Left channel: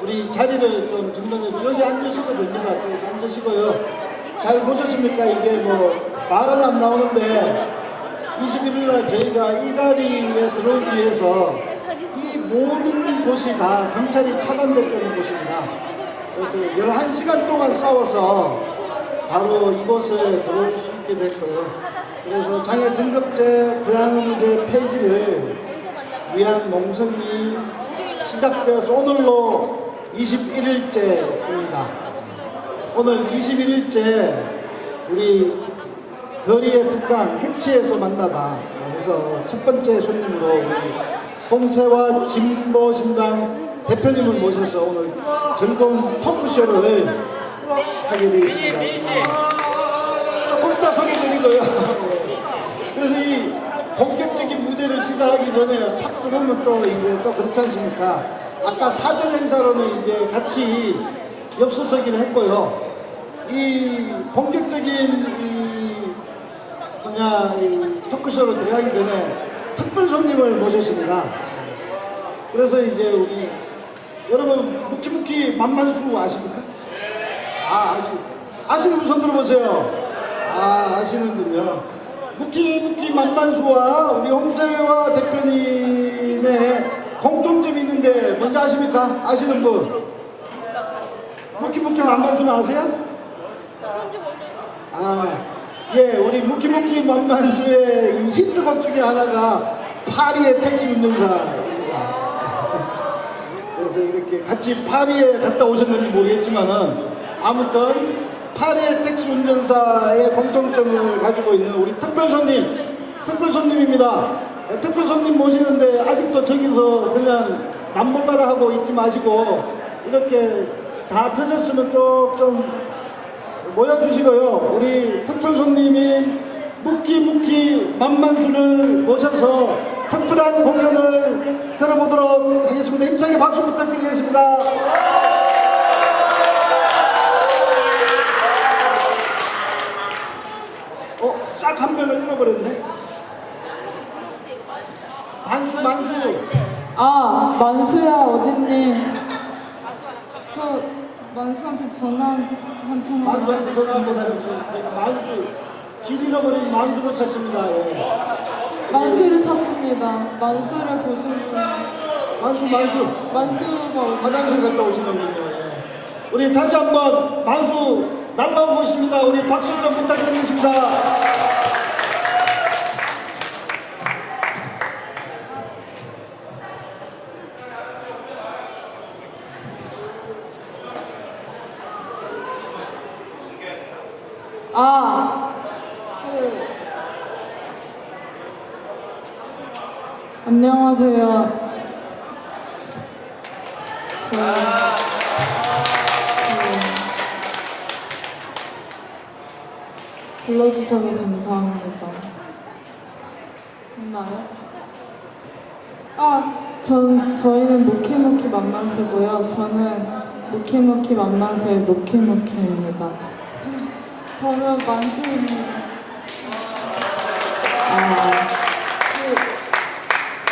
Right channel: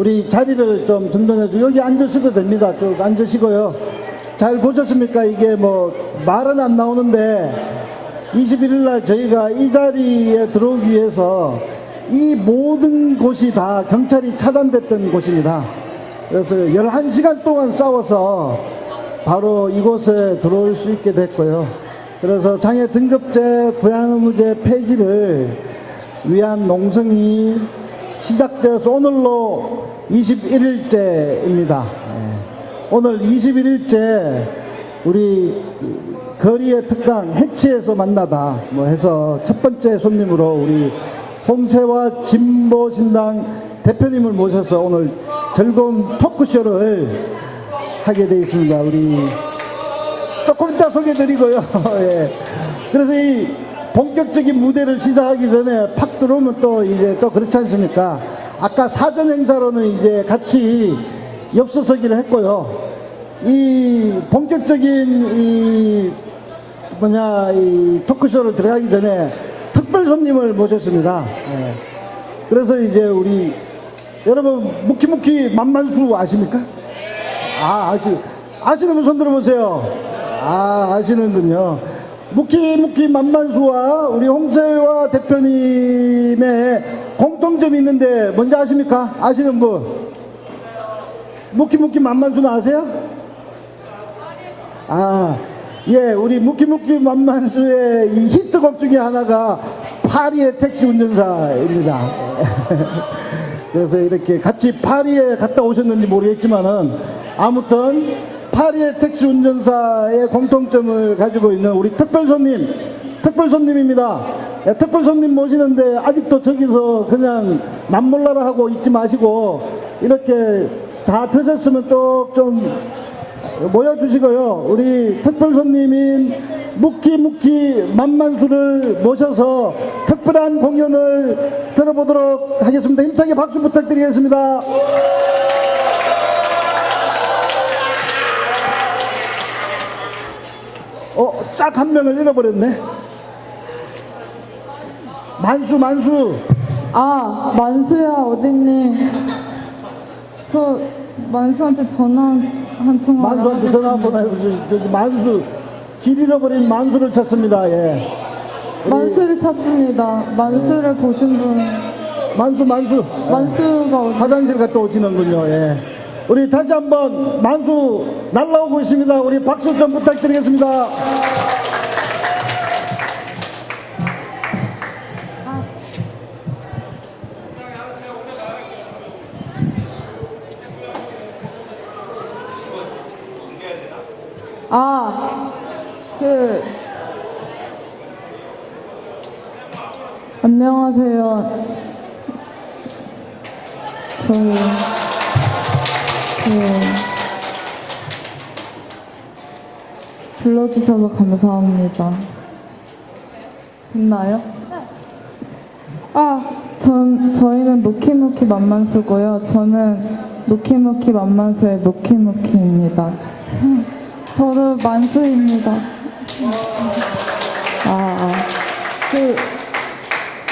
우리 자리를 좀 증명해주고 여기 앉으셔도 됩니다. 쭉 앉으시고요. 잘 보셨습니까? 이게 뭐 말은 안 나오는데 21일날 저희가 이 자리에 들어오기 위해서 이 모든 곳이 다 경찰이 차단됐던 곳입니다. 그래서 11시간 동안 싸워서 바로 이곳에 들어올 수 있게 됐고요. 그래서 장애 등급제 부양제 폐지를 위한 농성이 시작되어서 오늘로 21일째입니다. 오늘 21일째 우리 거리의 특강 해치에서 만나다 뭐 해서 첫 번째 손님으로 우리 홍세화 진보신당 대표님을 모셔서 오늘 즐거운 토크쇼를 하게 되어 있습니다. 우리 조금 이따 소개드리고요. 예. 그래서 이 본격적인 무대를 시작하기 전에 팍 들어오면 또 이제 또 그렇지 않습니까? 아까 사전 행사로는 이제 같이 엽서서기를 했고요. 이 본격적인 이 토크쇼를 들어가기 전에 특별 손님을 모셨습니다. 예. 그래서 이제 우리 여러분 무키무키 만만수 아십니까? 아시는 분 손 들어보세요. 아시는군요. 무키무키 만만수와 우리 홍세화 대표님의 공통점이 있는데 뭔지 아십니까? 아시는 분? 무키무키 만만수는 아세요? 예, 우리 무키무키 만만수의 이 히트곡 중에 하나가 파리의 택시 운전사입니다. 그래서 이렇게 같이 파리에 갔다 오셨는지 모르겠지만은 아무튼 파리의 택시 운전사의 공통점을 가지고 있는 우리 특별손님입니다. 예, 특별손님 모시는데 아직도 저기서 그냥 남몰라라 하고 있지 마시고 이렇게 다 드셨으면 또 좀 모여주시고요. 우리 특별손님인 무키무키 만만수를 모셔서 특별한 공연을 들어보도록 하겠습니다. 힘차게 박수 부탁드리겠습니다. 딱 한 명을 잃어버렸네. 만수. 만수야 어딨니? 저 만수한테 전화 한 통. 만수한테 전화하고 만수 길 잃어버린 만수를 찾습니다. 예. 만수를 찾습니다. 만수를 보신 분. 만수가 화장실 갔다 오시는군요. 예. 우리 다시 한번 만수 날라오고 있습니다. 우리 박수 좀 부탁드리겠습니다. 안녕하세요. 불러주셔서 감사합니다. 됐나요? 저희는 무키무키 만만수고요. 저는 무키무키 만만수의 무키무키입니다. 저는 만수입니다.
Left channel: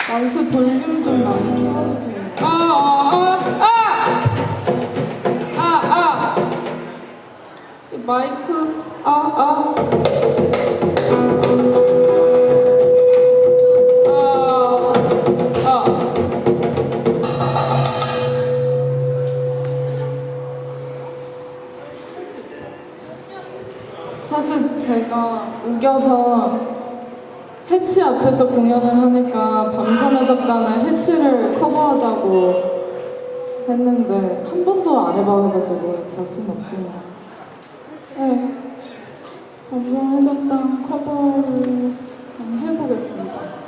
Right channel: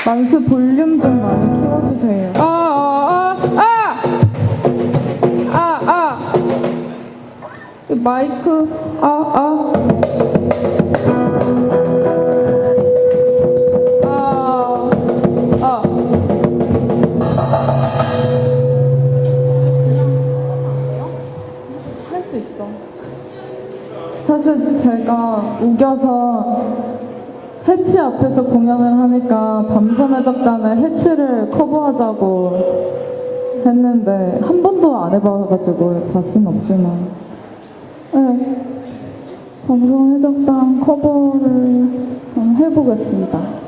만수 볼륨 좀 많이 키워주세요. 마이크 할 수 있어. 사실 제가 우겨서 해치 앞에서 공연을 하니까 밤섬의 해치를 커버하자고 했는데 한 번도 안 해봐가지고 자신 없지만 네, 밤섬의 적당 커버를 해보겠습니다.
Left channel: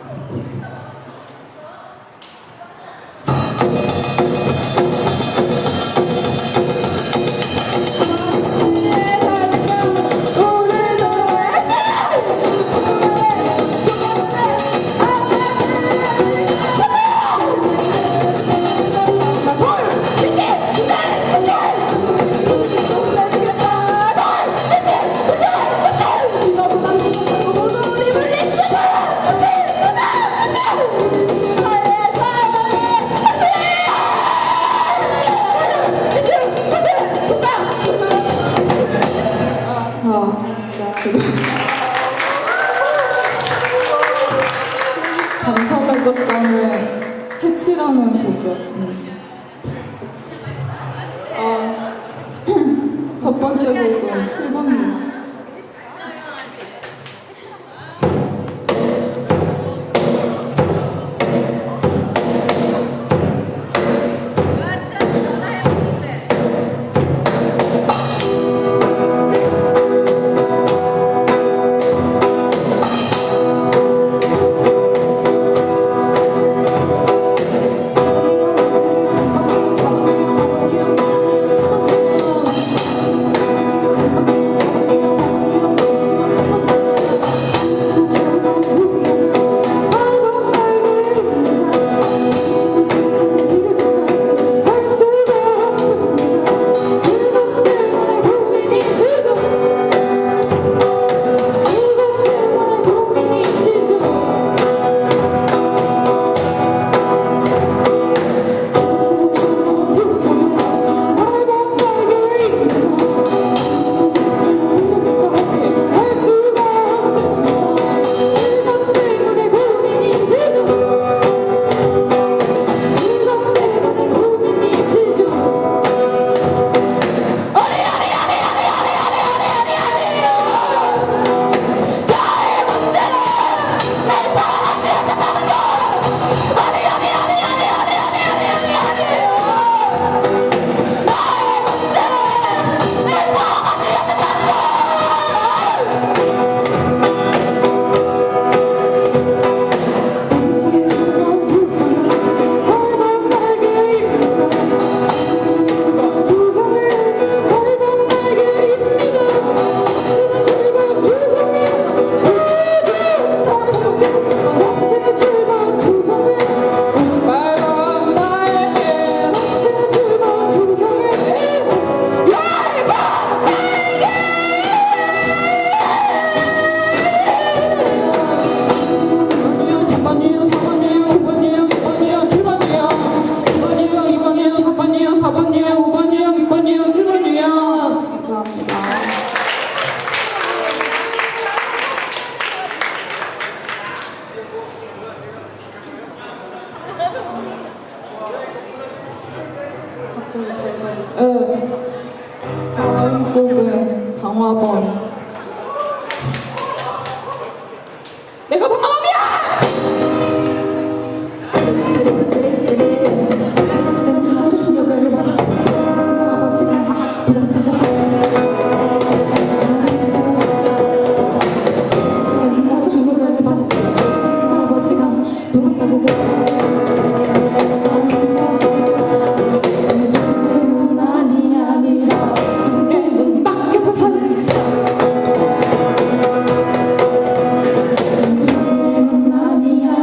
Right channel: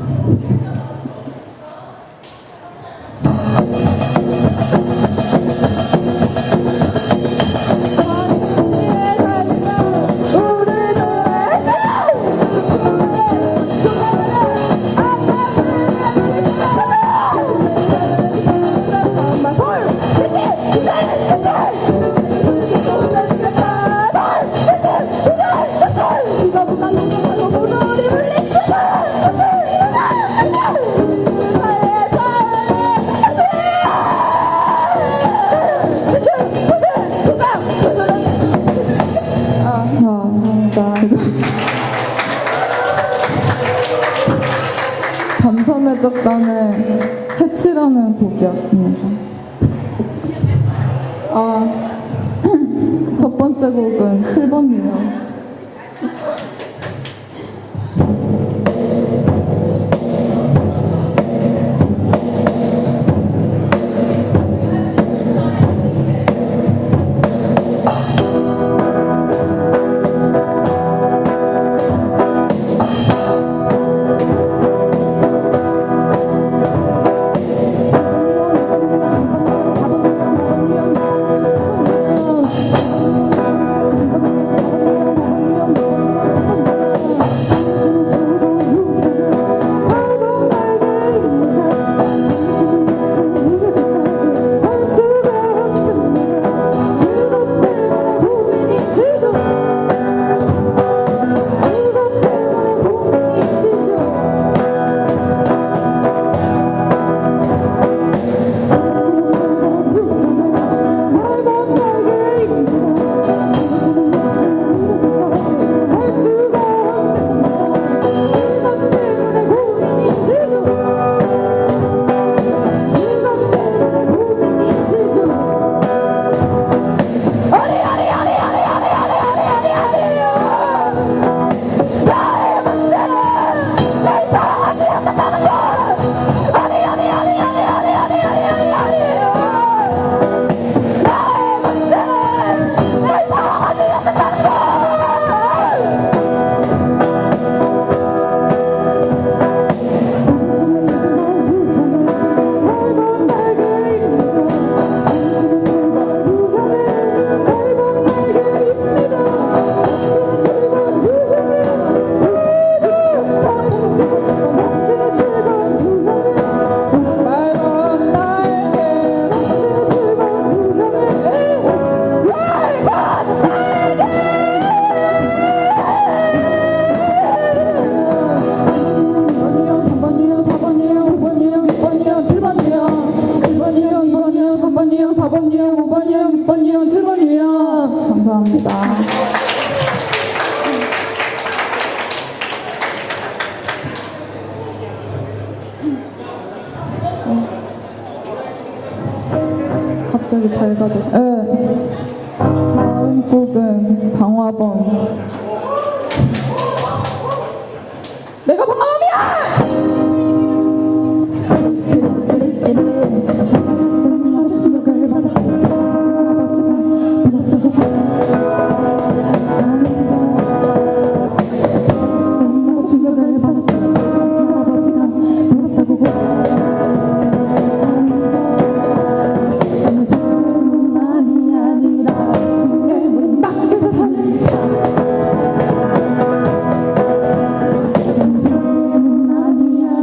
아, 첫 번째 곡은 7번이요. 갑자기 밝아졌어. 다음 곡은 방화범. 내가 방화범이야! 아니야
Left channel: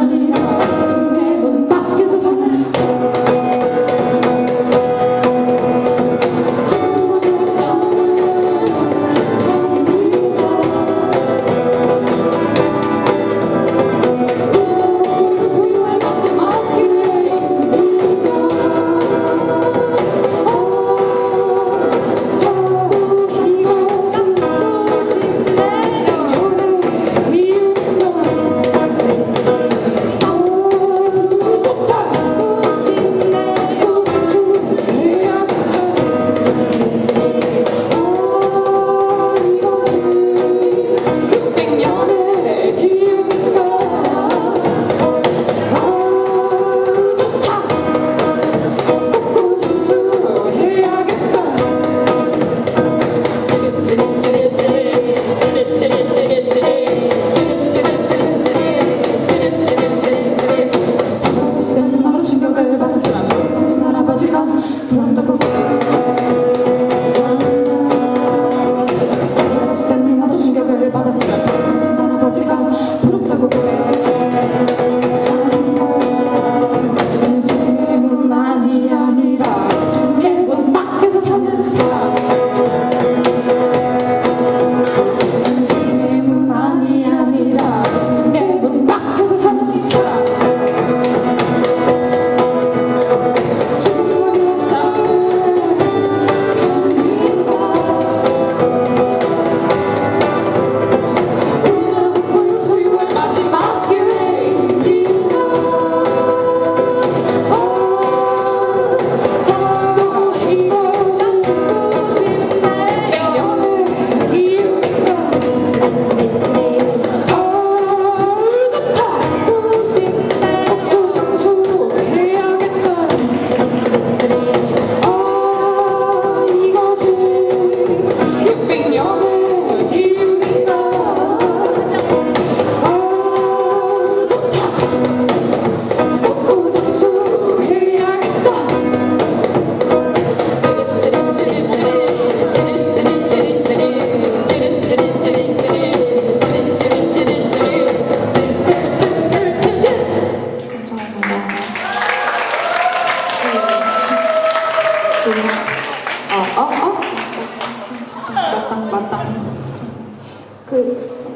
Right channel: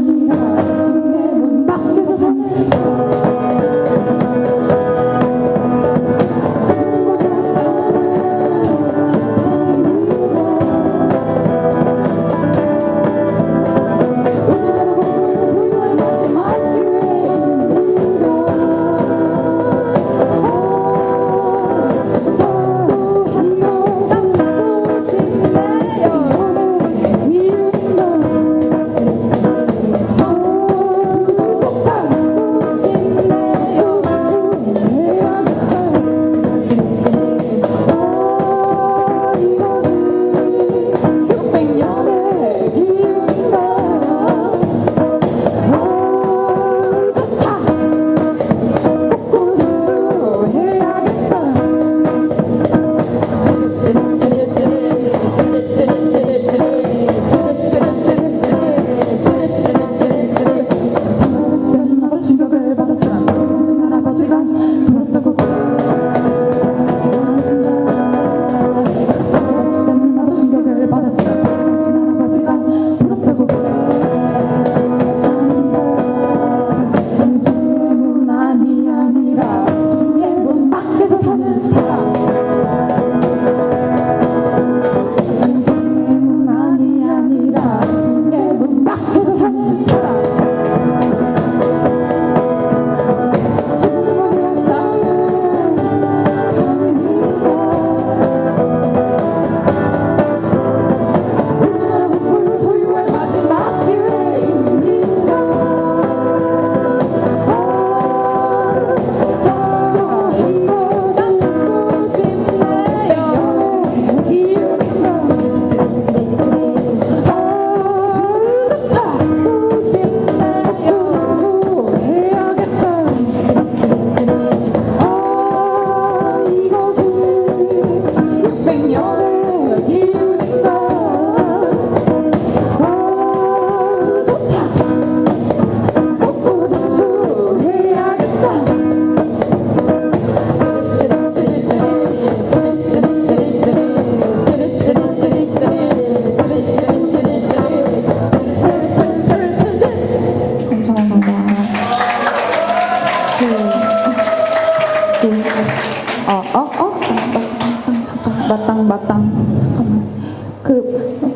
잠깐, 잠깐만.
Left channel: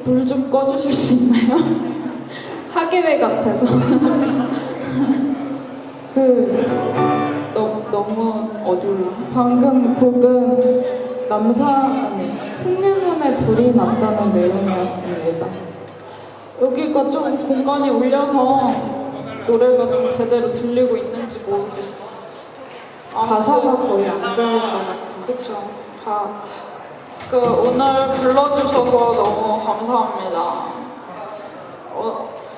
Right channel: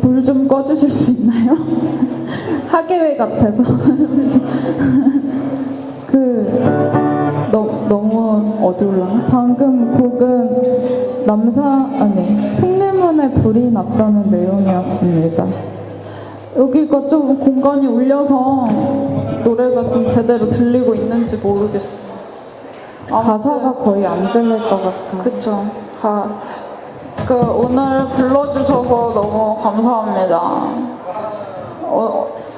불 좀 꺼주실 수 있나요? 학예회 같아서. 너무 어두워요. 방금 곡은 풍류문에 불이 났다는 내용이었습니다. 여기가 좀 공간이 울려서 노래가 좀 제대로 들리고 있는지 모르겠어. 가사가 거의 안 들릴 것 같아. 그쵸. 오늘 불러주셔서 너무 감사합니다.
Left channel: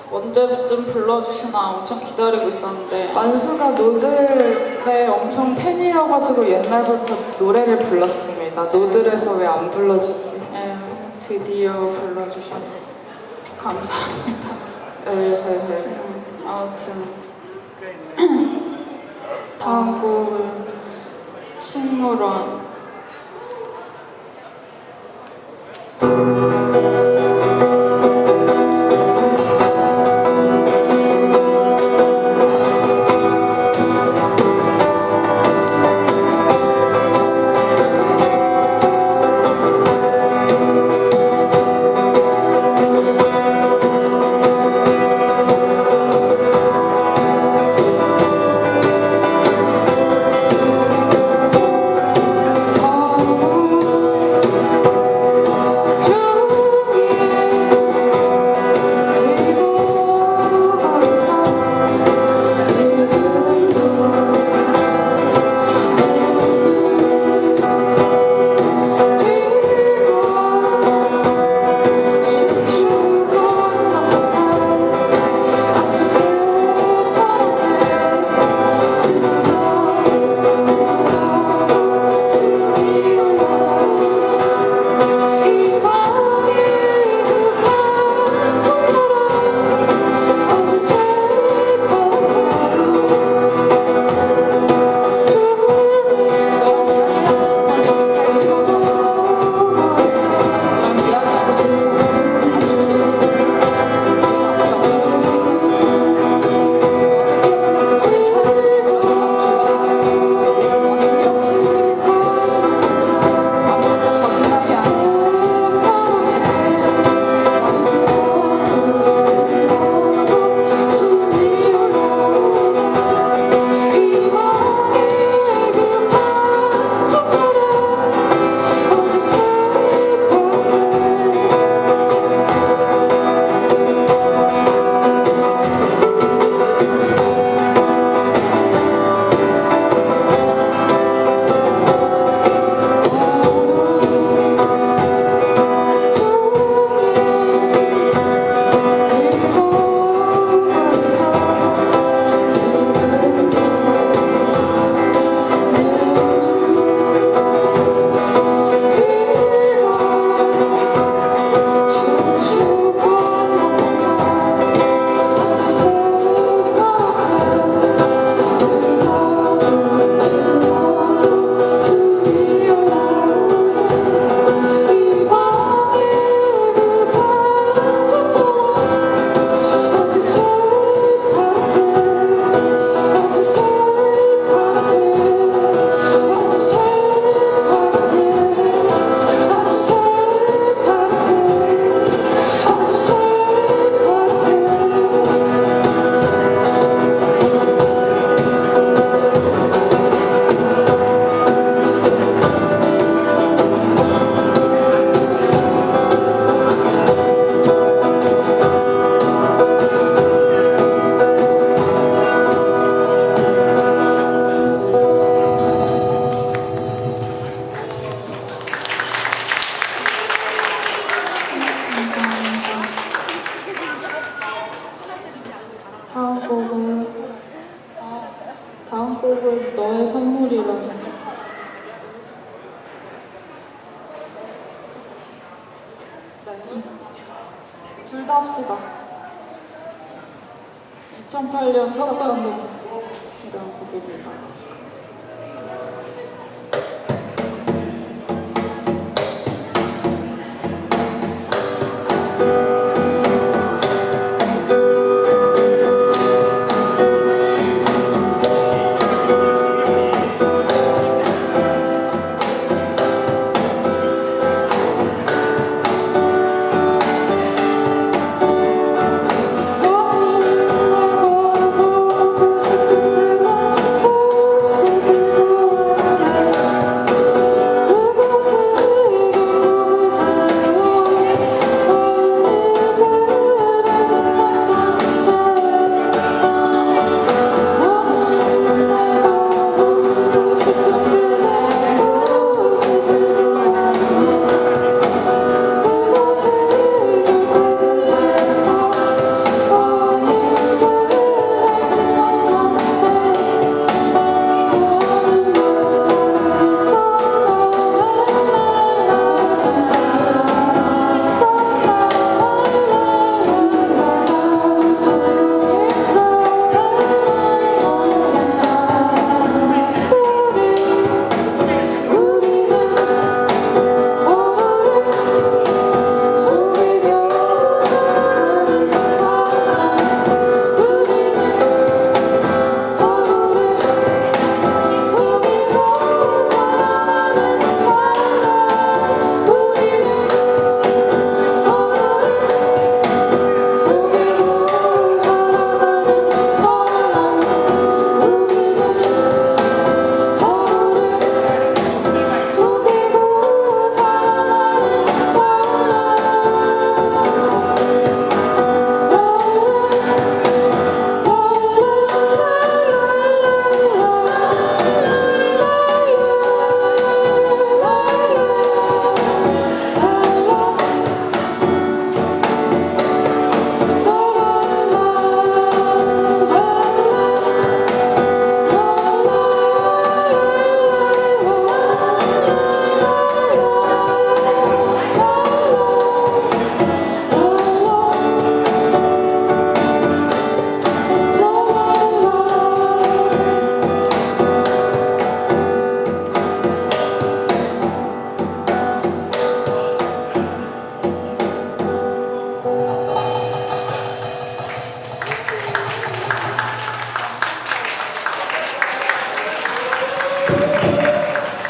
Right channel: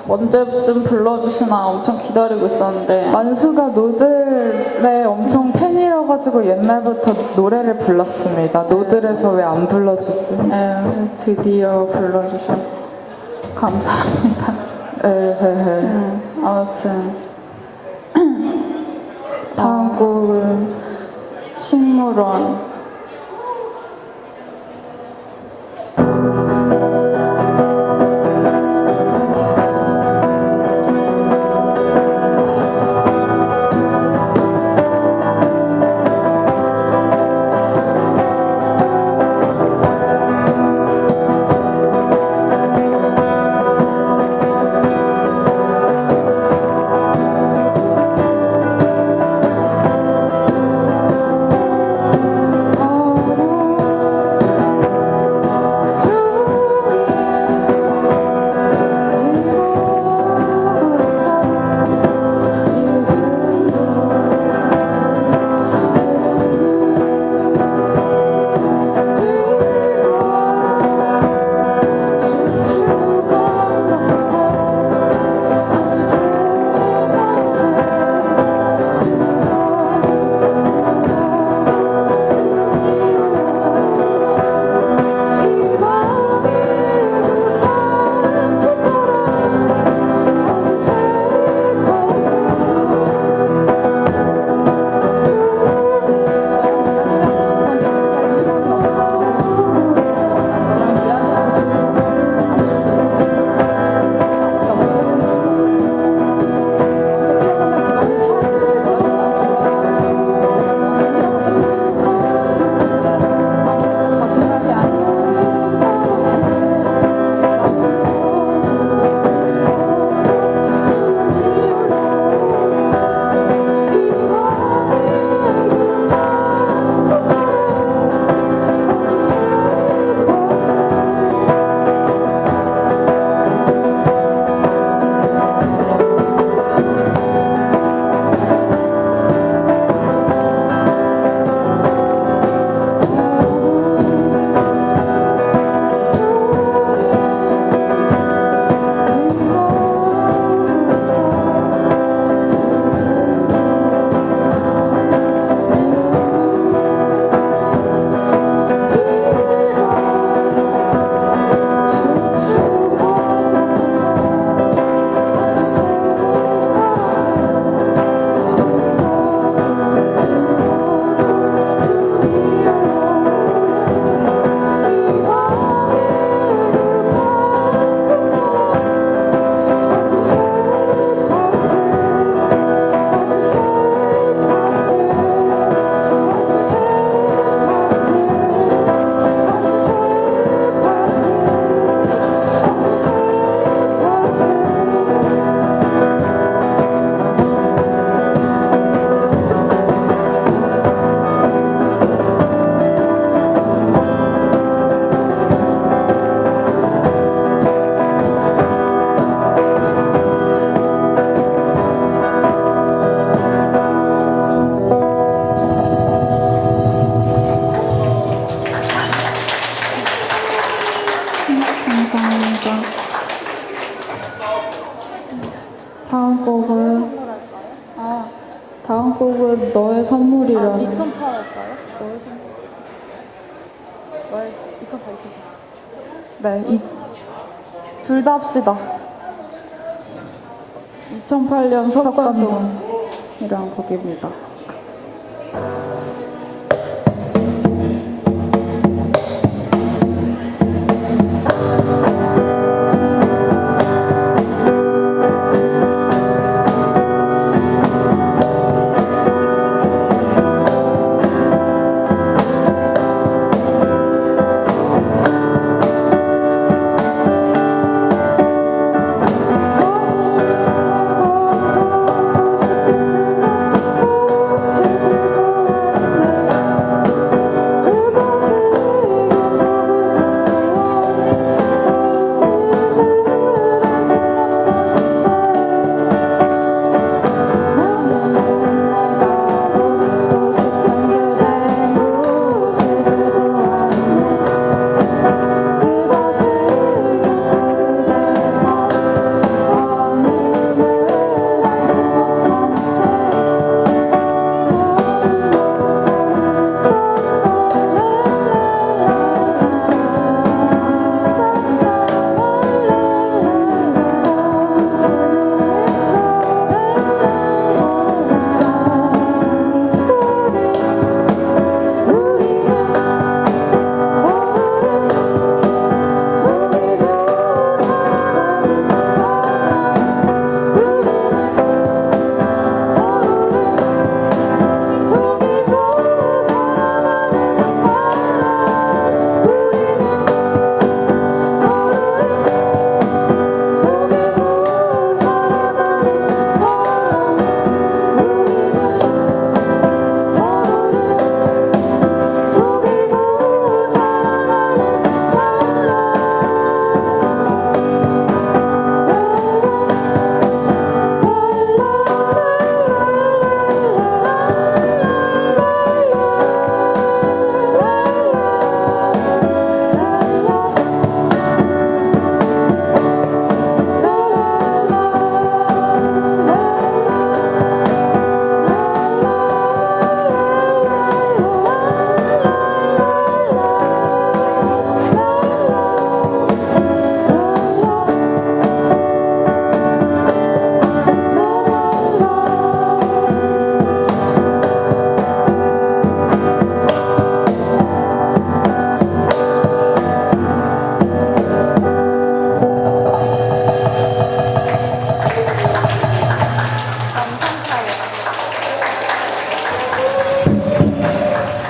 언제쯤 불러주시나 엄청 기다리고 있었는데. 만수가 노들의 엄청 팬이라가지고 옛날부터 노래를 불렀습니다. 노들에서 왜 안 불러주지? 네, 드디어 불러주셔서 감사합니다. 아무튼 다음 곡은 식물원. 다음 곡은 너의 선물이라는. 네, 둘 다 합시다. 2008년 석가동이라는 곡입니다.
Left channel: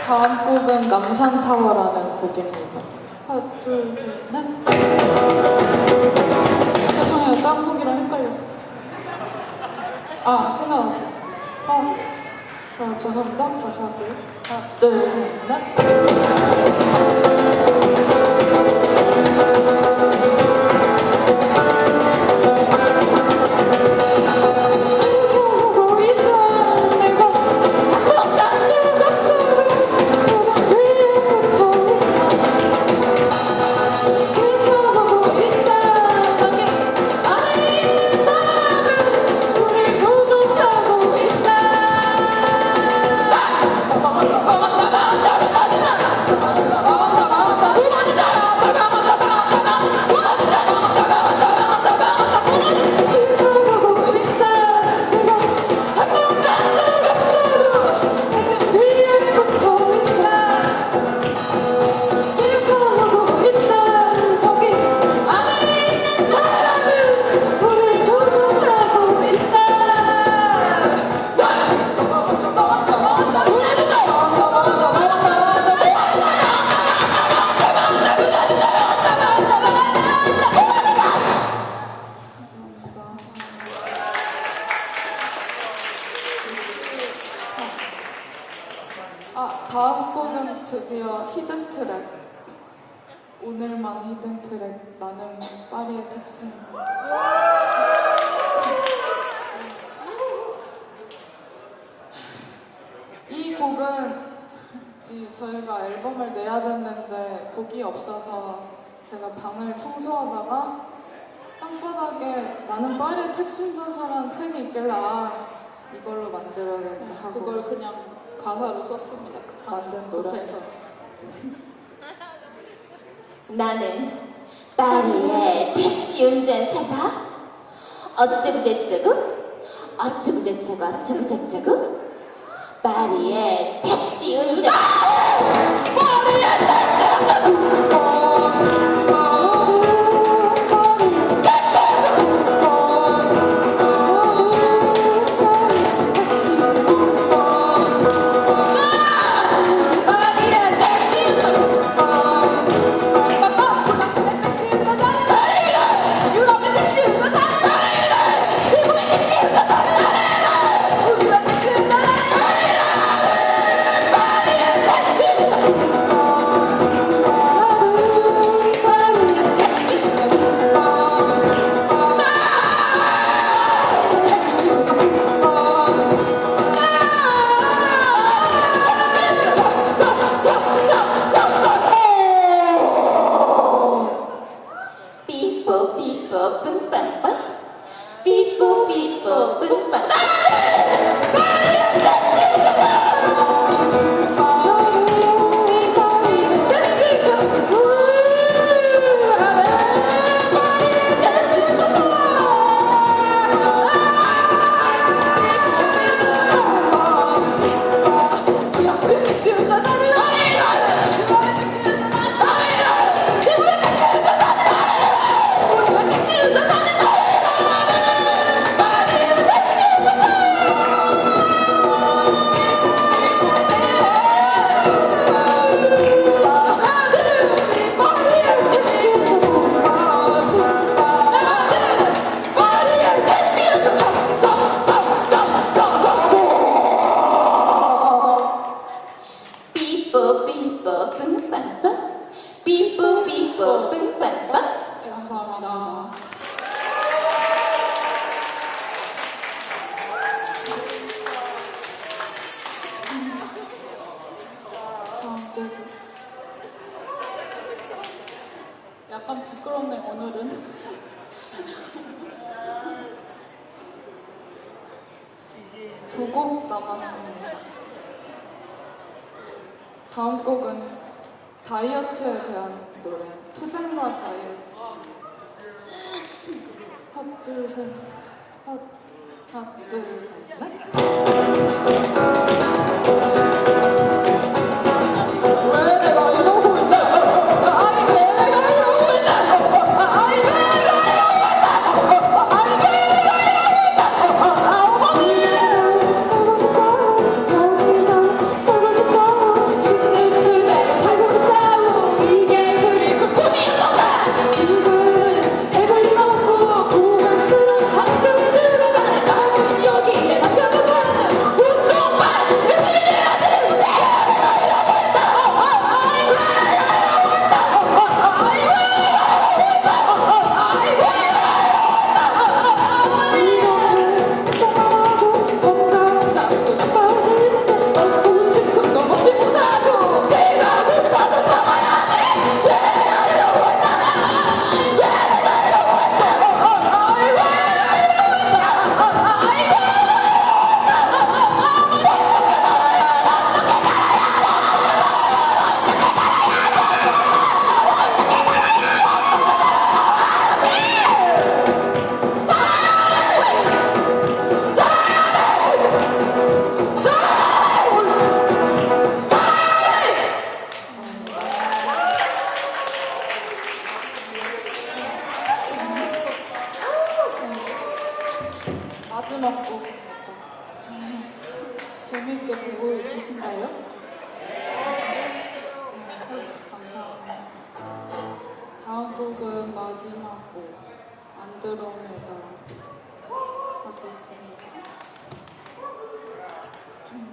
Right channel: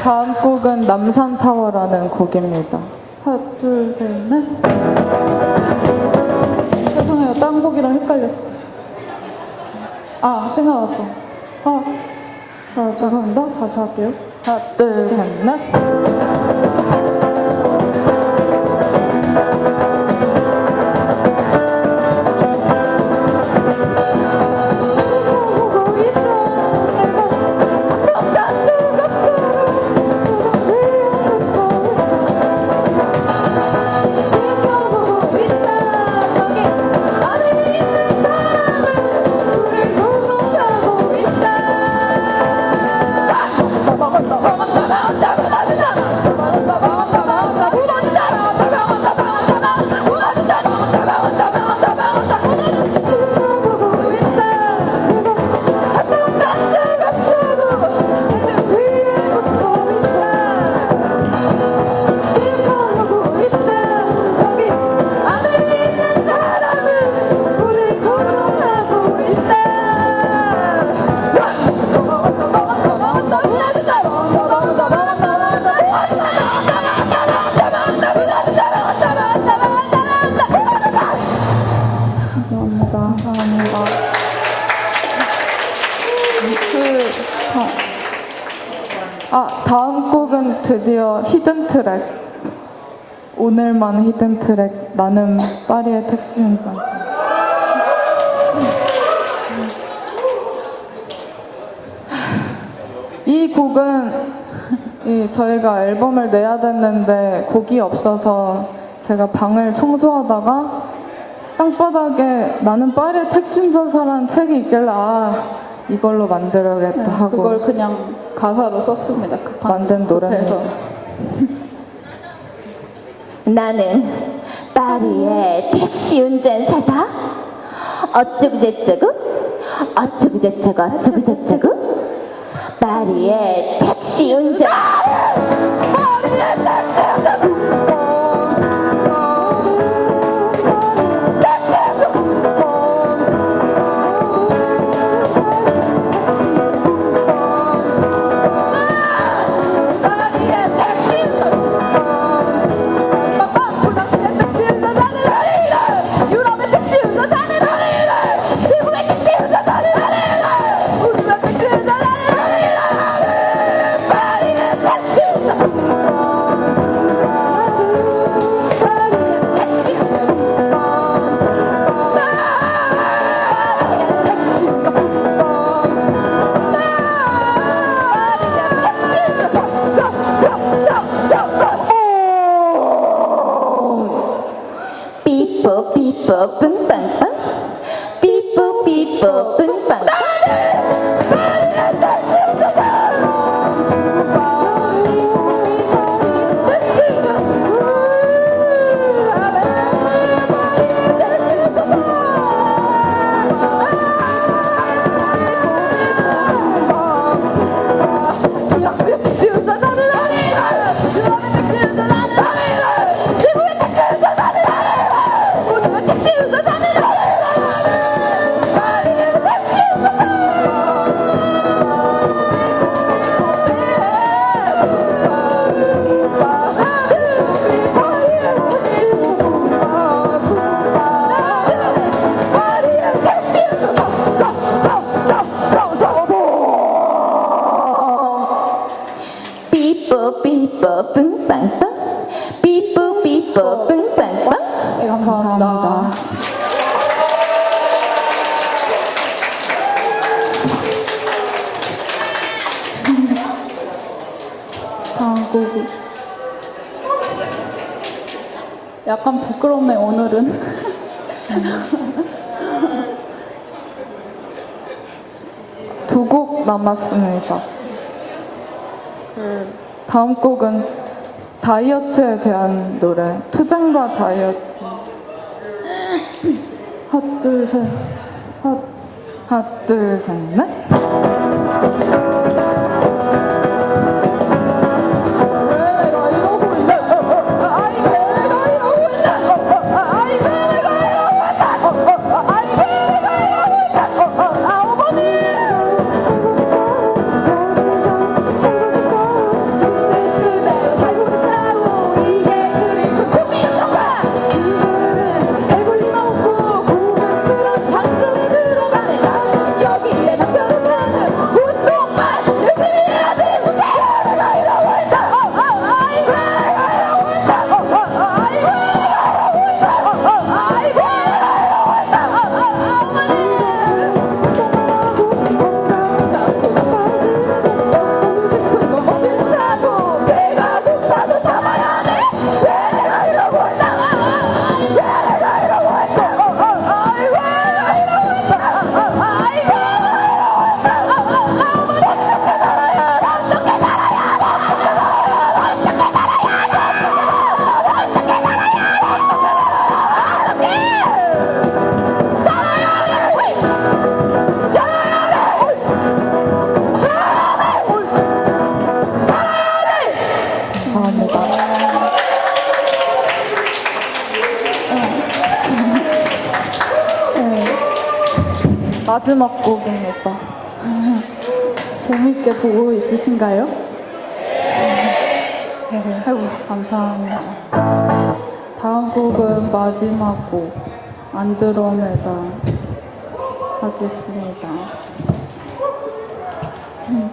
다음 곡은 남산타워라는 곡입니다. 하나, 둘, 셋, 넷. 죄송해요. 딴 곡이랑 헷갈렸어요. 아, 생각났죠? 죄송합니다. 다시 할게요. 하나, 둘, 셋, 넷. 감사합니다. 다음 곡은 드디어 히든 트랙. 오늘만 히든 트랙. 나는 파리의 택시 운전. 이 곡은 저희가 앨범을 내야 됐는데 곡이 없어서 제가 방을 청소하다가 땅바닥에 나는 파리의 택시 운전사라는 책이 있길래 이걸로 만들어야겠다 하고 그걸 그냥 가사로 썼습니다. 만든 노래에서 나는 파리의 택시 운전사다. 어쩌고저쩌고 어쩌고저쩌고 파리의 택시 운전. 삐뽀 뿡빵빵 삐뽀 뿡빵. 삐뽀 뿡빵빵 삐뽀 뿡빵빵. 네, 감사합니다. 다음 곡이 약간 부끄럽네 오늘은. 두 곡 남았습니다. 다음 곡은 다이어트에 대한 노래. 투쟁과 다이어트. 하나, 둘, 셋. 하나, 둘, 셋, 넷. 마지막 곡입니다. 재밌게 보고 있으신가요? 네, 아이고, 감사합니다. 다음 곡은 마지막 곡, 안드로메다 하겠습니다. 네.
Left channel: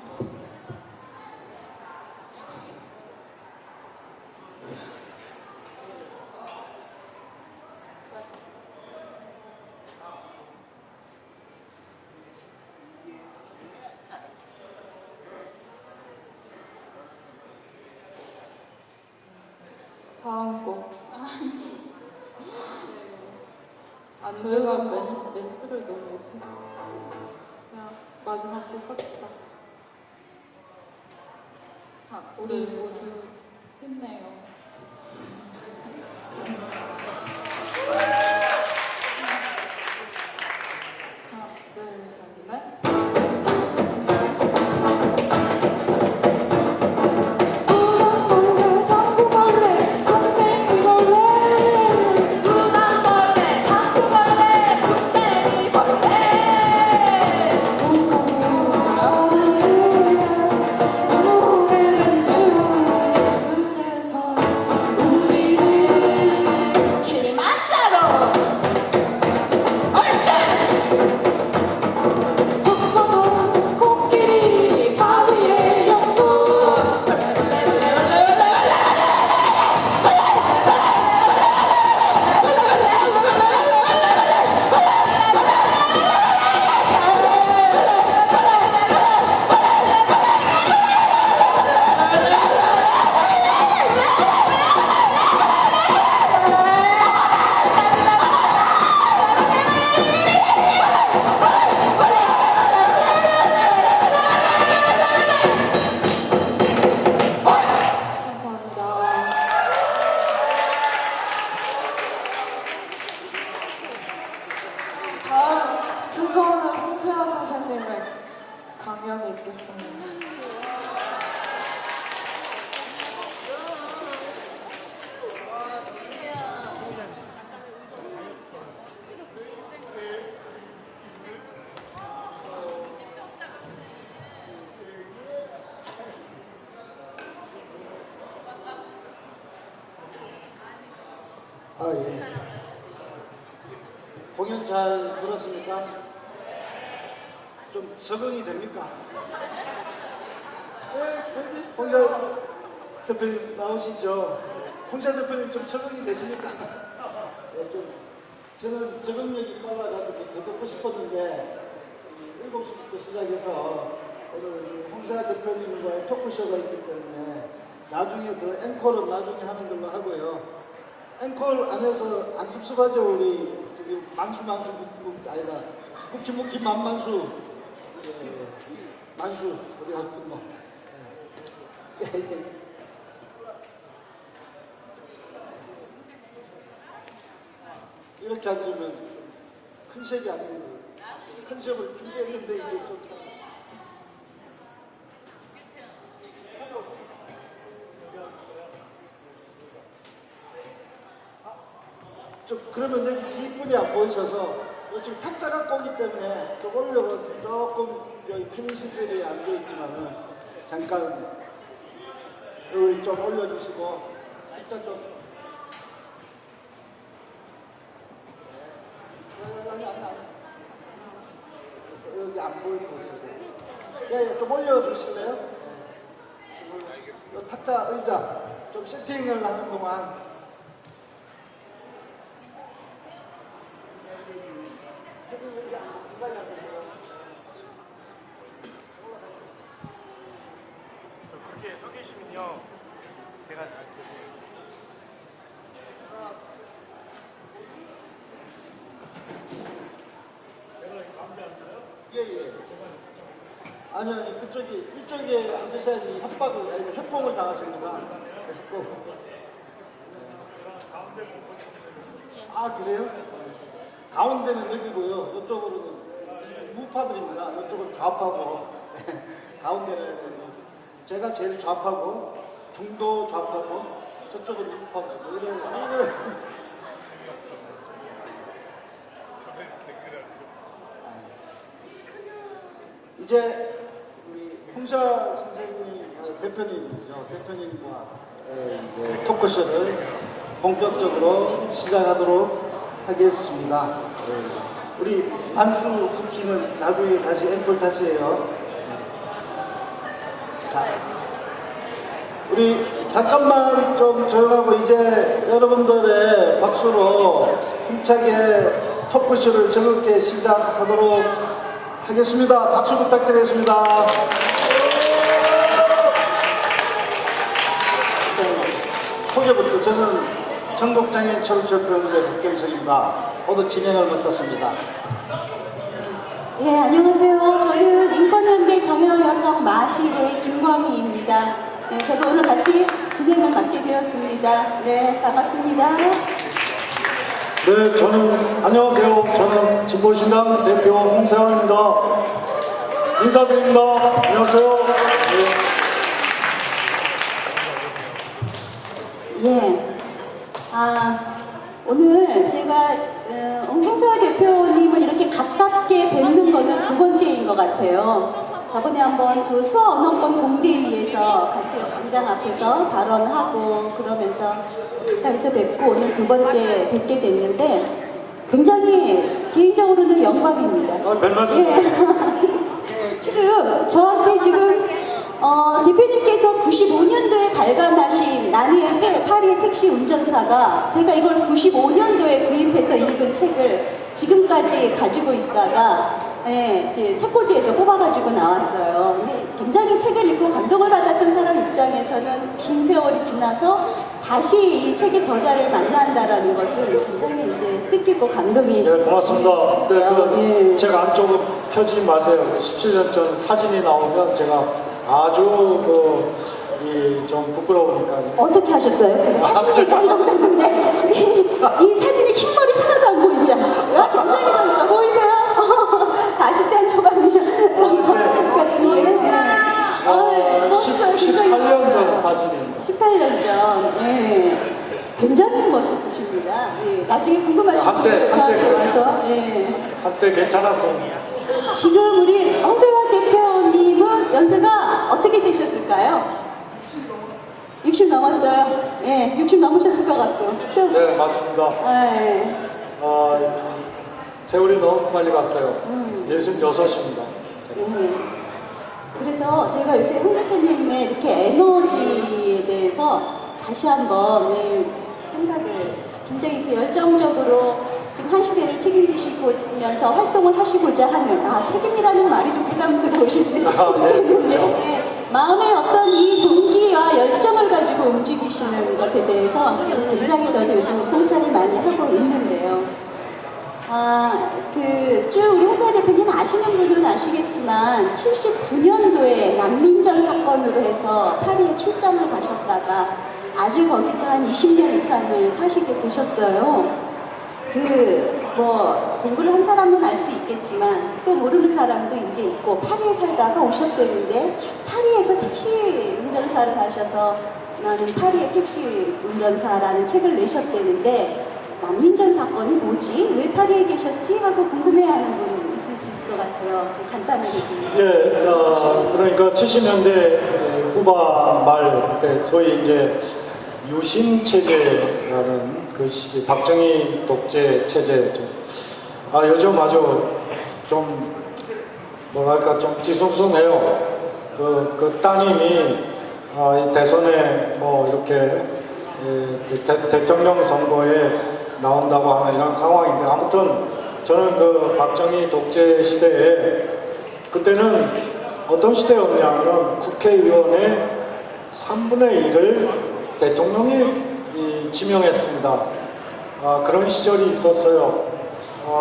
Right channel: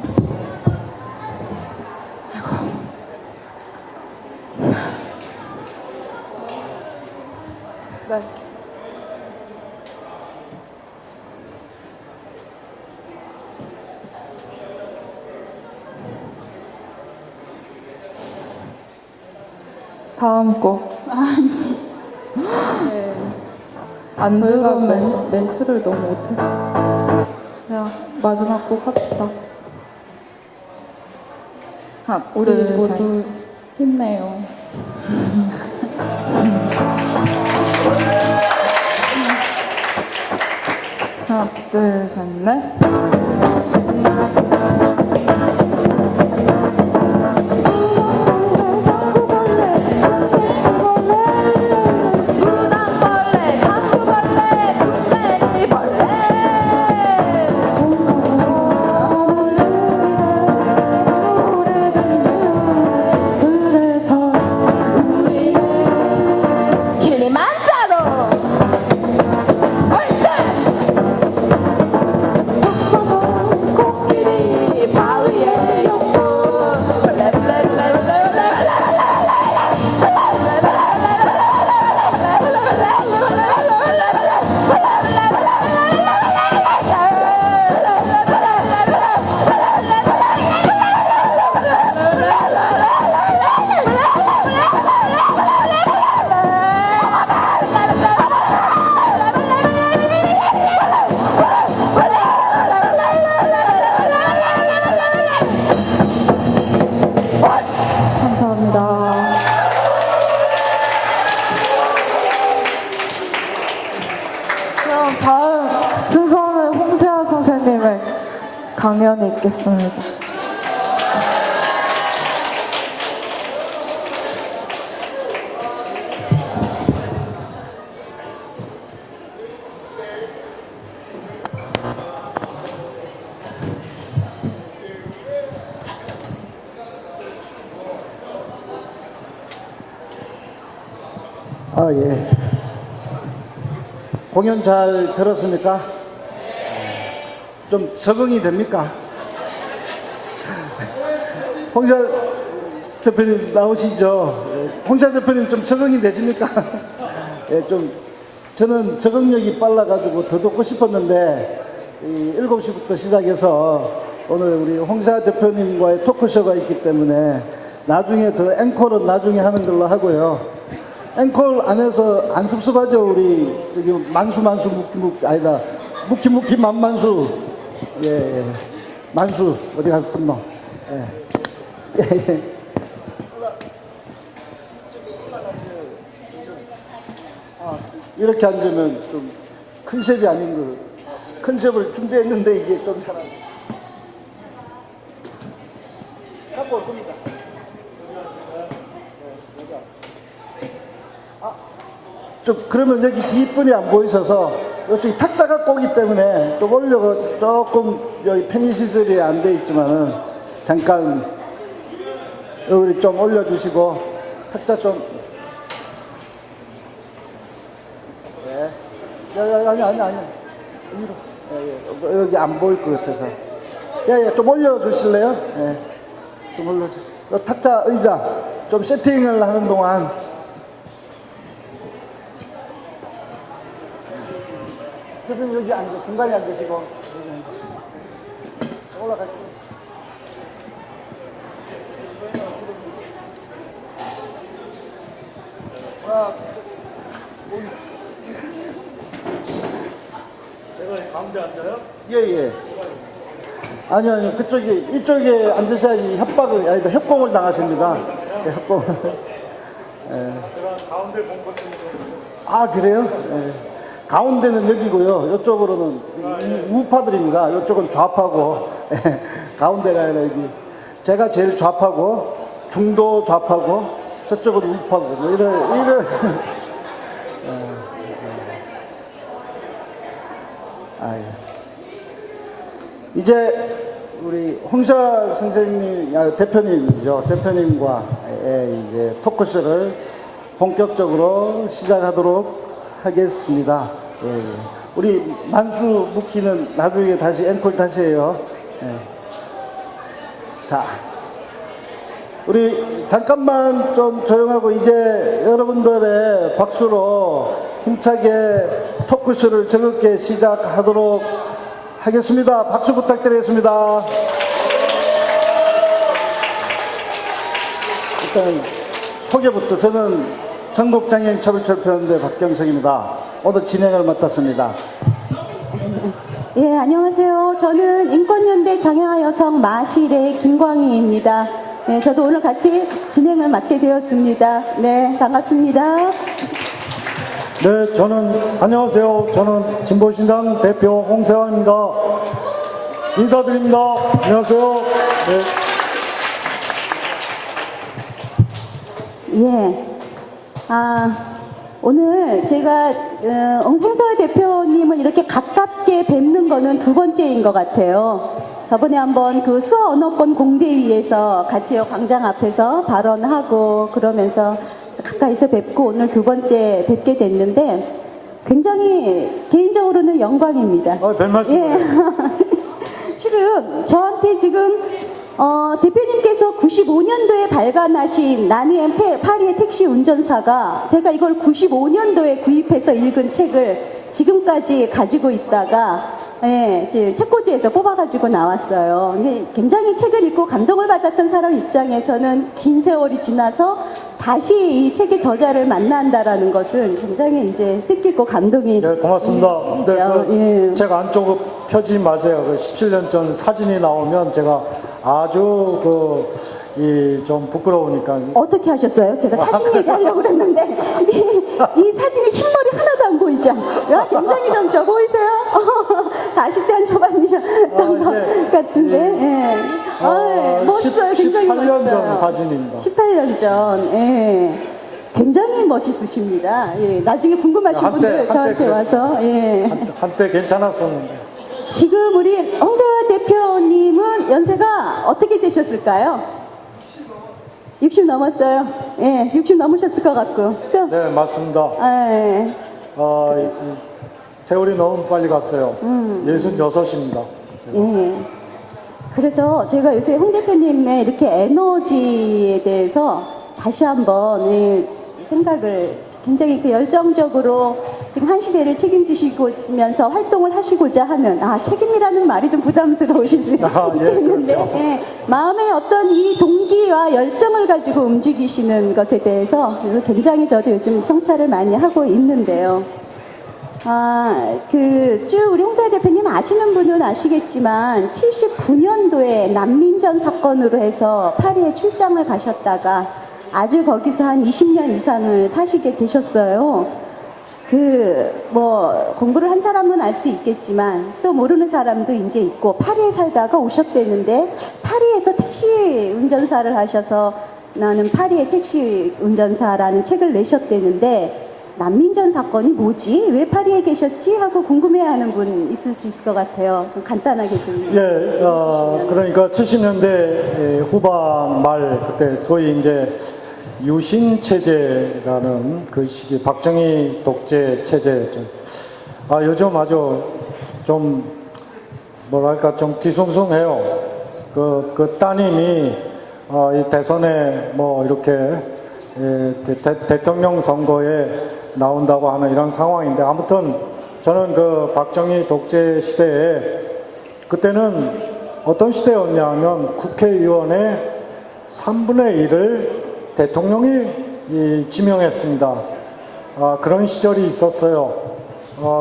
다음 곡. 네. 저희가 멘트를 너무 못해서 그냥 마지막 곡 합시다. 우리 모두 힘내요. 하나, 둘, 셋, 넷. 감사합니다. 그럼 다음 순서는 홍세아 선생님의 강연이 있겠습니다. 아, 예. 공연 잘 들었습니까? 좀 적응이 됩니까? 홍자 대표님 나오시죠? 홍자 대표님 좀 적응이 되십니까? 예, 좀 저는 적응력이 빨라가지고 더 듣고 싶었는데 7시부터 시작해서 오늘 우리 홍자 대표님과의 토크쇼가 있기 때문에 나중에 더 앵콜은 나중에 하는 걸로 하고요. 앵콜 안에서 안 섭섭하죠? 우리 저기 만수 아니다 묵히 만만수. 예. 만수 어디 가서 끝노? 예. 예. 이렇게 앉으면 좀 컨셉이 아닌 거. 컨셉을 준비했는데 이게 좀 잘 안 돼. 갖고 올 겁니다. 좀 그러면 여기 뒷분이 안 보이셔서 이쪽이 탁자 갖고 오기 때문에 좀 올려서 조금 여기 편의 시설이 안 돼 있지만은 잠깐 여기 좀 올려주시고 탁자 좀. 네. 아니. 여기 안 보일 것 같아서. 좀 올려주실래요? 네. 좀 올려주세요. 탁자 의자 좀 세팅을 하는 동안. 선생님 여기 앉아, 중간에 앉으시고. 올라갈게요. 제가 가운데 앉아요? 예. 아니요. 이쪽에 앉으셔야지 협공을 당하십니다. 네, 협공을. 예. 제가 가운데 공포증이 아, 그래요? 예. 가운데는 여기고요. 이쪽으로는 우파들입니다. 이쪽은 좌파고. 예. 가운데가 아니라 여기. 제가 제일 좌파고, 중도 좌파고, 저쪽은 우파고. 뭐 이런. 아, 예. 이제 우리 홍사 선생님, 대표님이죠. 대표님과 이제 토크쇼를 본격적으로 시작하도록 하겠습니다. 예. 우리 만수 묵기는 나중에 다시 앵콜 다시 해요. 예. 자, 우리 잠깐만 좀 조용하고 이제 여러분들의 박수로 힘차게 토크쇼를 즐겁게 시작하도록 하겠습니다. 박수 부탁드리겠습니다. 일단 소개부터. 저는 전국장애인 초록철표연대 박경석입니다. 오늘 진행을 맡았습니다. 예, 안녕하세요. 저는 인권연대 정여 여성 마실의 김광희입니다. 네, 저도 오늘 같이 진행을 맡게 되었습니다. 네, 반갑습니다. 네, 안녕하세요. 저는 진보신당 대표 홍세환입니다. 인사드립니다. 안녕하세요. 네. 예. 오늘 제가 홍사 대표님을 이렇게 가깝게 뵙는 거는 두 번째인 것 같아요. 저번에 한번 그 수어 언어권 공대위에서 같이 광장 앞에서 발언하고 그러면서 가까이서 뵙고 오늘 두 번째 뵙게 됐는데 굉장히 개인적으로는 영광입니다. 별 말씀. 예. 실은 저한테 지금 대표님께서 95년도에 발간하신 나는 파리 택시 운전사가 제가 이걸 95년도에 구입해서 읽은 책을 지금까지 가지고 있다가 이제 책꽂이에서 뽑아가지고 나왔어요. 근데 굉장히 책을 읽고 감동을 받았던 사람 입장에서는 긴 세월이 지나서 다시 이 책의 저자를 만난다라는 것은 굉장히 이제 뜻깊고 감동이. 네, 고맙습니다. 네, 예. 제가 안쪽으로 펴지 마세요. 17년 전 사진이 나오면 제가 아주 좀 부끄러우니까. 어떻게 하셨어요? 제가 사진 얘기하려고 했는데 이 사진에 흰머리 하나도 안 보이죠? 굉장히 좀 보이세요? 40대 초반이죠? 같은데. 멋있어요. 굉장히 18년 전 멋있어요. 사진입니다. 18년 전. 예. 굉장히 멋있으십니다. 예. 나중에 궁금하신 분들 저한테 와서. 예. 한때 괜찮았었는데. 지금 우리 홍세환 대표님은 연세가 어떻게 되셨을까요? 60 넘었어요. 예, 60 넘으셨을 것 같고. 또, 네, 맞습니다. 예. 세월이 너무 빨리 갔어요. 66입니다. 예. 그래서 제가 요새 홍 대표님의 이렇게 에너지에 대해서 다시 한번 생각을 굉장히 이렇게 열정적으로 지금 한 시대를 책임지시면서 활동을 하시고자 하는, 책임이라는 말이 좀 부담스러우실 수 있는데, 예. 마음의 어떤 이 동기와 열정을 가지고 움직이시는 것에 대해서 굉장히 저도 요즘 성찰을 많이 하고 있는데요. 쭉 우리 홍사 대표님 아시는 분은 아시겠지만 79년도에 난민전 사건으로 해서 파리에 출장을 가셨다가 아주 거기서 한 20년 이상을 사시게 되셨어요. 공부를 한 사람은 알 수 있겠지만 또 모르는 사람도 이제 있고 파리에 살다가 오셨대는데 파리에서 택시 운전사를 하셔서 나는 파리의 택시 운전사라는 책을 내셨대는데 난민전 사건이 뭐지? 왜 파리에 계셨지? 하고 궁금해하는 분 있을 수 있을 것 같아요. 좀 간단하게 좀. 네, 그러니까 70년대 후반 말 그때 소위 이제 유신 체제라는 그 시기 박정희 독재 체제였죠. 요즘 아주 좀 뭐랄까 좀 뒤숭숭해요. 그 따님이 이 대선에 뭐 이렇게 대통령 선거에 나온다고 하는 이런 상황인데 아무튼 저는 그 박정희 독재 시대에 그때는 어떤 시대였냐면 국회의원의 3분의 1을 대통령이 지명했습니다. 그런 시절이 있었어요.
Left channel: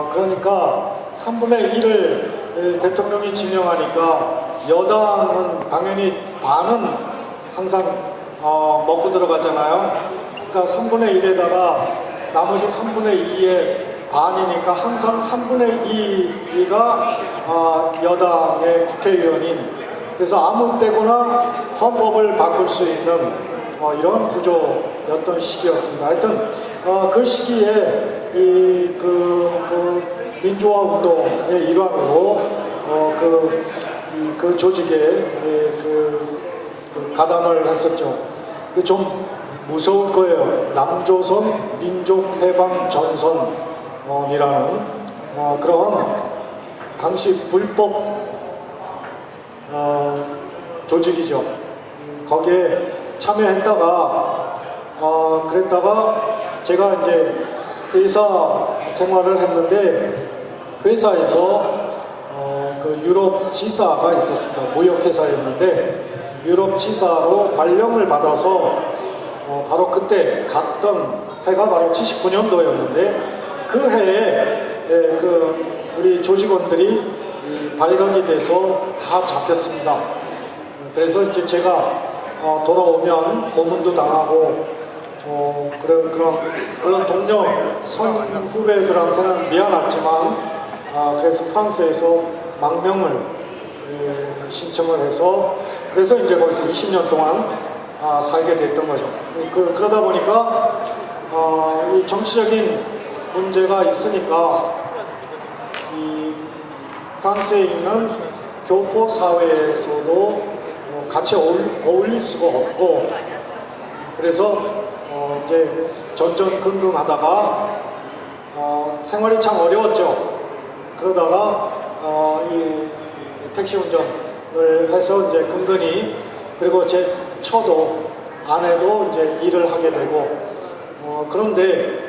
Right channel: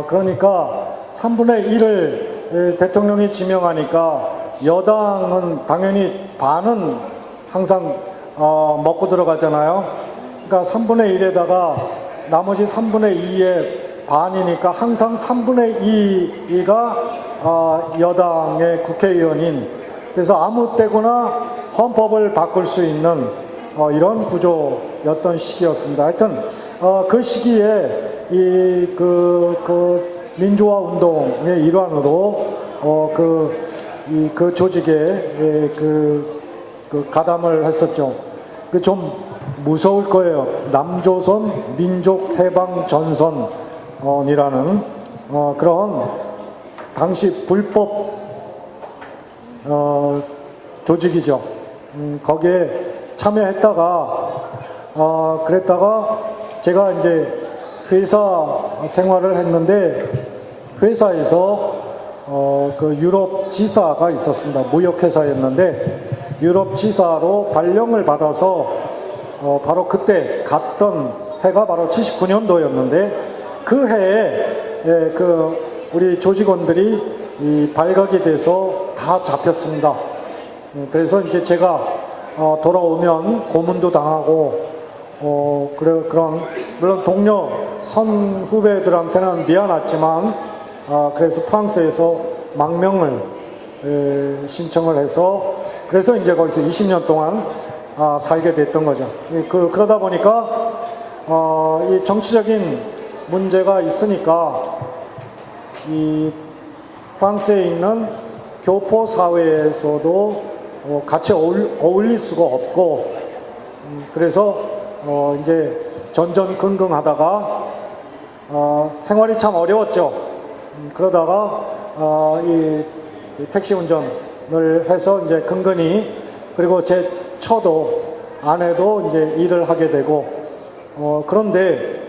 그러니까 3분의 1을 대통령이 지명하니까 여당은 당연히 반은 항상 먹고 들어가잖아요. 그러니까 3분의 1에다가 나머지 3분의 2의 반이니까 항상 3분의 2가 여당의 국회의원인, 그래서 아무 때거나 헌법을 바꿀 수 있는 이런 구조였던 시기였습니다. 하여튼 그 시기에 그 민주화 운동의 일환으로 그 조직에 가담을 했었죠. 그 좀 무서울 거예요. 남조선 민족해방전선이라는 그런 당시 불법 조직이죠. 거기에 참여했다가 그랬다가 제가 이제 회사 생활을 했는데 회사에서 그 유럽 지사가 있었습니다. 무역회사였는데 유럽 지사로 발령을 받아서 바로 그때 갔던 해가 바로 79년도였는데 그 해에 우리 조직원들이 발각이 돼서 다 잡혔습니다. 그래서 이제 제가 돌아오면 고문도 당하고 그런 동료 선후배들한테는 미안했지만 그래서 프랑스에서 망명을 신청을 해서 그래서 이제 거기서 20년 동안 살게 됐던 거죠. 그러다 보니까 이 정치적인 문제가 있으니까 이 프랑스에 있는 교포 사회에서도 같이 어울릴 수가 없고 그래서 이제 전전긍긍하다가 생활이 참 어려웠죠. 그러다가 이 택시 운전을 해서 이제 근근히 그리고 제 처도 아내도 이제 일을 하게 되고 그런데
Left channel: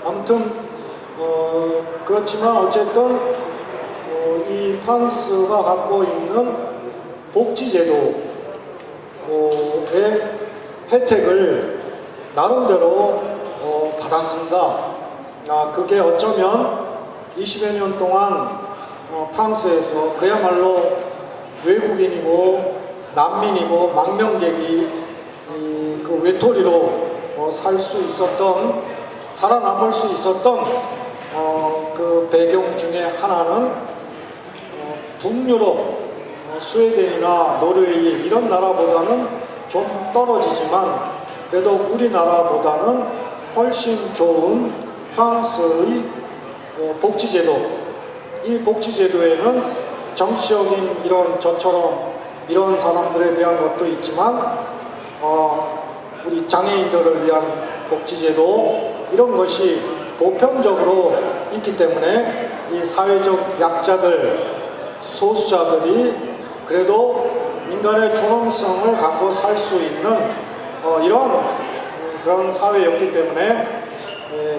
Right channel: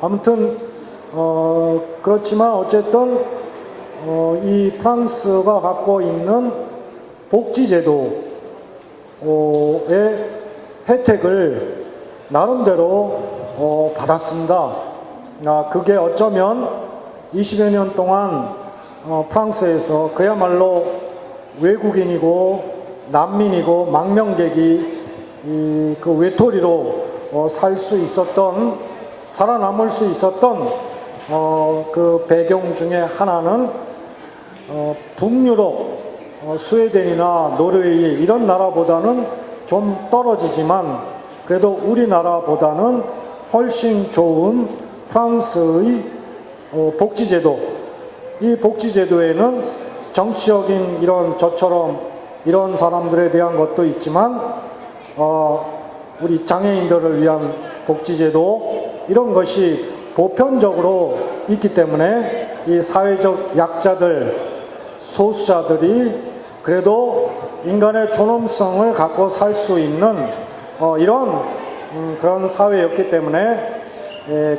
아무튼 그렇지만 어쨌든 이 프랑스가 갖고 있는 복지제도의 혜택을 나름대로 받았습니다. 그게 어쩌면 20여 년 동안 프랑스에서 그야말로 외국인이고 난민이고 망명객이 그 외톨이로 살 수 있었던 살아남을 수 있었던 그 배경 중에 하나는 북유럽 스웨덴이나 노르웨이 이런 나라보다는 좀 떨어지지만 그래도 우리나라보다는 훨씬 좋은 프랑스의 복지제도. 이 복지제도에는 정치적인 저처럼 이런 사람들에 대한 것도 있지만 우리 장애인들을 위한 복지제도 이런 것이 보편적으로 있기 때문에 이 사회적 약자들 소수자들이 그래도 인간의 존엄성을 갖고 살 수 있는 이런 그런 사회였기 때문에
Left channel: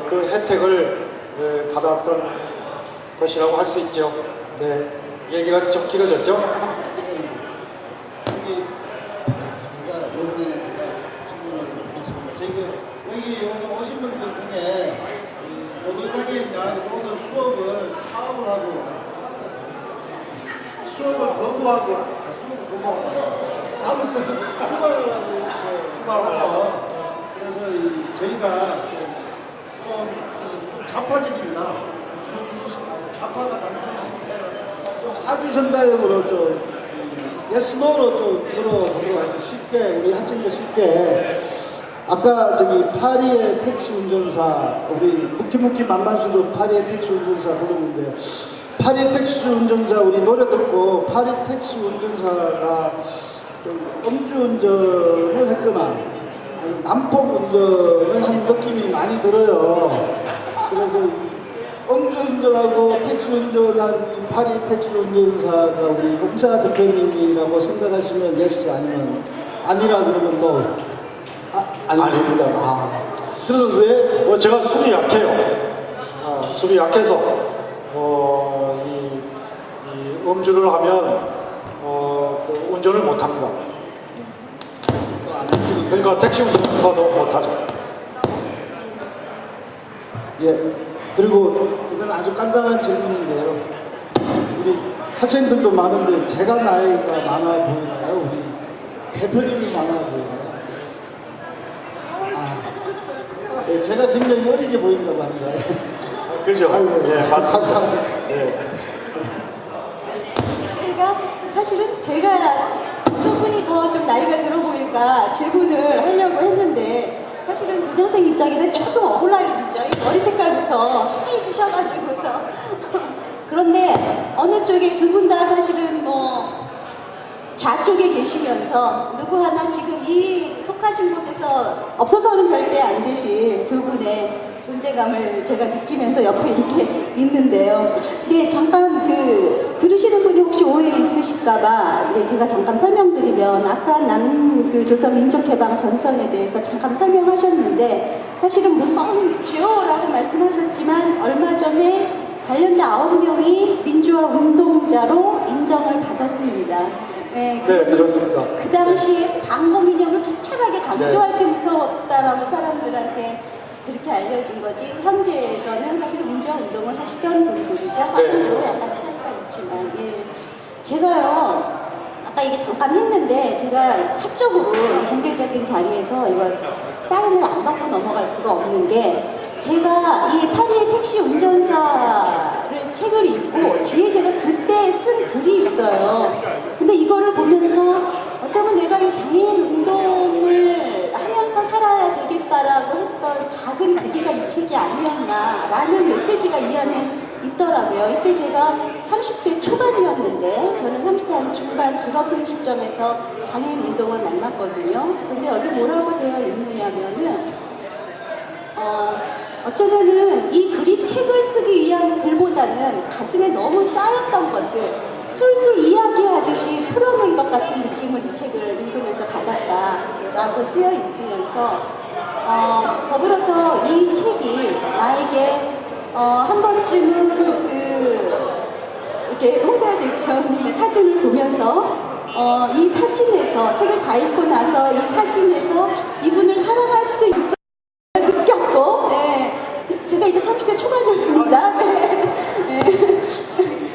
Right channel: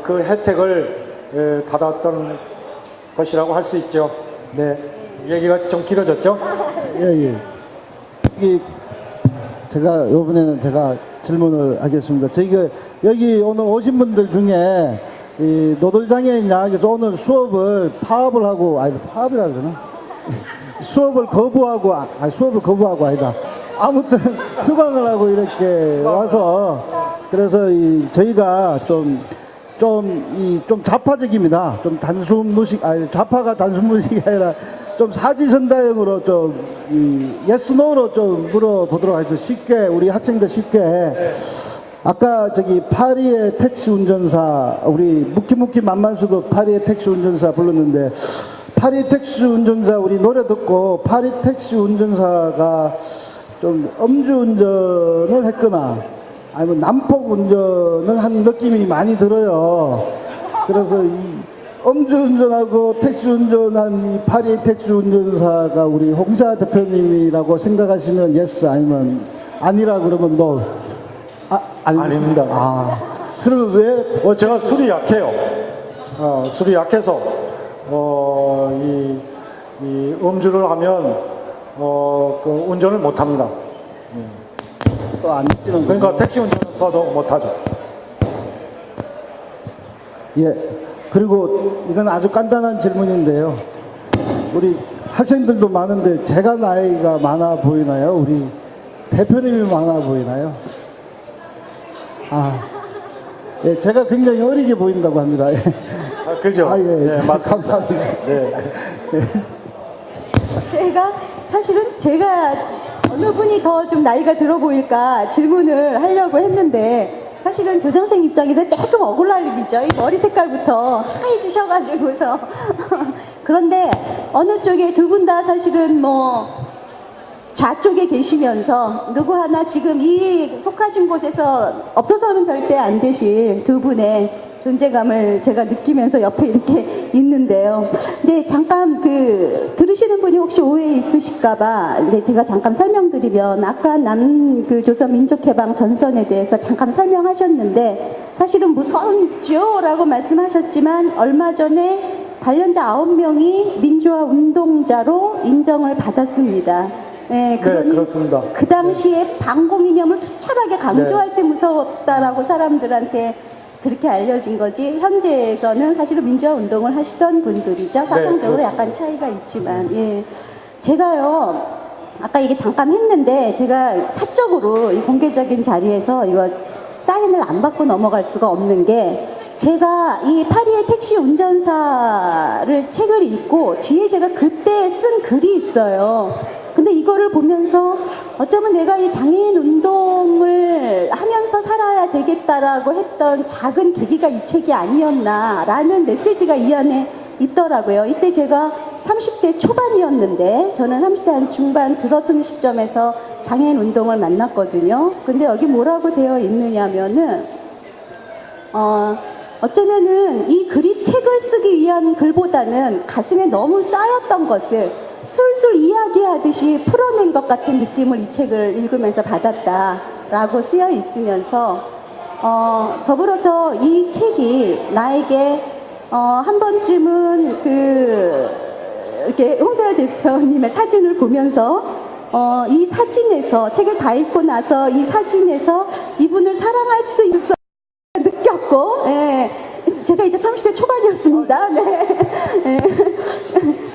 그 혜택을 받았던 것이라고 할 수 있죠. 네, 얘기가 좀 길어졌죠? 예. 제가 이번에는 제가 질문을 하겠습니다. 저희가 여기 오늘 오신 분들 중에 이 노동장애인 양에서 오늘 수업을 파업을 하고 파업이라고 그러나? 수업을 거부하고 아니다. 아무튼 휴강을 하고 이렇게 와서 그래서 저희가 좀 좌파적입니다. 좀 단순 무식, 좌파가 단순 무식이 아니라 좀 사지선다형으로 예스 노로 좀 물어보도록 하겠습니다. 쉽게 우리 학생들 쉽게 아까 파리의 택시 운전사 우리 무키무키 만만수도 파리의 택시 운전사 불렀는데 파리 택시 운전사 우리 노래 듣고 파리 택시 운전사가 좀 음주운전을 했거나 아니면 난폭 운전을 한 느낌이 많이 들어요. 그래서 이 음주운전하고 택시 운전한 이 파리 택시 운전사가 우리 홍사 대표님이라고 생각하시면 예스 아니면 아니라 그러면 노. 아닙니다. 그럼 왜? 제가 술이 약해요. 술이 약해서 이 음주를 하면 운전을 못합니다. 또 안 듣는 그러니까 택시 운전도 못하죠. 예. 그리고 이건 아주 간단한 질문인데요. 우리 학생들도 많은데 제가 나이가 많아 보이나요? 우리 대표님이 많아 보이나요? 예, 제가 굉장히 어리게 보인다고 합니다. 예. 그죠? 예, 맞습니다. 네. 제가 어느 분이 더 좀 나이가 들어 보일까 질문을 하려고 했는데 사실은 교장생 입장에서 조금 억울함이죠. 이 머리 색깔부터 하얘주셔가지고서 그런데 어느 쪽에 두 분 다 사실은 뭐 좌쪽에 계시면서 누구 하나 지금 이 속하신 곳에서 없어서는 절대 안 되실 두 분의 존재감을 제가 느끼면서 옆에 이렇게 있는데요. 근데 잠깐 들으시는 분이 혹시 오해 있으실까봐 제가 잠깐 설명드리면 아까 조선 민족해방 전선에 대해서 잠깐 설명하셨는데 사실은 무서운죠라고 말씀하셨지만 얼마 전에 관련자 9명이 민주화 운동자로 인정을 받았습니다. 네, 그렇습니다. 그 당시에 방공 이념을 투철하게 강조할 때 무서웠다라고 사람들한테 그렇게 알려진 거지. 현재에서는 사실은 민주화 운동을 하시던 분들이죠. 사상적으로 약간 차이가 있지만, 예. 제가요, 아까 얘기 잠깐 했는데, 제가 사적으로 공개적인 자리에서 이거 사인을 안 받고 넘어갈 수가 없는 게, 제가 이 파리의 택시 운전사를 책을 읽고, 뒤에 제가 그때 쓴 글이 있어요. 근데 이거를 보면서 어쩌면 내가 이 장애인 운동을 하면서 살아야 되겠다라고 했던 작은 계기가 이 책이 아니었나라는 메시지가 이 안에 있더라고요. 이때 제가 30대 초반이었는데 저는 30대 한 중반 들어선 시점에서 장애인 운동을 만났거든요. 근데 여기 뭐라고 되어 있느냐면은 어쩌면은 이 글이 책을 쓰기 위한 글보다는 가슴에 너무 쌓였던 것을 술술 이야기하듯이 풀어낸 것 같은 느낌을 이 책을 읽으면서 받았다라고 쓰여 있으면서 더불어서 이 책이 나에게 한 번쯤은 이렇게 홍사 대표님의 사진을 보면서 이 사진에서 책을 다 읽고 나서 이 사진에서 이분을 사랑할 수 있어 느꼈고, 예. 제가 이때 30대 초반이었습니다. 네.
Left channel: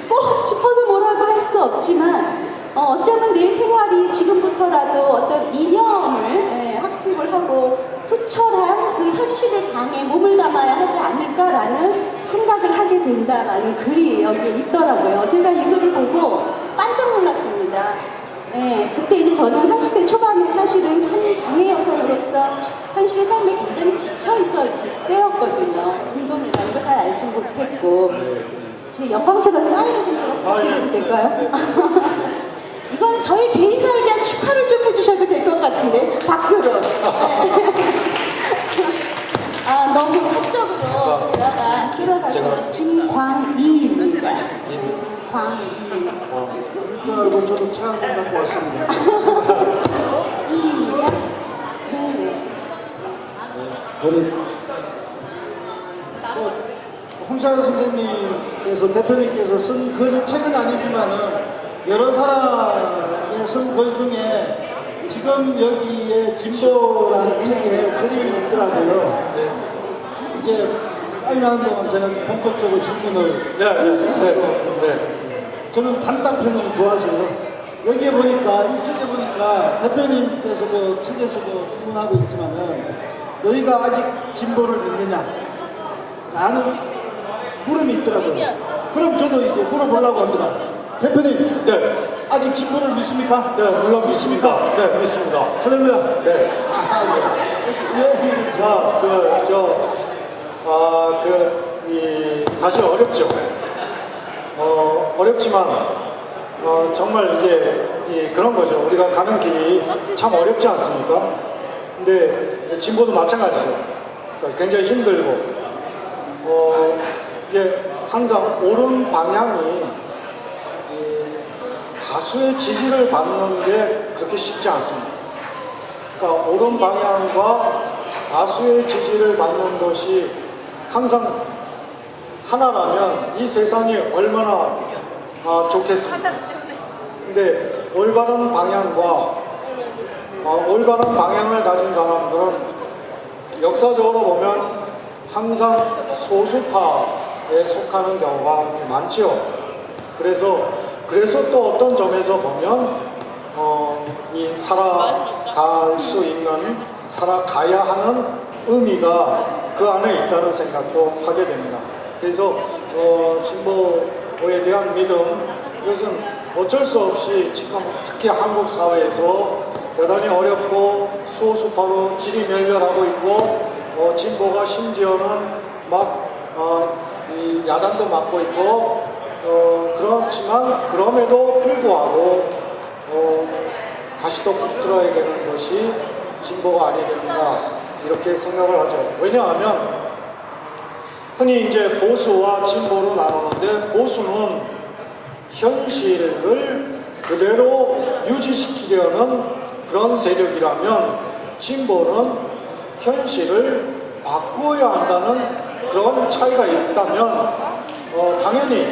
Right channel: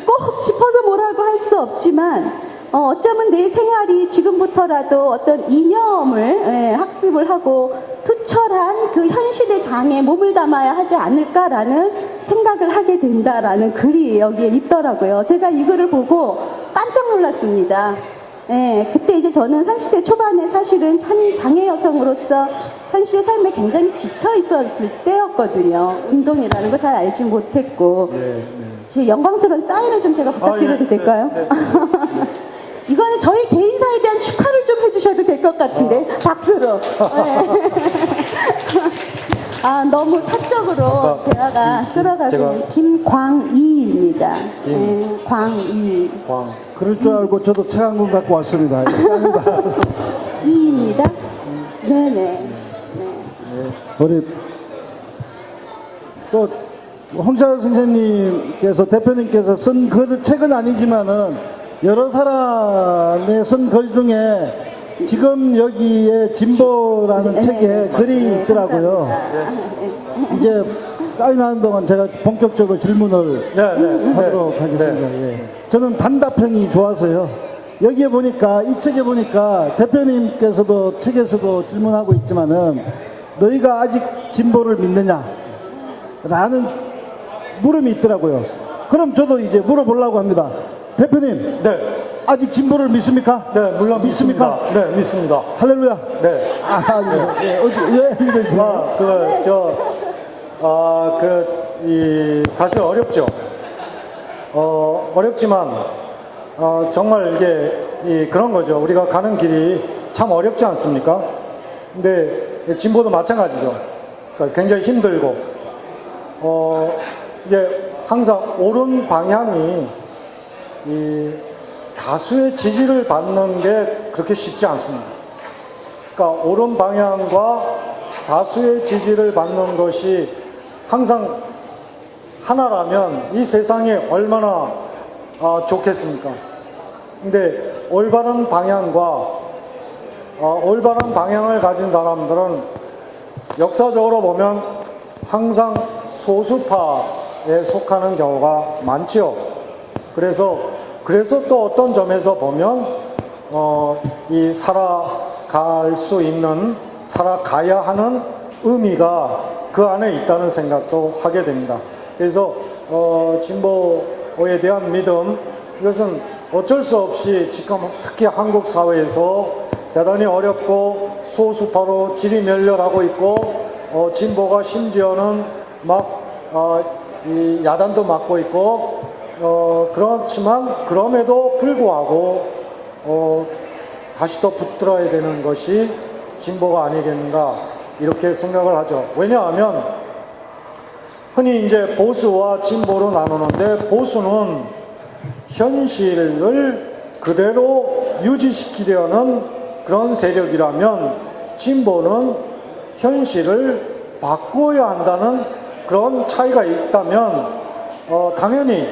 꼭 짚어서 뭐라고 할 수 없지만 어쩌면 내 생활이 지금부터라도 어떤 이념을 학습을 하고 투철한 그 현실의 장에 몸을 담아야 하지 않을까라는 생각을 하게 된다라는 글이 여기에 있더라고요. 제가 이 글을 보고 깜짝 놀랐습니다. 그때 이제 저는 30대 초반에 사실은 장애 여성으로서 현실 삶에 굉장히 지쳐 있었을 때였거든요. 운동이라는 걸 잘 알지 못했고. 지금 영광스러운 사인을 좀 제가 부탁드려도 될까요? 이거는 저희 개인사에 대한 축하를 좀 해주셔도 될 것 같은데, 박수로. 너무 사적으로 대화가 끌어가지고 김광희입니다. 광희. 그럴 줄 알고 저도 책 한 권 갖고 왔습니다. 이입니다. 네네. 우리 또 홍자 선생님께서 대표님께서 쓴 글 책은 아니지만은 여러 사람의 쓴 글 중에 지금 여기에 진보라는 책에 글이 있더라고요. 이제 사인하는 동안 제가 본격적으로 질문을 하도록 하겠습니다. 저는 단답형이 좋아서요. 여기에 보니까 이 책에 보니까 대표님께서도 책에서도 질문하고 있지만은 너희가 아직 진보를 믿느냐? 라는 물음이 있더라고요. 그럼 저도 이제 물어보려고 합니다. 대표님, 네. 아직 진보를 믿습니까? 네, 물론 믿습니다. 네, 믿습니다. 할렐루야. 네. 왜 힘든지. 사실 어렵죠. 어렵지만, 정말 이제, 그런 거죠. 우리가 가는 길이 참 어렵지 않습니까? 근데 진보도 마찬가지죠. 그러니까 굉장히 힘들고, 이제 항상 옳은 방향이 이 다수의 지지를 받는 게 그렇게 쉽지 않습니다. 그러니까 옳은 방향과 다수의 지지를 받는 것이 항상 하나라면 이 세상이 얼마나 좋겠습니까? 근데 올바른 방향과 올바른 방향을 가진 사람들은 역사적으로 보면 항상 소수파에 속하는 경우가 많죠. 그래서 또 어떤 점에서 보면 이 살아갈 수 있는, 살아가야 하는 의미가 그 안에 있다는 생각도 하게 됩니다. 그래서 진보에 대한 믿음, 이것은 어쩔 수 없이 지금 특히 한국 사회에서 대단히 어렵고 소수파로 질이 멸렬하고 있고 진보가 심지어는 막 이 야단도 맞고 있고 그렇지만 그럼에도 불구하고 다시 또 붙들어야 되는 것이 진보가 아니겠는가 이렇게 생각을 하죠. 왜냐하면 흔히 이제 보수와 진보로 나누는데 보수는 현실을 그대로 유지시키려는 그런 세력이라면 진보는 현실을 바꾸어야 한다는 그런 차이가 있다면 당연히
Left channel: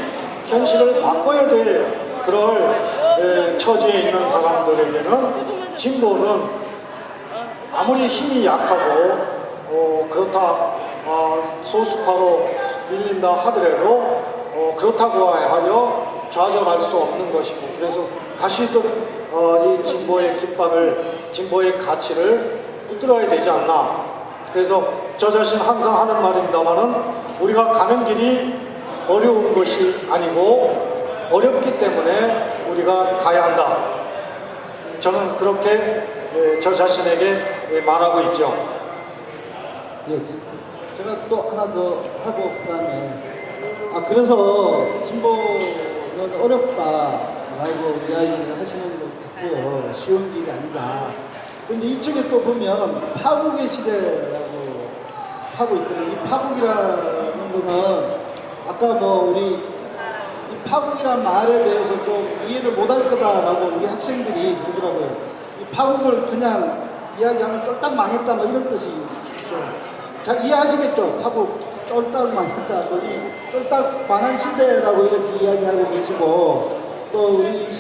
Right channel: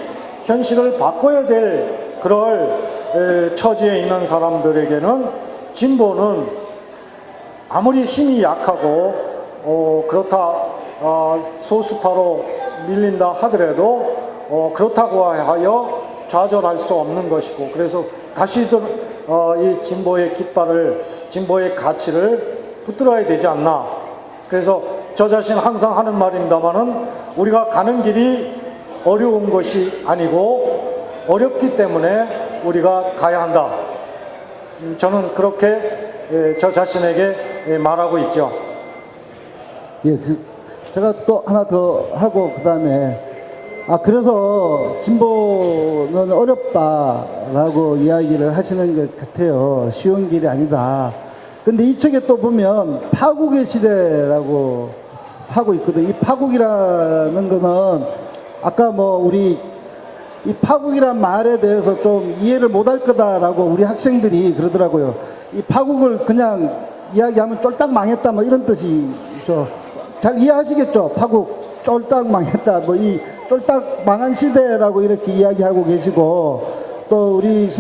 현실을 바꿔야 될 그럴 처지에 있는 사람들에게는 진보는 아무리 힘이 약하고 그렇다 소수파로 밀린다 하더라도 그렇다고 하여 좌절할 수 없는 것이고 그래서 다시 또 이 진보의 깃발을 진보의 가치를 붙들어야 되지 않나. 그래서 저 자신 항상 하는 말입니다만은 우리가 가는 길이 어려운 것이 아니고 어렵기 때문에 우리가 가야 한다. 저는 그렇게 저 자신에게 말하고 있죠. 예, 제가 또 하나 더 하고 그 다음에 그래서 진보는 어렵다라고 이야기를 하시는 것 같아요. 쉬운 길이 아니다. 근데 이쪽에 또 보면 파국의 시대라고 하고 있거든요. 이 파국이라는 거는 아까 뭐 우리 이 파국이란 말에 대해서 좀 이해를 못할 거다라고 우리 학생들이 그러더라고요. 이 파국을 그냥 이야기하면 쫄딱 망했다 뭐 이런 뜻이죠. 잘 이해하시겠죠? 파국 쫄딱 망했다 뭐 이 쫄딱 망한 시대라고 이렇게 이야기하고 계시고 또 우리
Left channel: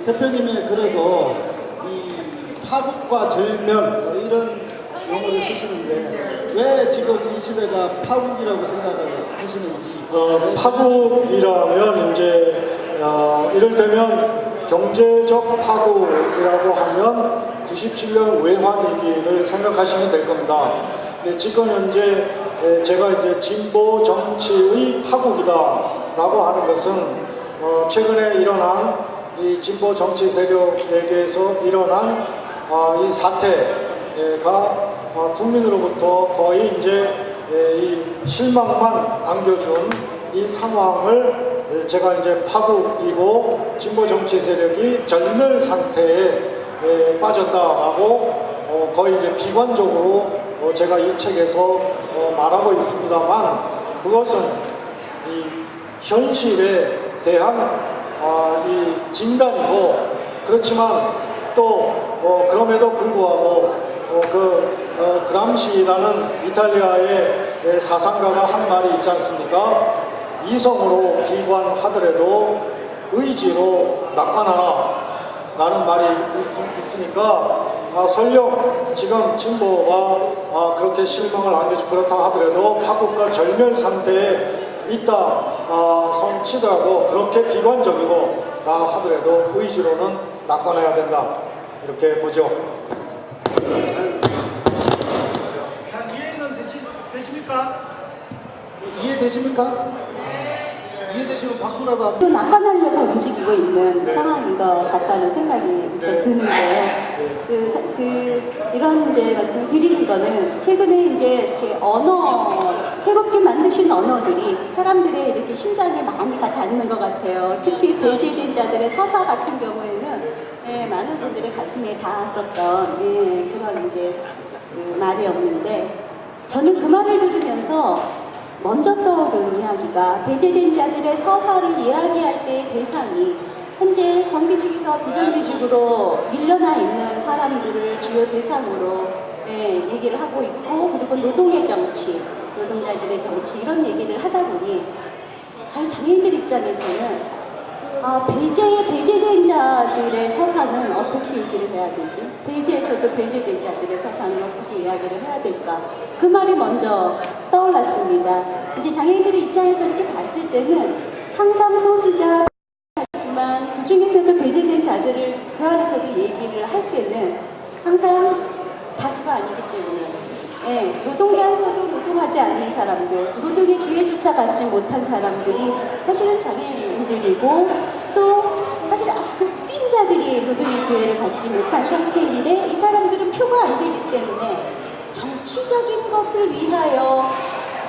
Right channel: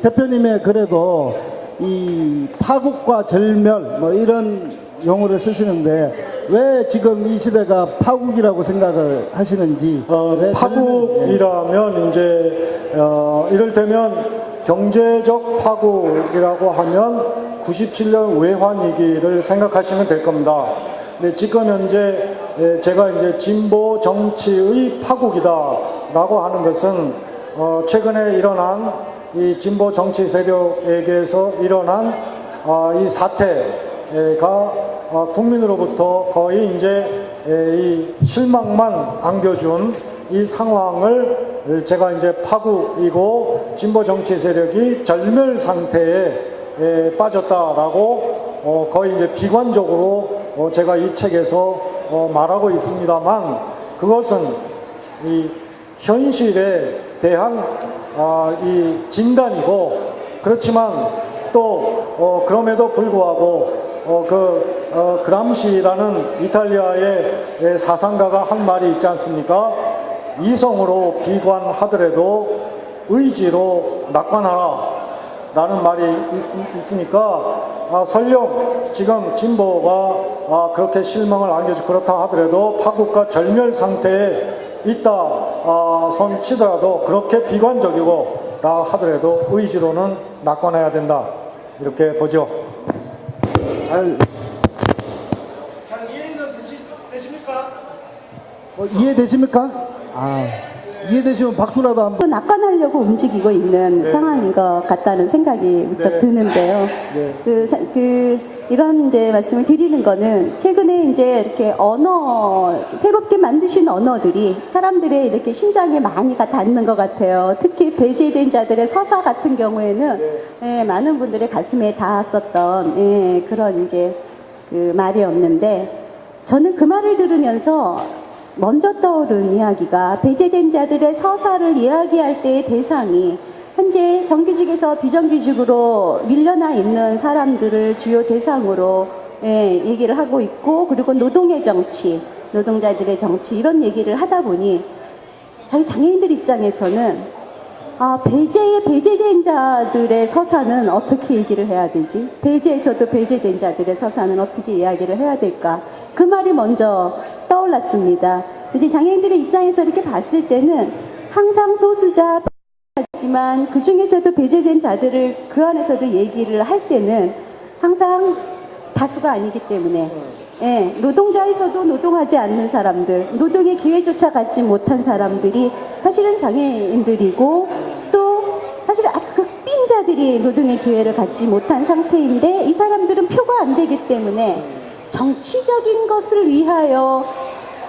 대표님의 글에도 이 파국과 절멸 뭐 이런 용어를 쓰시는데 왜 지금 이 시대가 파국이라고 생각을 하시는지. 파국이라면 이제 이를테면 경제적 파국이라고 하면 97년 외환위기를 생각하시면 될 겁니다. 근데 지금 현재 제가 이제 진보 정치의 파국이다라고 하는 것은 최근에 일어난 이 진보 정치 세력에게서 일어난 이 사태가 국민으로부터 거의 이제 이 실망만 안겨준 이 상황을 제가 이제 파국이고 진보 정치 세력이 절멸 상태에 빠졌다라고 거의 이제 비관적으로 제가 이 책에서 말하고 있습니다만 그것은 이 현실에 대한 이 진단이고 그렇지만 또 그럼에도 불구하고 그람시라는 이탈리아의 사상가가 한 말이 있지 않습니까? 이성으로 비관하더라도 의지로 낙관하라 라는 말이 있으니까 설령 지금 진보가 그렇게 실망을 안겨서 그렇다 하더라도 파국과 절멸 상태에 있다 손 치더라도 그렇게 비관적이고 하더라도 의지로는 낙관해야 된다 이렇게 보죠. 이해는 되십니까? 이해되십니까? 이해되시면 박수라도 한번. 또 낙관하려고 움직이고 있는 상황인 것 같다는 생각이 무척 드는데, 이런 이제 말씀을 드리는 거는 최근에 이제 이렇게 새롭게 만드신 언어들이 사람들의 이렇게 심장에 많이 다 닿는 것 같아요. 특히 배제된 자들의 서사 같은 경우에는 많은 분들의 가슴에 닿았었던 그런 이제 말이었는데, 저는 그 말을 들으면서 먼저 떠오른 이야기가 배제된 자들의 서사를 이야기할 때의 대상이 현재 정규직에서 비정규직으로 밀려나 있는 사람들을 주요 대상으로 얘기를 하고 있고, 그리고 노동의 정치, 노동자들의 정치 이런 얘기를 하다 보니 저희 장애인들 입장에서는 배제된 자들의 서사는 어떻게 얘기를 해야 되지? 배제에서도 배제된 자들의 서사는 어떻게 이야기를 해야 될까? 그 말이 먼저 떠올랐습니다. 이제 장애인들의 입장에서 이렇게 봤을 때는 항상 소수자지만 그 중에서도 배제된 자들을 그 안에서도 얘기를 할 때는 항상 다수가 아니기 때문에 노동자에서도 노동하지 않는 사람들, 노동의 기회조차 갖지 못한 사람들이 사실은 장애인들이고 또 사실 극빈 자들이 노동의 기회를 갖지 못한 상태인데 이 사람들은 표가 안 되기 때문에 정치적인 것을 위하여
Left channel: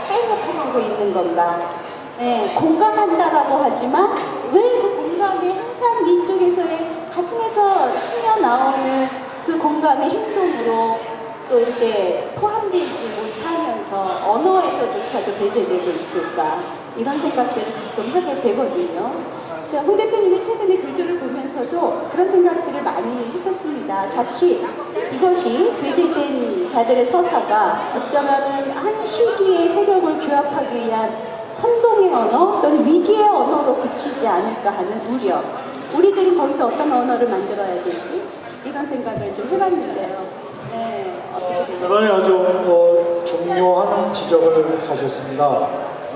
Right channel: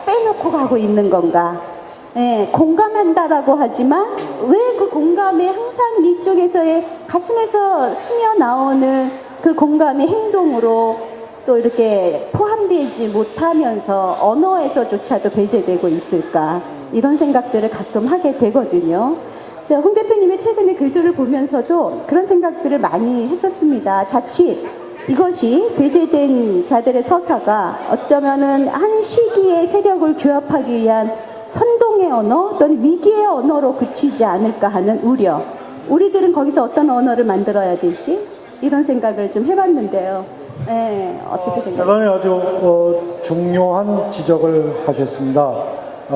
빼놓고 가고 있는 건가? 공감한다라고 하지만 왜 그 공감이 항상 이쪽에서의 가슴에서 스며 나오는 그 공감의 행동으로 또 이렇게 포함되지 못하면서 언어에서조차도 배제되고 있을까, 이런 생각들을 가끔 하게 되거든요. 그래서 홍 대표님이 최근에 글들을 보면서도 그런 생각들을 많이 했었습니다. 자칫 이것이 배제된 자들의 서사가 어쩌면은 한 시기의 세력을 규합하기 위한 선동의 언어 또는 위기의 언어로 그치지 않을까 하는 우려. 우리들은 거기서 어떤 언어를 만들어야 될지 이런 생각을 좀 해봤는데요. 어떻게 생각하세요? 이번에 아주 중요한 지적을 하셨습니다.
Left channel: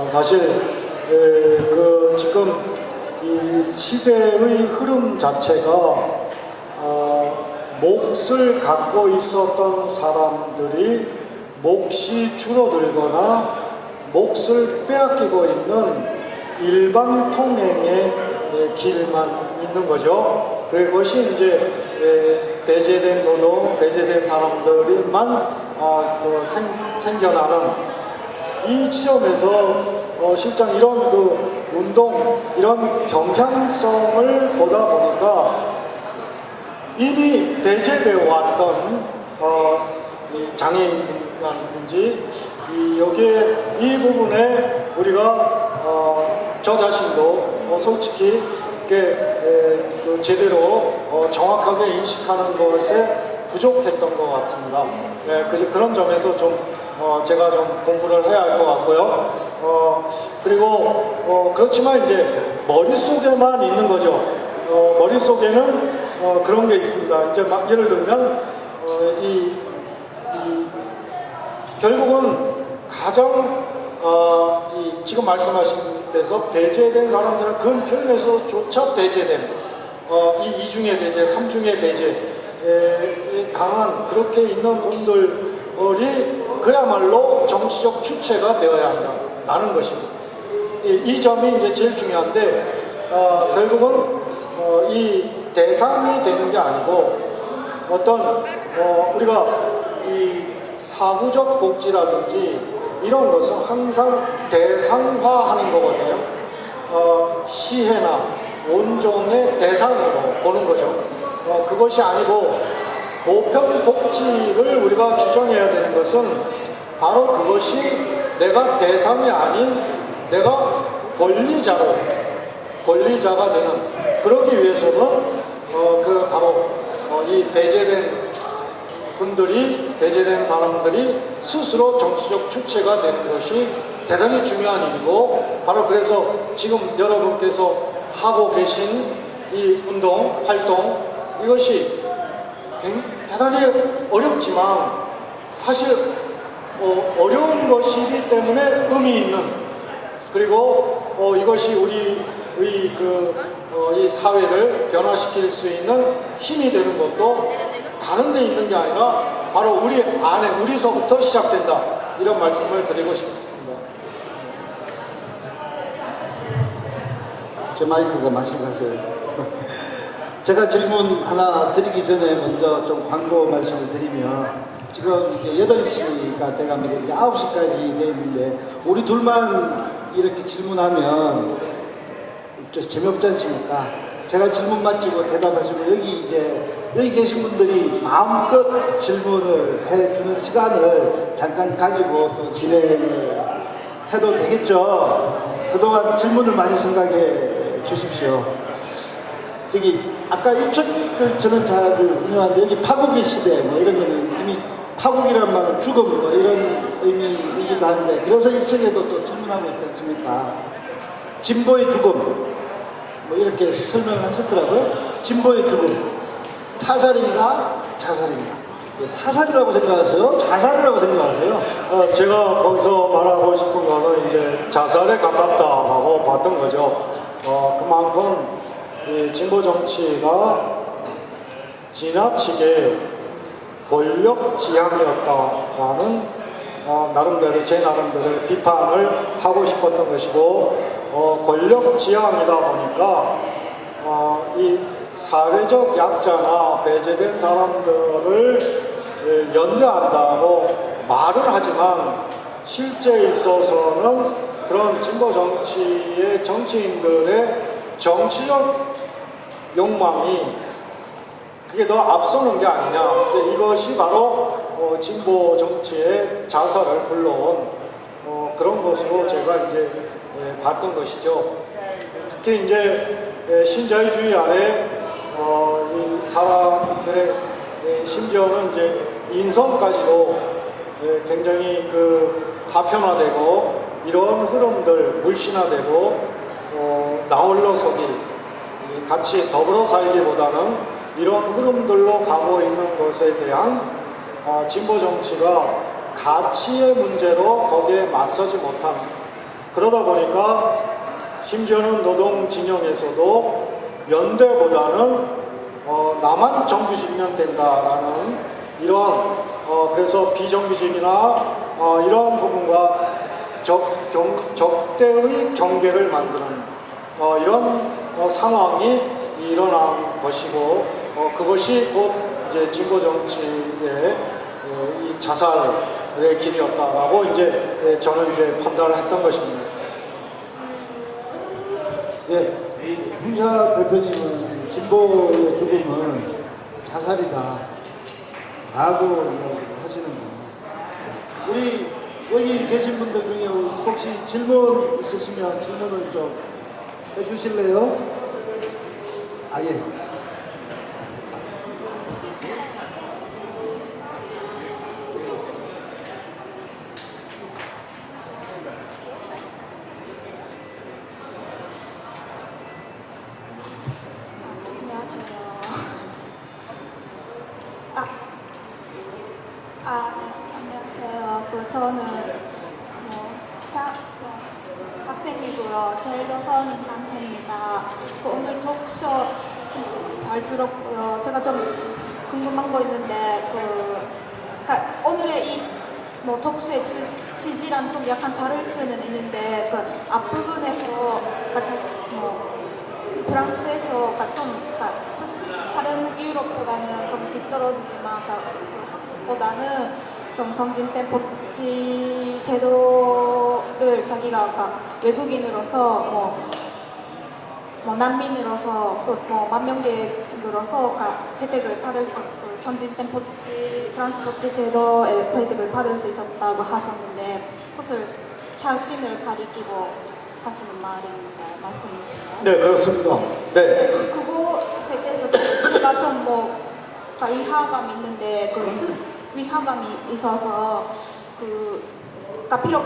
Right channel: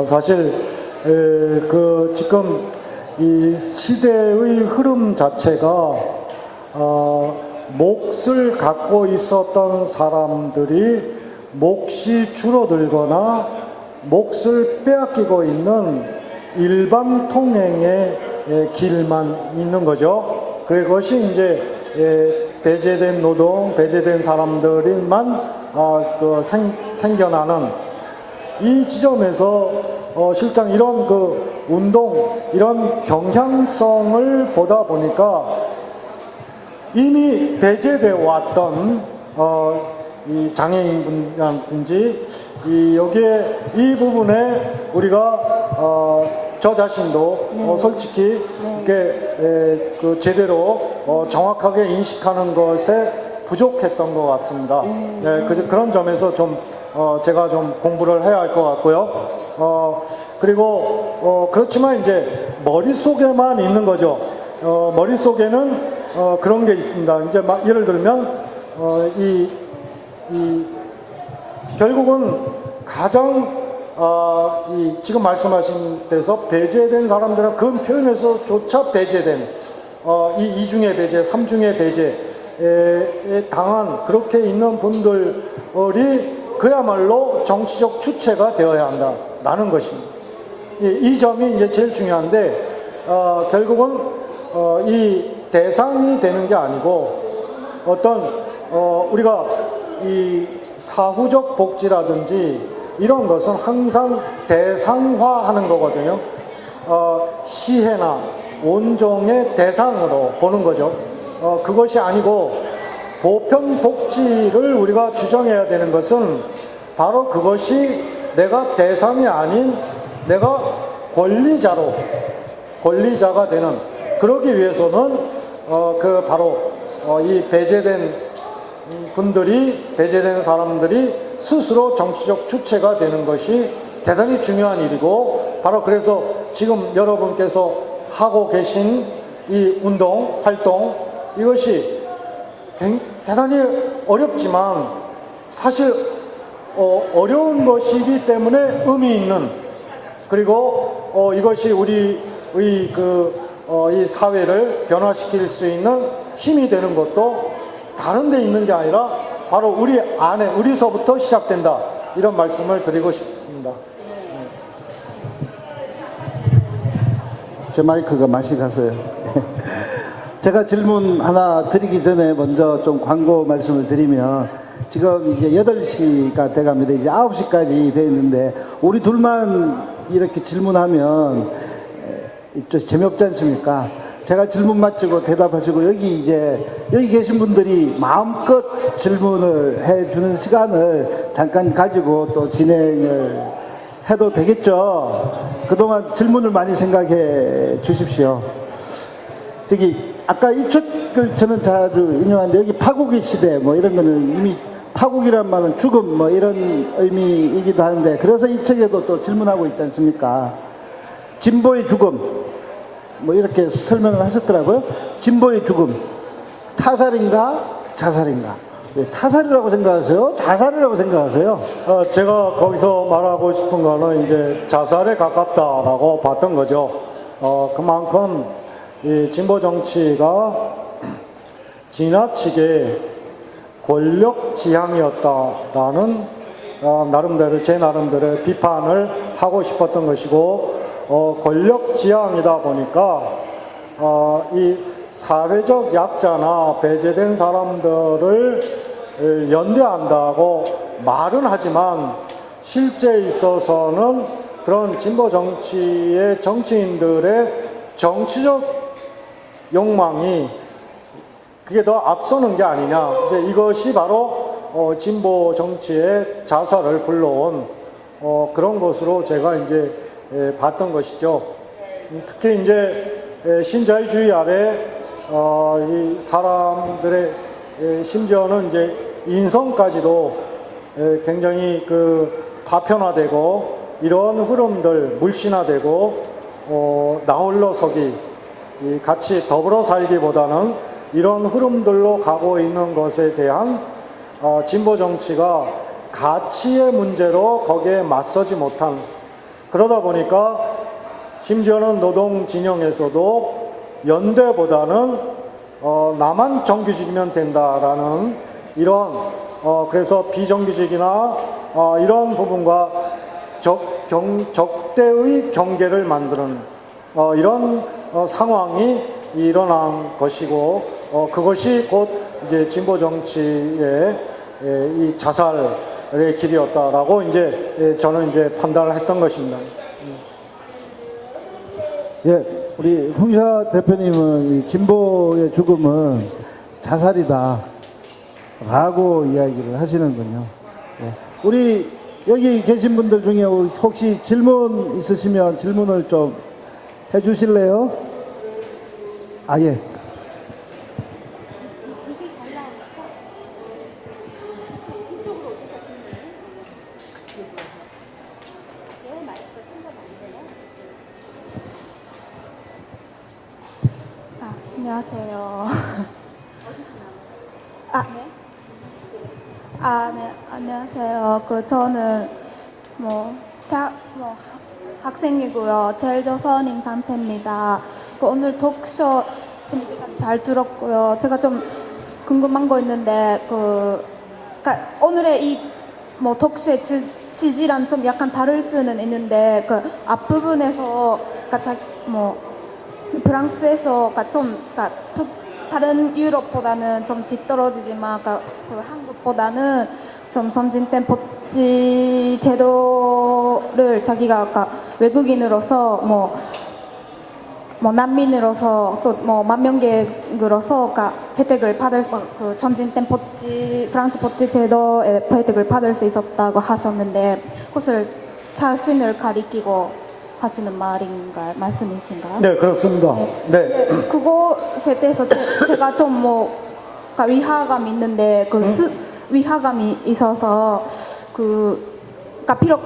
사실 지금 이 시대의 흐름 자체가 몫을 갖고 있었던 사람들이 몫이 줄어들거나 몫을 빼앗기고 있는 일반 통행의 길만 있는 거죠. 그것이 이제 배제된 노동, 배제된 사람들이만 생겨나는 이 지점에서 실장 이런 운동, 이런 경향성을 보다 보니까 이미 배제되어 왔던 이 장애인이라든지 여기에 이 부분에 우리가 저 자신도 솔직히 제대로 정확하게 인식하는 것에 부족했던 것 같습니다. 그래서 그런 점에서 좀 제가 좀 공부를 해야 할 것 같고요. 그리고 그렇지만 이제 머릿속에만 있는 거죠. 머릿속에는 그런 게 있습니다. 이제 막 예를 들면 결국은 가장 지금 말씀하신 데서 배제된 사람들은 그 표현에서조차 배제된 이중의 배제, 삼중의 배제에 당한 그렇게 있는 분들이 그야말로 정치적 주체가 되어야 한다라는 것입니다. 이 점이 이제 제일 중요한데 결국은 이 대상이 되는 게 아니고 어떤 우리가 이 사후적 복지라든지 이런 것은 항상 대상화하는 거거든요. 시혜나 원종의 대상으로 보는 거죠. 그것이 아니고 보편 복지를 우리가 주장해야 되는 것은 바로 그것이 내가 대상이 아닌 내가 권리자가 되는, 그러기 위해서는 바로 이 배제된 사람들이 스스로 정치적 주체가 되는 것이 대단히 중요한 일이고, 바로 그래서 지금 여러분께서 하고 계신 이 운동, 활동, 이것이 대단히 어렵지만 사실 어려운 것이기 때문에 의미 있는, 그리고 이것이 우리의 이 사회를 변화시킬 수 있는 힘이 되는 것도 다른 데 있는 게 아니라 바로 우리 안에, 우리서부터 시작된다, 이런 말씀을 드리고 싶습니다. 저 마이크가 맛이 가서요. 제가 질문 하나 드리기 전에 먼저 좀 광고 말씀을 드리면, 지금 이제 8시가 돼갑니다. 이제 9시까지 돼 있는데, 우리 둘만 이렇게 질문하면 좀 재미없지 않습니까? 제가 질문 마치고 대답하시고, 여기 계신 분들이 마음껏 질문을 해주는 시간을 잠깐 가지고 또 진행을 해도 되겠죠? 그동안 질문을 많이 생각해 주십시오. 저기, 아까 이쪽을 저는 잘 운영하는데, 여기 파국의 시대, 뭐 이런 거는 이미 파국이라는 말은 죽음, 뭐 이런 의미이기도 한데, 그래서 이쪽에도 또 질문하고 있지 않습니까? 진보의 죽음, 뭐 이렇게 설명을 하셨더라고요. 진보의 죽음, 타살인가 자살인가? 타살이라고 생각하세요? 자살이라고 생각하세요? 제가 거기서 말하고 싶은 거는 이제 자살에 가깝다라고 봤던 거죠. 그만큼 이 진보 정치가 지나치게 권력 지향이었다라는 제 나름대로의 비판을 하고 싶었던 것이고, 권력 지향이다 보니까 이 사회적 약자나 배제된 사람들을 연대한다고 말은 하지만 실제에 있어서는 그런 진보 정치의 정치인들의 정치적 욕망이 그게 더 앞서는 게 아니냐. 근데 이것이 바로 진보 정치의 자살을 불러온 그런 것으로 제가 이제 봤던 것이죠. 특히 이제 신자유주의 아래 이 사람들의 심지어는 이제 인성까지도 굉장히 그 파편화되고 이런 흐름들 물신화되고 나홀로서기 같이 더불어 살기보다는 이런 흐름들로 가고 있는 것에 대한 진보 정치가 가치의 문제로 거기에 맞서지 못한 그러다 보니까 심지어는 노동 진영에서도 연대보다는 나만 정규직이면 된다라는 이러한 그래서 비정규직이나 이런 부분과 적대의 경계를 만드는 이런 상황이 일어난 것이고 그것이 곧 이제 진보 정치의 이 자살의 길이었다라고 이제 저는 이제 판단을 했던 것입니다. 예, 우리 홍사 대표님은 진보의 죽음은 자살이다 라고 이야기를 하시는군요. 예. 우리 여기 계신 분들 중에 혹시 질문 있으시면 질문을 좀 해주실래요? 아, 예. 안녕하세요. 네, 안녕하세요. 저는 학생이고요. 제일조선인 3세입니다. 오늘 독서 잘 들었고요. 제가 좀 궁금한 거 있는데, 그러니까 오늘의 이 독서의 지지랑 좀 약간 다를 수는 있는데, 그 앞부분에서, 그러니까 프랑스에서 다른 유럽보다는 좀 뒤떨어지지만 그 한국보다는 좀 선진된 복지 제도를 자기가 외국인으로서 난민으로서 또 만명객으로서 혜택을 받을 수 선진된 프랑스 복지 제도의 혜택을 받을 수 있었다고 하셨는데 그것을 자신을 가리키고 하시는 말씀이신가요? 네, 그렇습니다. 네. 그것에 대해서 제가 좀 위화감이 있는데 위화감이 있어서 그러니까 비록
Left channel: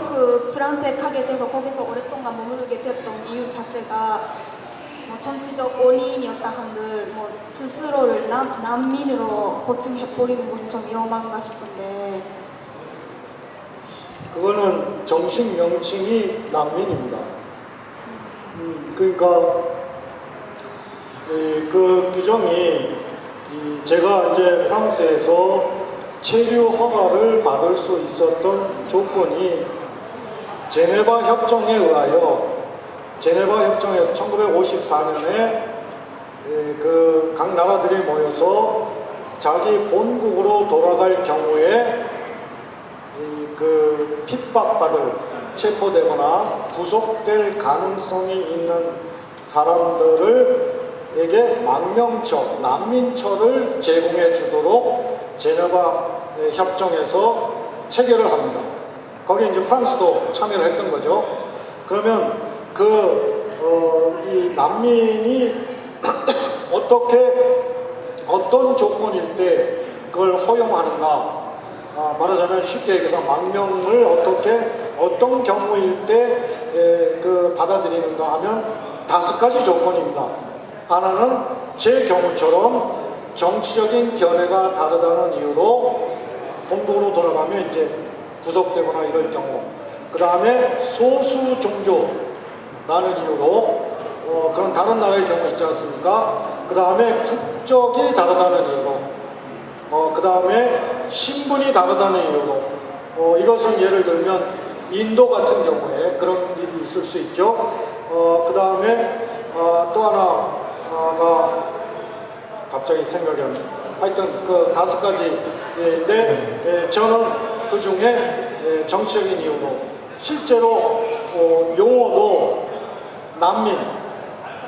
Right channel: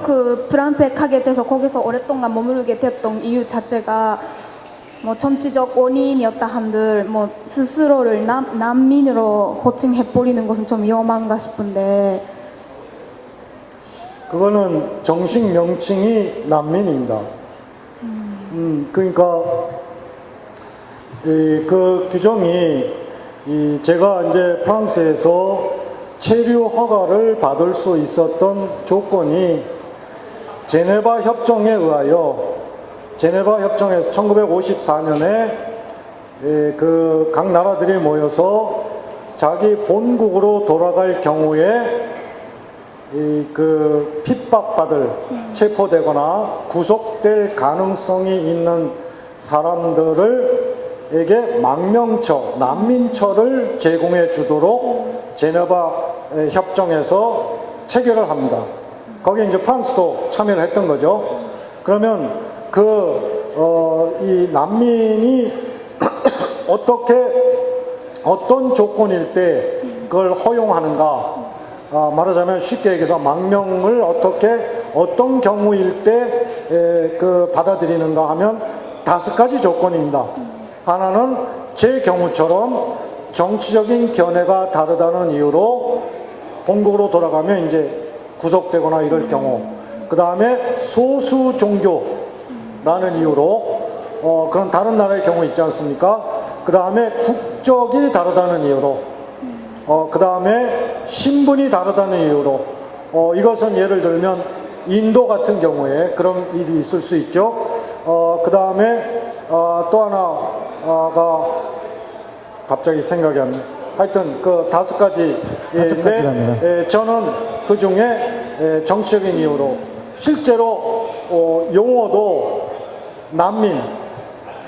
프랑스에 가게 돼서 거기서 오랫동안 머무르게 되었던 이유 자체가 정치적 원인이었다 한들 스스로를 난민으로 호칭해버리는 것은 좀 위험한가 싶은데 그거는 정식 명칭이 난민입니다. 그러니까 그 규정이 제가 이제 프랑스에서 체류 허가를 받을 수 있었던 조건이 제네바 협정에 의하여 제네바 협정에서 1954년에 각 나라들이 모여서 자기 본국으로 돌아갈 경우에 핍박받을 체포되거나 구속될 가능성이 있는 사람들에게 망명처, 난민처를 제공해 주도록 제네바 협정에서 체결을 합니다. 거기에 이제 프랑스도 참여를 했던 거죠. 그러면 이 난민이 어떤 조건일 때 그걸 허용하는가? 말하자면 쉽게 얘기해서 망명을 어떤 경우일 때 받아들이는가 하면 5가지 조건입니다. 하나는 제 경우처럼 정치적인 견해가 다르다는 이유로 본국으로 돌아가면 이제 구속되거나 이럴 경우, 그 다음에 소수 종교라는 이유로 그런 다른 나라의 경우 있지 않습니까? 그 다음에 국적이 다르다는 이유로, 그 다음에 신분이 다르다는 이유로, 이것은 예를 들면 인도 같은 경우에 그런 일이 있을 수 있죠. 그 다음에 또 하나가 갑자기 생각이 안 나요. 하여튼 5가지인데 저는 그 중에 정치적인 이유로 실제로 용어도 난민,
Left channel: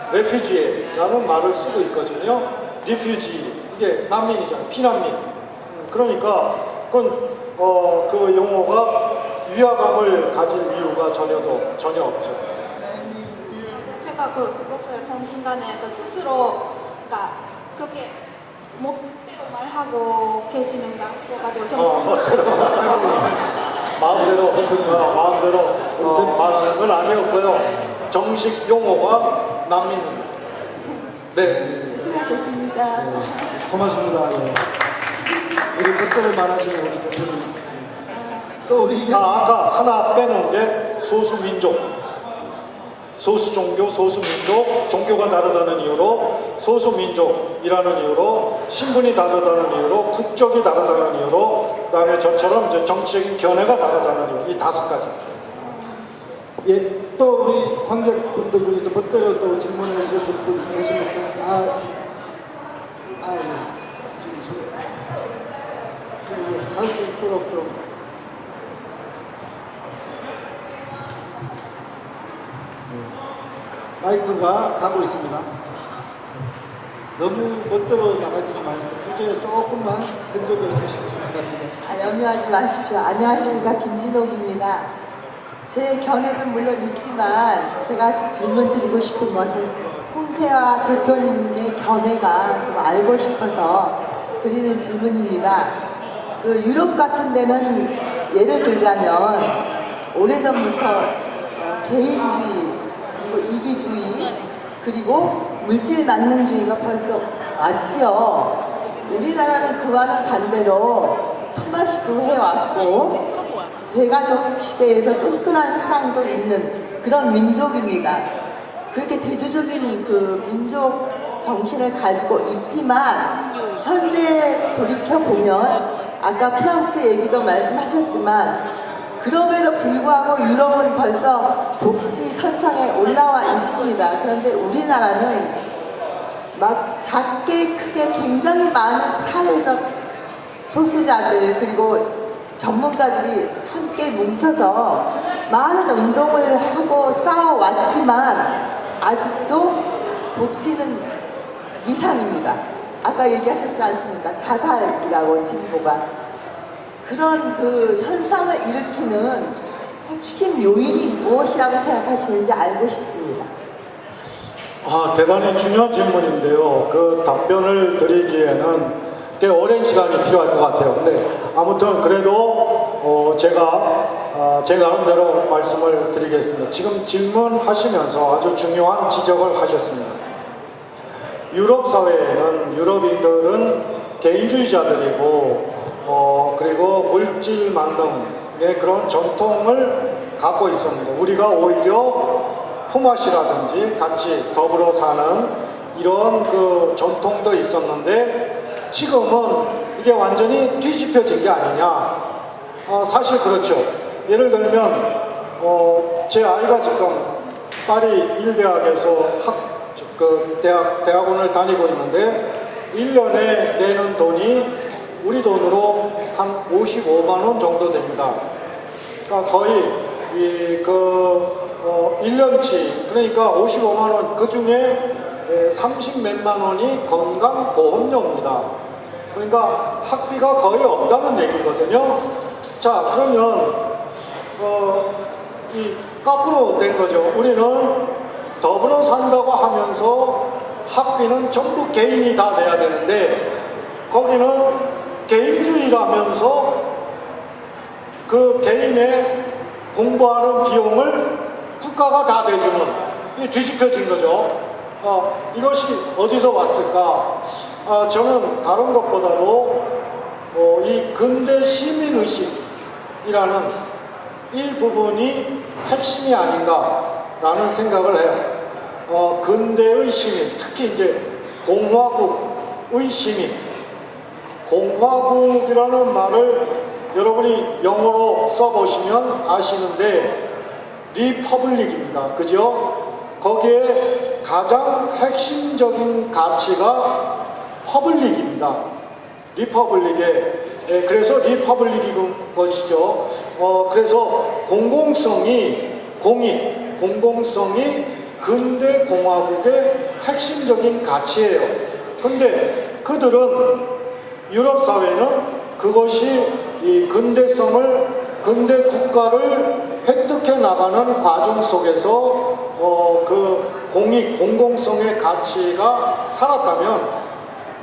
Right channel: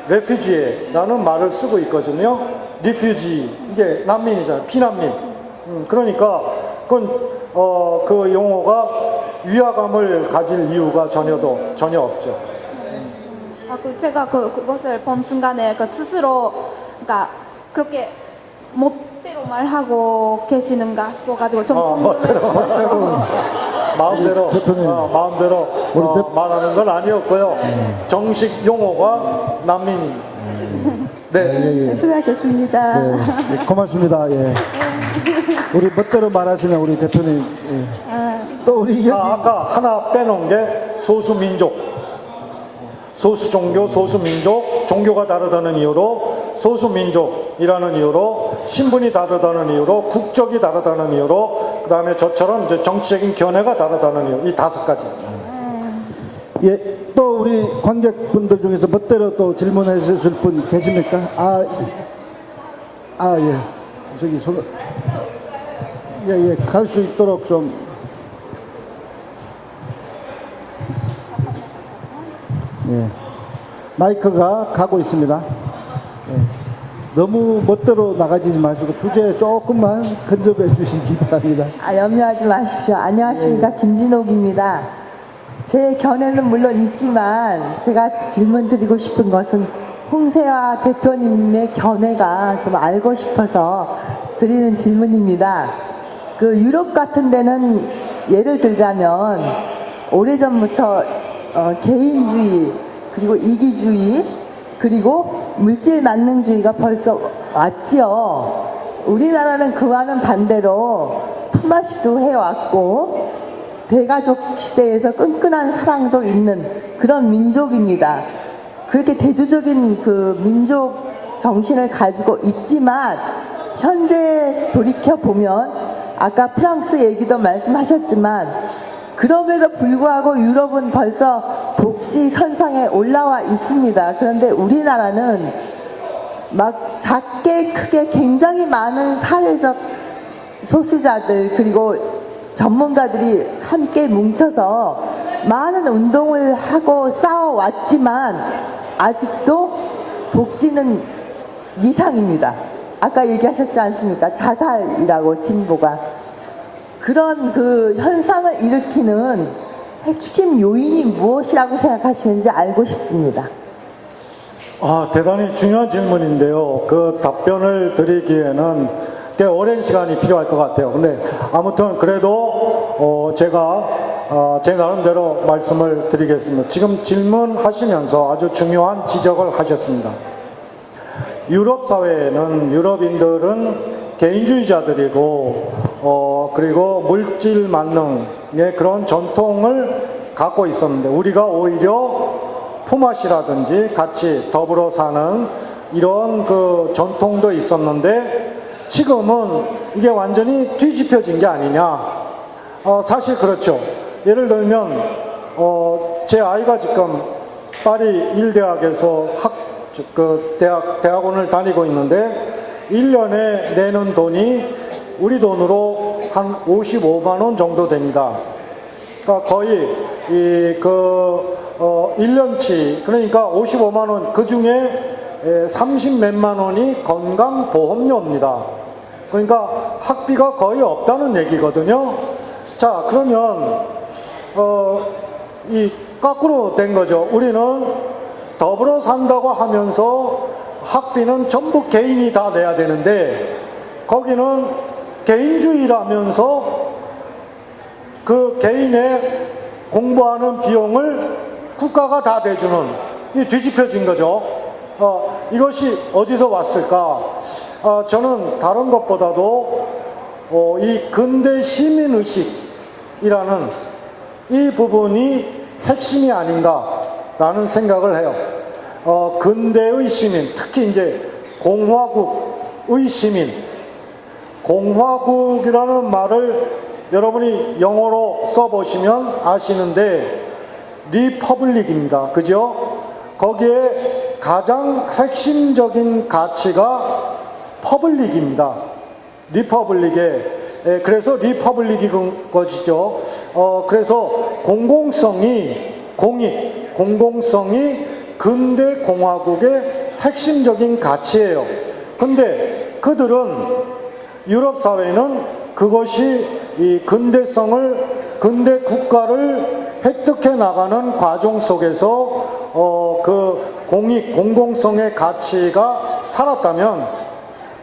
레퓨지라는 말을 쓰고 있거든요. 리퓨지, 이게 난민이잖아요. 피난민. 그러니까 그건 그 용어가 위화감을 가질 이유가 전혀 없죠. 제가 그것을 본 순간에 스스로 그러니까 그렇게 멋대로 말하고 계시는가 싶어가지고 좀 마음대로 말하는 건 아니었고요. 정식 용어가 난민입니다. 네. 수고하셨습니다. 네, 고맙습니다. 예. 우리 멋대로 말하시는 우리 대표님. 예. 또 우리 아까 하나 빼놓은 게 소수민족, 소수종교, 소수민족, 종교가 다르다는 이유로 소수민족이라는 이유로 신분이 다르다는 이유로 국적이 다르다는 이유로 그다음에 저처럼 이제 정치적인 견해가 다르다는 이유, 이 5가지. 예, 또 우리 관객분들 중에서 멋대로 또 질문해 주실 분 계십니까? 예. 저기 예, 갈 수 있도록 좀. 예. 마이크가 가고 있습니다. 예. 너무 멋대로 나가지지 마시고 주제에 조금만 근접해 주시기 바랍니다. 염려하지 마십시오. 안녕하십니까. 김진옥입니다. 제 견해는 물론 있지만 제가 질문 드리고 싶은 것은 홍세화 대표님의 견해가 좀 알고 싶어서 드리는 질문입니다. 그 유럽 같은 데는 예를 들자면 오래전부터 개인주의 그리고 이기주의 그리고 물질 만능주의가 벌써 왔지요. 우리나라는 그와는 반대로 품앗이도 해왔고 대가족 시대에서 끈끈한 사랑도 있는 그런 민족입니다. 그렇게 대조적인 그 민족 정신을 가지고 있지만 현재 돌이켜보면 아까 프랑스 얘기도 말씀하셨지만 그럼에도 불구하고 유럽은 벌써 복지 선상에 올라와 있습니다. 그런데 우리나라는 막 작게 크게 굉장히 많은 사회적 소수자들 그리고 전문가들이 함께 뭉쳐서 많은 운동을 하고 싸워왔지만 아직도 복지는 미상입니다. 아까 얘기하셨지 않습니까? 자살이라고 진보가. 그런 그 현상을 일으키는 핵심 요인이 무엇이라고 생각하시는지 알고 싶습니다. 대단히 중요한 질문인데요. 그 답변을 드리기에는 꽤 오랜 시간이 필요할 것 같아요. 근데 아무튼 그래도 제 나름대로 말씀을 드리겠습니다. 지금 질문하시면서 아주 중요한 지적을 하셨습니다. 유럽 사회에는 유럽인들은 개인주의자들이고 그리고 물질 만능의 그런 전통을 갖고 있었는데 우리가 오히려 품앗이라든지 같이 더불어 사는 이런 그 전통도 있었는데 지금은 이게 완전히 뒤집혀진 게 아니냐. 사실 그렇죠. 예를 들면 제 아이가 지금 파리 일대학에서 대학원을 다니고 있는데 1년에 내는 돈이 우리 돈으로 한 55만 원 정도 됩니다. 그러니까 거의 1년치 그러니까 55만 원 그 중에 30 몇만 원이 건강보험료입니다. 그러니까 학비가 거의 없다는 얘기거든요. 자, 그러면 이 거꾸로 된 거죠. 우리는 더불어 산다고 하면서 학비는 전부 개인이 다 내야 되는데 거기는 개인주의라면서 그 개인의 공부하는 비용을 국가가 다 내주는 이 뒤집혀진 거죠. 이것이 어디서 왔을까? 저는 다른 것보다도 이 근대 시민의식이라는 이 부분이 핵심이 아닌가라는 생각을 해요. 근대의 시민, 특히 이제 공화국의 시민, 공화국이라는 말을 여러분이 영어로 써보시면 아시는데 리퍼블릭입니다. 그죠? 거기에 가장 핵심적인 가치가 퍼블릭입니다. 리퍼블릭에 그래서 리퍼블릭인 것이죠. 그래서 공공성이 공익, 공공성이 근대 공화국의 핵심적인 가치예요. 근데 그들은 유럽 사회는 그것이 이 근대 국가를 획득해 나가는 과정 속에서 그 공익, 공공성의 가치가 살았다면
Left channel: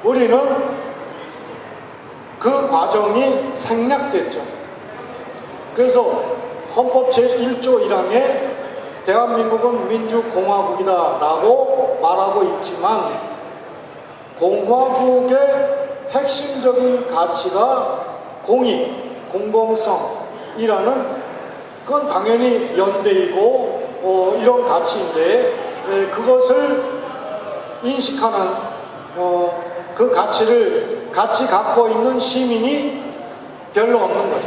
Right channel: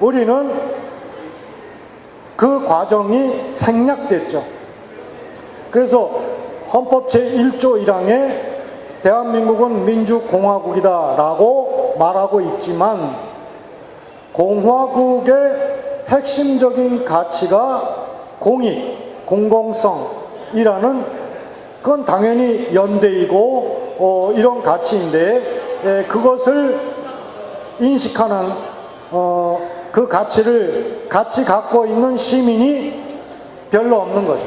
우리는 그 과정이 생략됐죠. 그래서 헌법 제1조 1항에 대한민국은 민주공화국이다 라고 말하고 있지만 공화국의 핵심적인 가치가 공익, 공공성이라는 그건 당연히 연대이고 이런 가치인데 그것을 인식하는 그 가치를 같이 갖고 있는 시민이 별로 없는 거죠.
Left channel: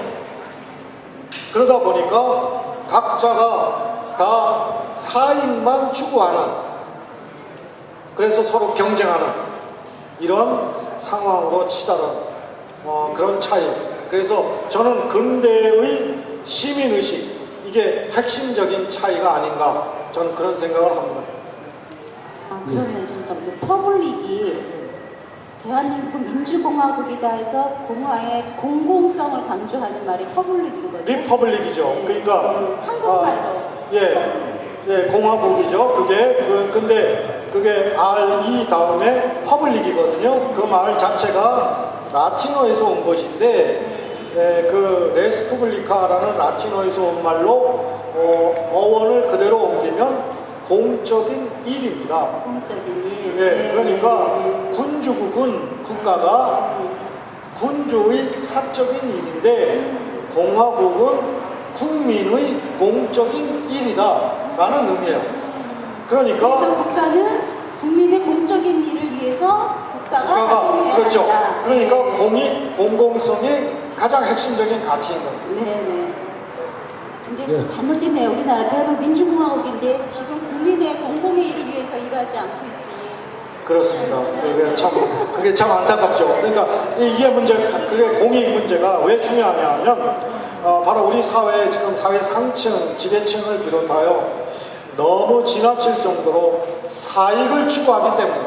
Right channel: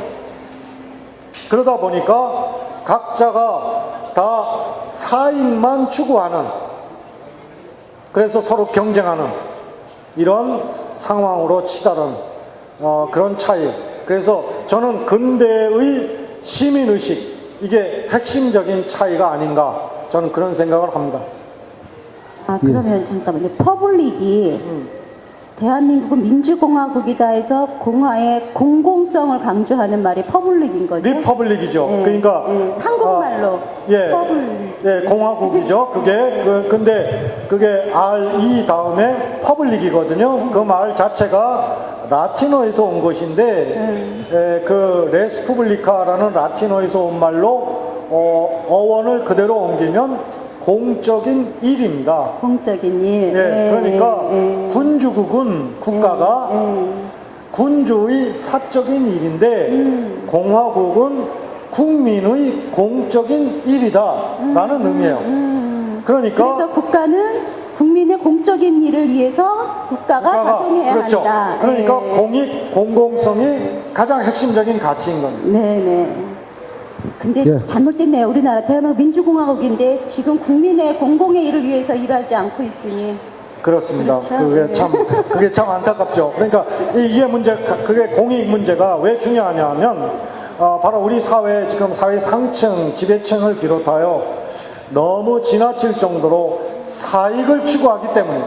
그러다 보니까 각자가 다 사익만 추구하는, 그래서 서로 경쟁하는 이런 상황으로 치달은 그런 차이. 그래서 저는 근대의 시민의식, 이게 핵심적인 차이가 아닌가, 저는 그런 생각을 합니다. 아, 그러면 잠깐만요. 퍼블릭이 대한민국은 민주공화국이다 해서 공화의 공공성을 강조하는 말이 퍼블릭인 거죠? 리퍼블릭이죠. 네. 그러니까 한국말로 퍼블릭. 공화국이죠. 근데 그게 RE 다음에 퍼블릭이거든요. 그 말 자체가 라틴어에서 온 것인데 그 레스푸블리카라는 라틴어에서 온 말로 어원을 그대로 옮기면 공적인 일입니다. 공적인 일. 그러니까 군주국은 국가가 군주의 사적인 일인데 공화국은 국민의 공적인 일이다라는 의미예요. 그러니까 그래서 국가는 국민의 공적인 일을 위해서 국가가 작동해야 그렇죠. 한다. 그러니까 공익, 공공성이 가장 핵심적인 가치인 겁니다. 네네. 근데 네. 잘못됐네요. 우리나라 대한민국 민주공화국인데 지금 국민의 공공의 일을 위해서 일하지 않고 있으니. 그렇습니다. 그렇죠. 그게 참 안타깝죠. 그러니까 이게 그게 공익 문제가 왜 중요하냐면 바로 우리 사회 지금 사회 상층, 지배층을 비롯하여 너무 지나칠 정도로 사익을 추구하기 때문에.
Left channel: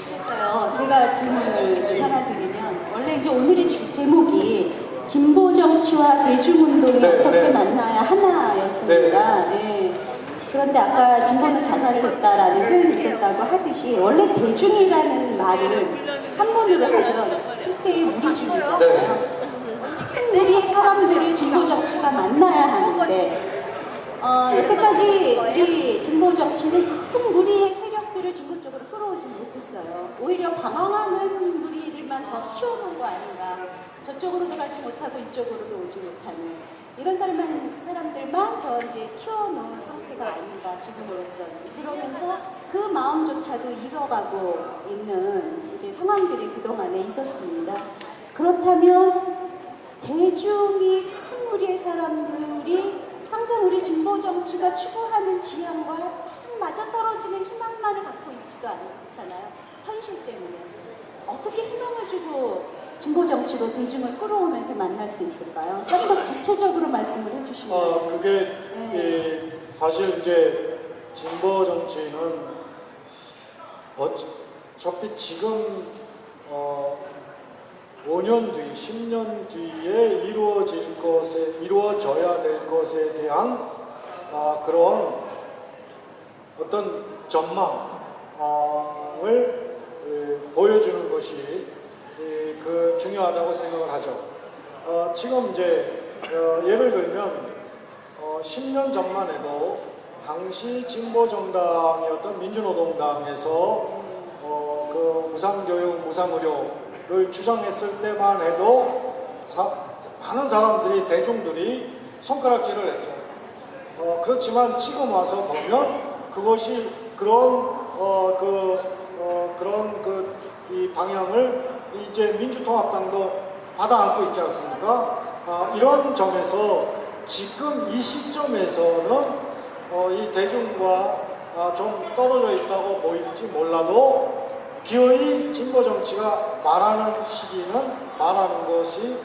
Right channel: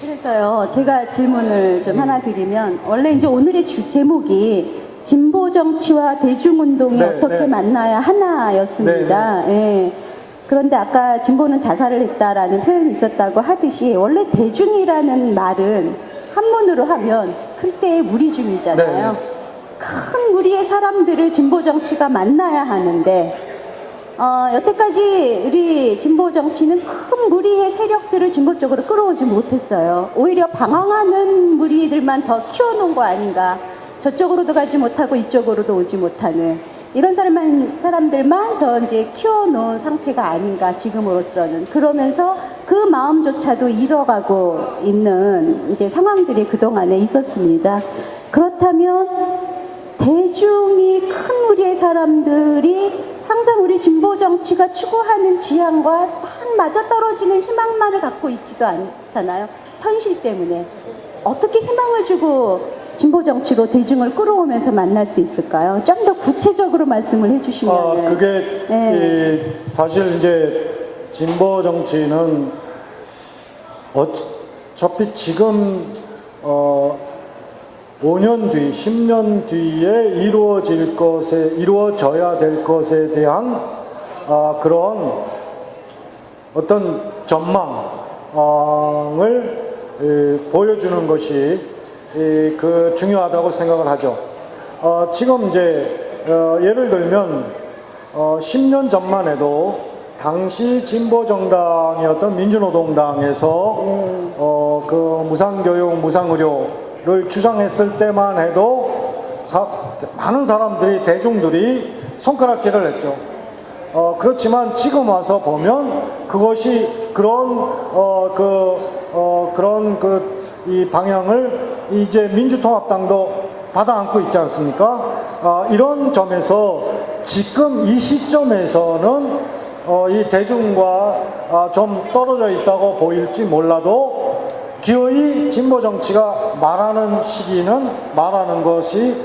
그래서요, 제가 질문을 좀 하나 드리면, 원래 이제 오늘의 제목이 진보 정치와 대중운동이 네, 어떻게 네. 만나야 하나였습니다. 네. 그런데 아까 진보는 자살을 했다라는 표현이 있었다고 하듯이, 원래 대중이라는 말은 한문으로 하면 클때의 무리중이잖아요. 네. 큰 무리의 사람들을 진보 정치가 만나야 하는데, 여태까지 우리 진보 정치는 큰 무리의 세력들을 진보 쪽으로 끌어오지 못했어요. 오히려 방황하는 무리들만 더 키워놓은 거 아닌가. 저쪽으로도 가지 못하고 이쪽으로도 오지 못하는 이런 사람들만 더 이제 키워놓은 상태가 아닌가, 지금으로서는. 그러면서 그 마음조차도 잃어가고 있는 이제 상황들이 그동안에 있었습니다. 그렇다면 대중이 큰 무리의 사람들이 항상 우리 진보 정치가 추구하는 지향과 딱 맞아떨어지는 희망만을 갖고 있지도 않잖아요. 현실 때문에. 어떻게 희망을 주고 진보 정치로 대중을 끌어오면서 만날 수 있을까요? 좀 더 구체적으로 말씀을 해주시면. 그게 사실 이제 진보 정치는 어차피 지금 5년 뒤, 10년 뒤에 이루어져야 될 것에 대한 그런 어떤 전망을 보여주는 것이 그 중요하다고 생각을 하죠. 지금 이제 예를 들면 10년 전만 해도 당시 진보 정당이었던 민주노동당에서 그 무상교육, 무상의료를 주장했을 때만 해도 많은 사람들이, 대중들이 손가락질을 했죠. 그렇지만 지금 와서 보면 그것이 이 방향을 이제 민주통합당도 받아 안고 있지 않습니까? 이런 점에서 지금 이 시점에서는 이 대중과 좀 떨어져 있다고 보일지 몰라도 기어이 진보 정치가 말하는 시기는 말하는 것이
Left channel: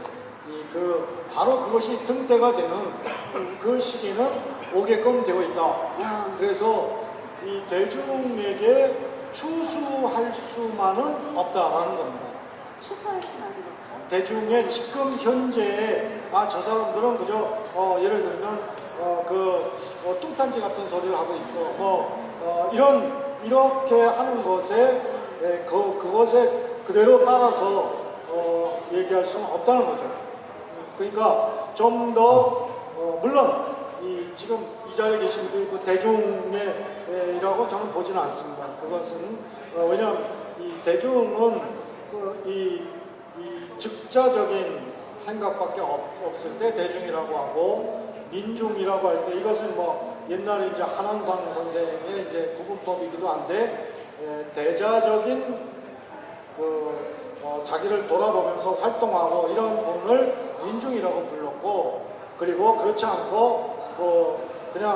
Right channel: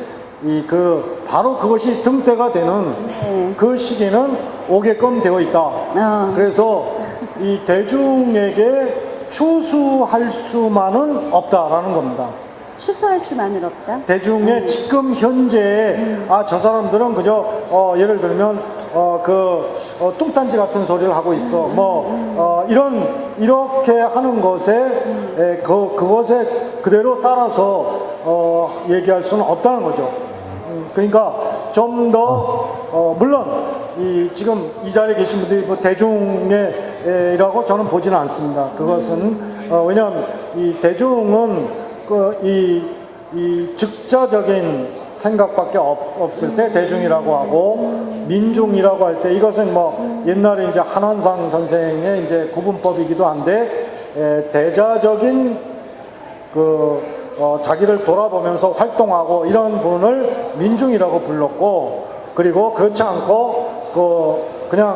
바로 그것이 등대가 되는 그 시기는 오게끔 되어 있다. 그래서 이 대중에게 추수할 수만은 없다라는 겁니다. 추수할 수만은 없다. 대중의 지금 현재에 저 사람들은 그저 예를 들면 뚱딴지 같은 소리를 하고 있어 이렇게 하는 것에 그것에 그대로 따라서 얘기할 수는 없다는 거죠. 그러니까 좀 더 물론 지금 이 자리에 계신 분들이 뭐 대중이라고 저는 보지는 않습니다. 그것은 왜냐하면 이 대중은 이 즉자적인 생각밖에 없을 때 대중이라고 하고 민중이라고 할 때 이것은 뭐 옛날에 이제 한원상 선생의 이제 구분법이기도 한데 대자적인 자기를 돌아보면서 활동하고 이런 분을 민중이라고 불렀고 그리고 그렇지 않고 그냥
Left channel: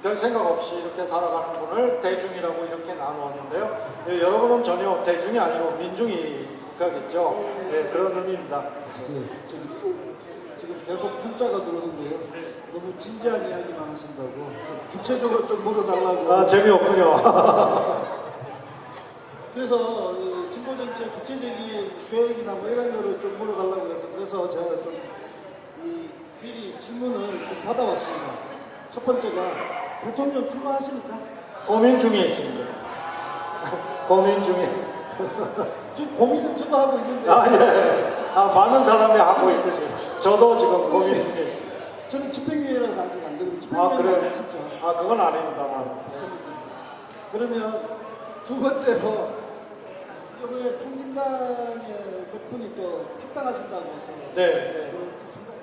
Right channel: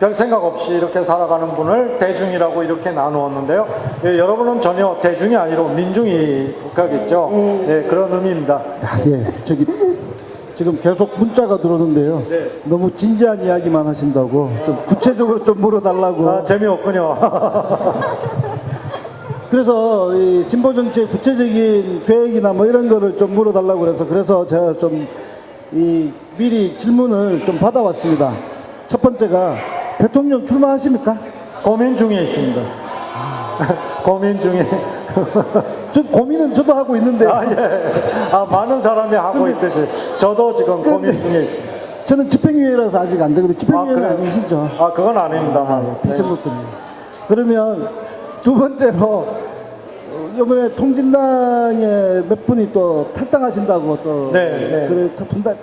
별 생각 없이 이렇게 살아가는 분을 대중이라고 이렇게 나누었는데요. 여러분은 전혀 대중이 아니고 민중이 속하겠죠. 네, 그런 의미입니다. 예, 지금 계속 문자가 들어오는데요. 네. 너무 진지한 이야기만 하신다고 좀 구체적으로 좀 물어달라고. 재미없군요. 그래서 이 진보 정치의 구체적인 계획이나 뭐 이런 거를 좀 물어달라고 그래서 제가 좀 미리 질문을 좀 받아왔습니다. 첫 번째가 대통령 출마하십니까? 고민 중에 있습니다. 고민 중에. 저 고민은 저도 하고 있는데 많은 사람이 하고 있듯이 저도 지금 고민 중에 있습니다. 저는 집행유예라서 아직 안 되거든요. 집행유예는 그래요? 아니시죠? 그건 아닙니다만. 비서부터는. 그러면 두 번째로 이번에 통진당에 몇 분이 또 탈당하신다고 또 네. 그래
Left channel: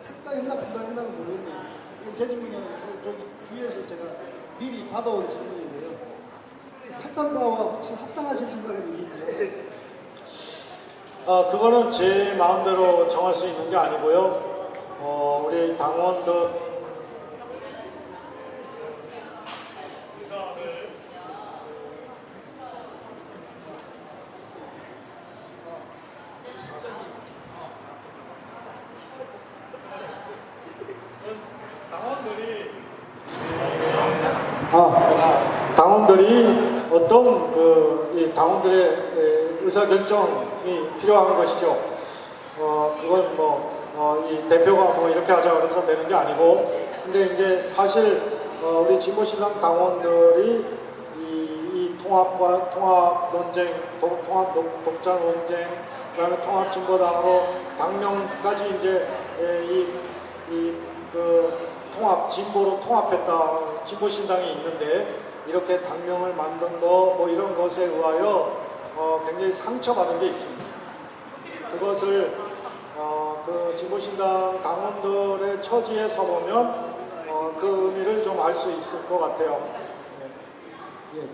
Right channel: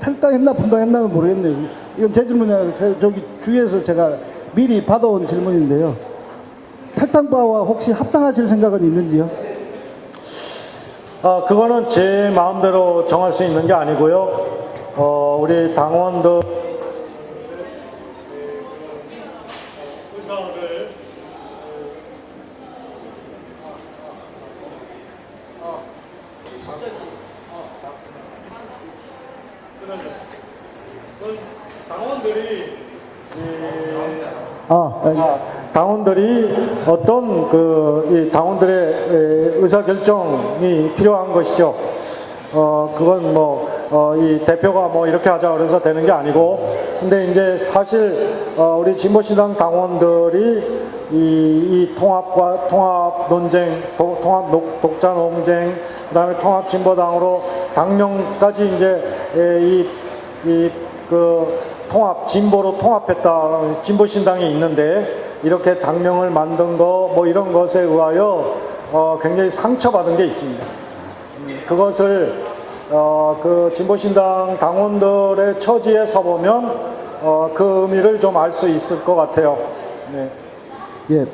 탈당했나 분당했나는 모르겠네요. 이건 제 질문이 아니라 저기 주위에서 제가 미리 받아온 질문인데요. 탈당파와 혹시 합당하실 생각은 있는지요? 그거는 제 마음대로 정할 수 있는 게 아니고요. 우리 당원들 의사를 당원들이 어떤 이 당원들의 의사 결정이 필요한 것이죠. 그건 이 대표가 이렇게 하자 그래서 되는 게 아니고, 근데 이제 사실 우리 진보신당 당원들이 이 통합과 통합 논쟁, 통합 독자 논쟁, 그다음에 통합 진보당으로 당명까지 이제 통합 진보로 통합했다 진보신당이 있는데 이렇게 당명을 만든 거 이런 것에 의하여 굉장히 상처받은 게 있습니다. 그것을 그 진보신당 당원들의 처지에 서보면 그 의미를 좀 알 수 있을 것 같아요. 네. 예.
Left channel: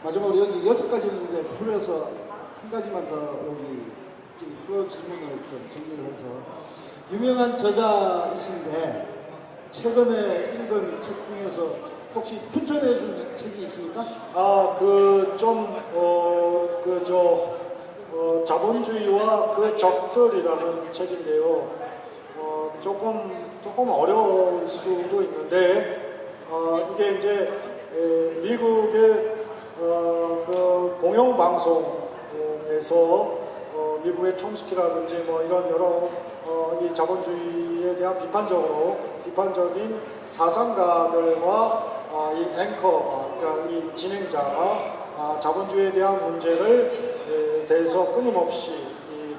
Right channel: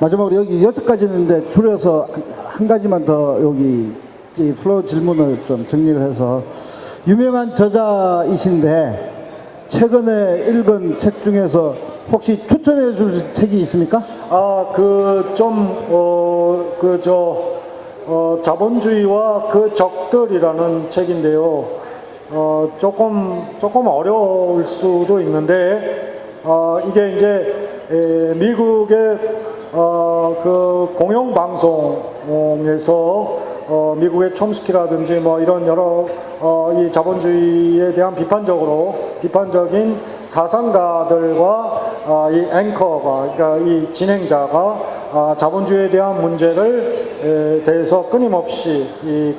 마지막으로 여기 6가지 있는데 줄여서 한 가지만 더 여기 이 플로우 질문을 좀 정리를 해서 유명한 저자이신데 최근에 읽은 책 중에서 혹시 추천해 줄 책이 있습니까? 자본주의와 그 적들이라는 책인데요. 조금 어려울 수도 있는데, 이게 이제, 미국의, 그 공영방송에서, 미국의 촘스키라든지 이런 여러, 이 자본주의에 대한 비판적인 사상가들과 이 앵커가, 그러니까 이 진행자가 자본주의에 대한 문제를 대해서 끊임없이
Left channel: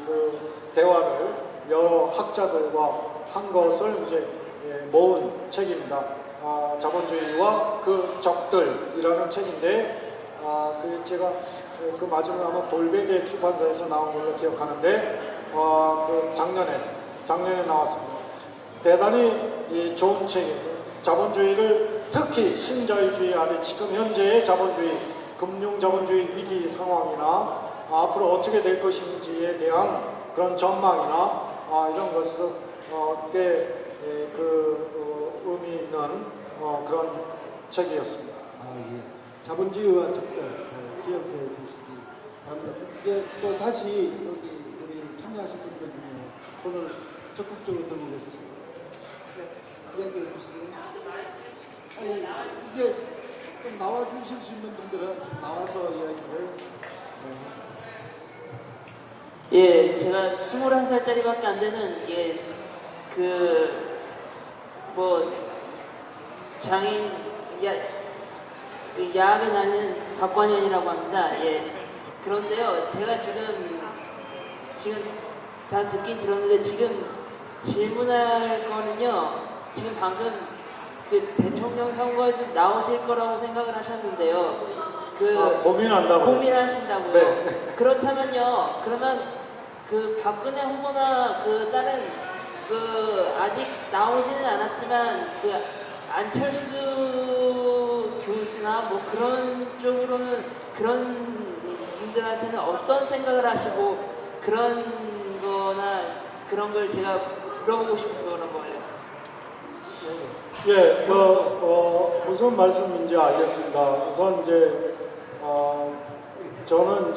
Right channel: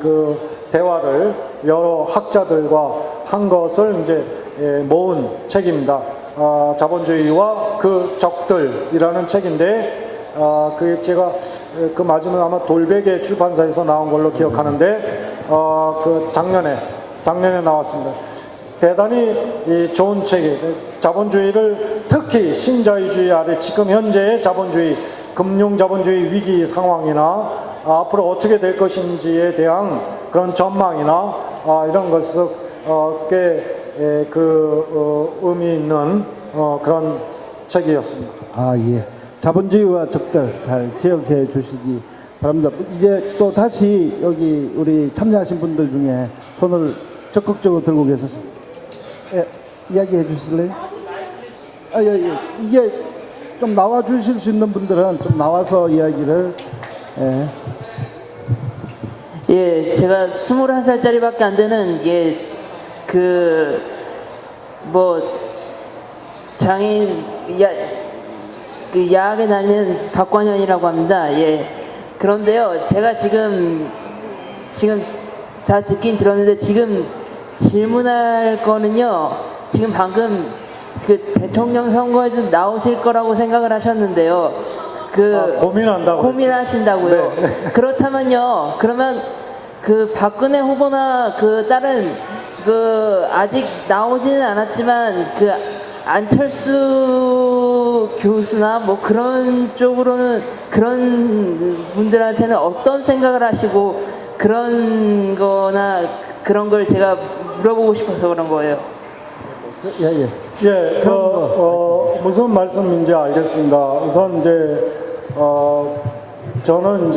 그 대화를 여러 학자들과 한 것을 이제 모은 책입니다. 자본주의와 그 적들이라는 책인데, 제가 그 맞으면 아마 돌베개 출판사에서 나온 걸로 기억하는데, 그 작년에 나왔습니다. 대단히 좋은 책이에요. 자본주의를 특히 신자유주의 아래 지금 현재의 자본주의, 금융자본주의 위기 상황이나 앞으로 어떻게 될 것인지에 대한 그런 전망이나 이런 것을 꽤 의미 있는 그런 책이었습니다. 예. 자본주의와 적들 잘 기억해 주시기 바랍니다. 이제 또 다시 여기 우리 참여하신 분들 중에 손을 적극적으로 들고 계셔서 예, 이야기해 주실래요? 이게 좀 나와 주실 수 있는 분들은 좀 나와서 이야기를 예. 예, 제가 21살짜리밖에 안 되는 장애인 야학에 다니는 박광현이라고 합니다. 예. 그런데요, 제가 지금 다 듣긴 들었는데 지금 질문할 거는요, 지금 방금 그 대통령 선거에서 나오실 거라고 생각을 하셨는데요. 고민하신다고요. 네. 그렇다면요, 그러면 그 박근혜 후보나 그 다른 그 아직 나오지는 않았지만 그 안철수 교수나 뭐 그런 쪽으로는 그런 분들한테는 어떤 생각을 하시고 그런 거나 그런 걸 제가 물어보고 싶어서 그런 거예요. 예. 무슨 말씀인지 알겠습니다. 우선 저는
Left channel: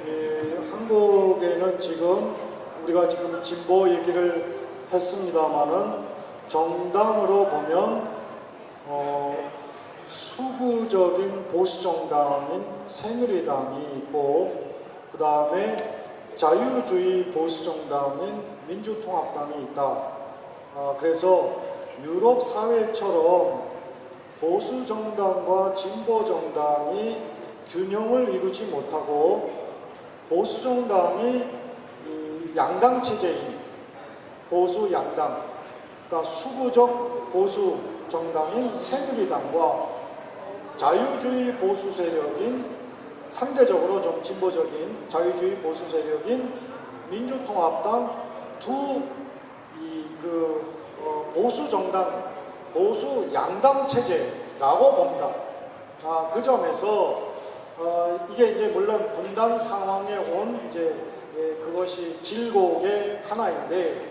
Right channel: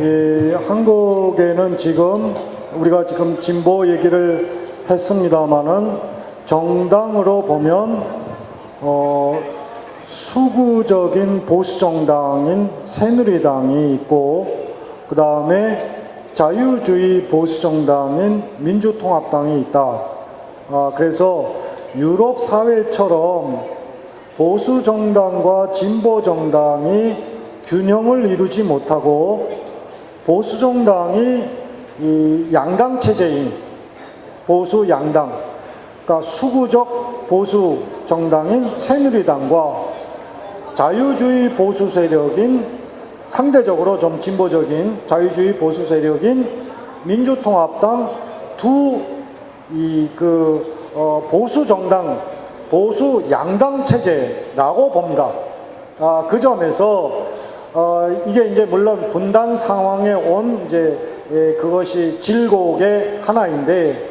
이 한국에는 지금 우리가 지금 진보 얘기를 했습니다만은 정당으로 보면 수구적인 보수 정당인 새누리당이 있고 그 다음에 자유주의 보수 정당인 민주통합당이 있다. 그래서 유럽 사회처럼 보수 정당과 진보 정당이 균형을 이루지 못하고 보수 정당이 이 양당 체제인 보수 양당, 그러니까 수구적 보수 정당인 새누리당과 자유주의 보수 세력인 상대적으로 좀 진보적인 자유주의 보수 세력인 민주통합당 두 보수 정당, 보수 양당 체제라고 봅니다. 그 점에서 이게 이제 물론 분단 상황에 온 그것이 질곡의 하나인데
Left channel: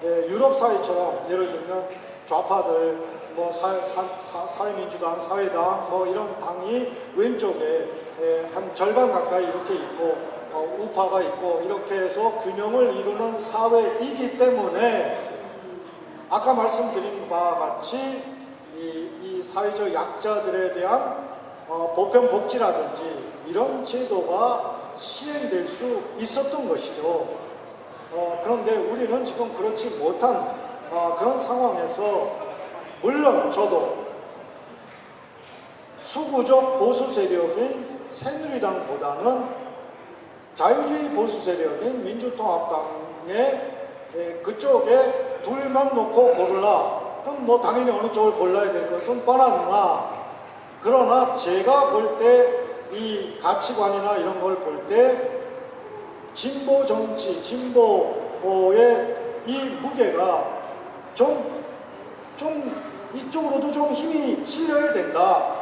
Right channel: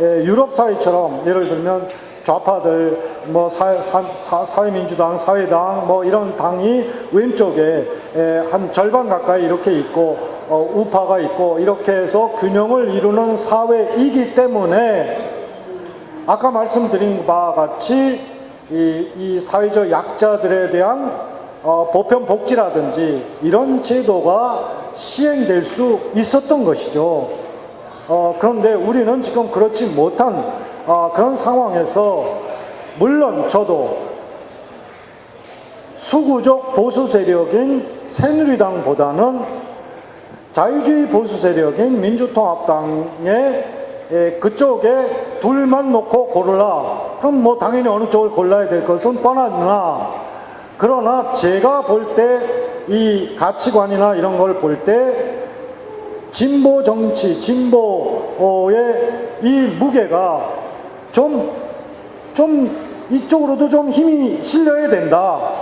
유럽 사회처럼 예를 들면 좌파들 뭐 사회민주당, 사회당 뭐 이런 당이 왼쪽에 한 절반 가까이 이렇게 있고 우파가 있고 이렇게 해서 균형을 이루는 사회이기 때문에 아까 말씀드린 바와 같이 이 사회적 약자들에 대한 보편복지라든지 이런 제도가 시행될 수 있었던 것이죠. 그런데 우리는 지금 그렇지 못한 그런 상황에서 물론 저도 수구적 보수 세력인 새누리당보다는 자유주의 보수 세력인 민주통합당의 그쪽에 둘만 놓고 고르라. 그럼 뭐 당연히 어느 쪽을 골라야 될 것은 뻔하구나. 그러나 제가 볼 때 이 가치관이나 이런 걸 볼 때 진보 정치, 진보의 이 무게가 좀 이쪽으로도 좀 힘이 실려야 된다.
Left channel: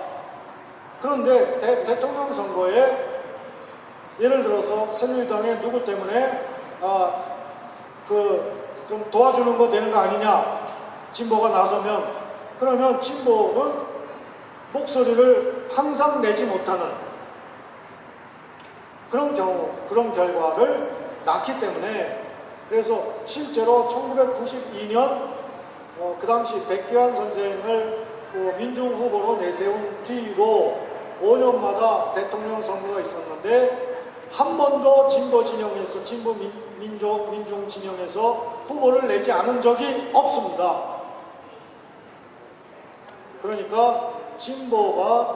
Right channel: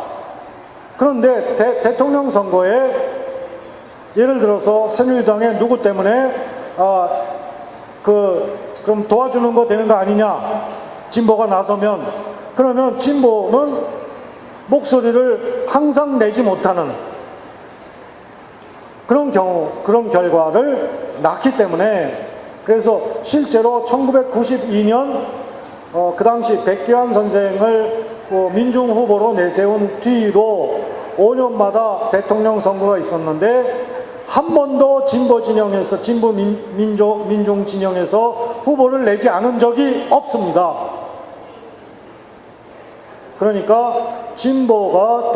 그런데 대통령 선거에 예를 들어서 새누리당의 누구 때문에 그럼 도와주는 거 되는 거 아니냐? 진보가 나서면 그러면 진보는 목소리를 항상 내지 못하는 그런 경우, 그런 결과를 낳기 때문에 그래서 실제로 1992년 그 당시 백기환 선생을 민중 후보로 내세운 뒤로 5년마다 대통령 선거가 있었는데 한 번도 진보 진영에서 진보 민중 진영에서 후보를 내지 않은 적이 없습니다. 그러니까 진보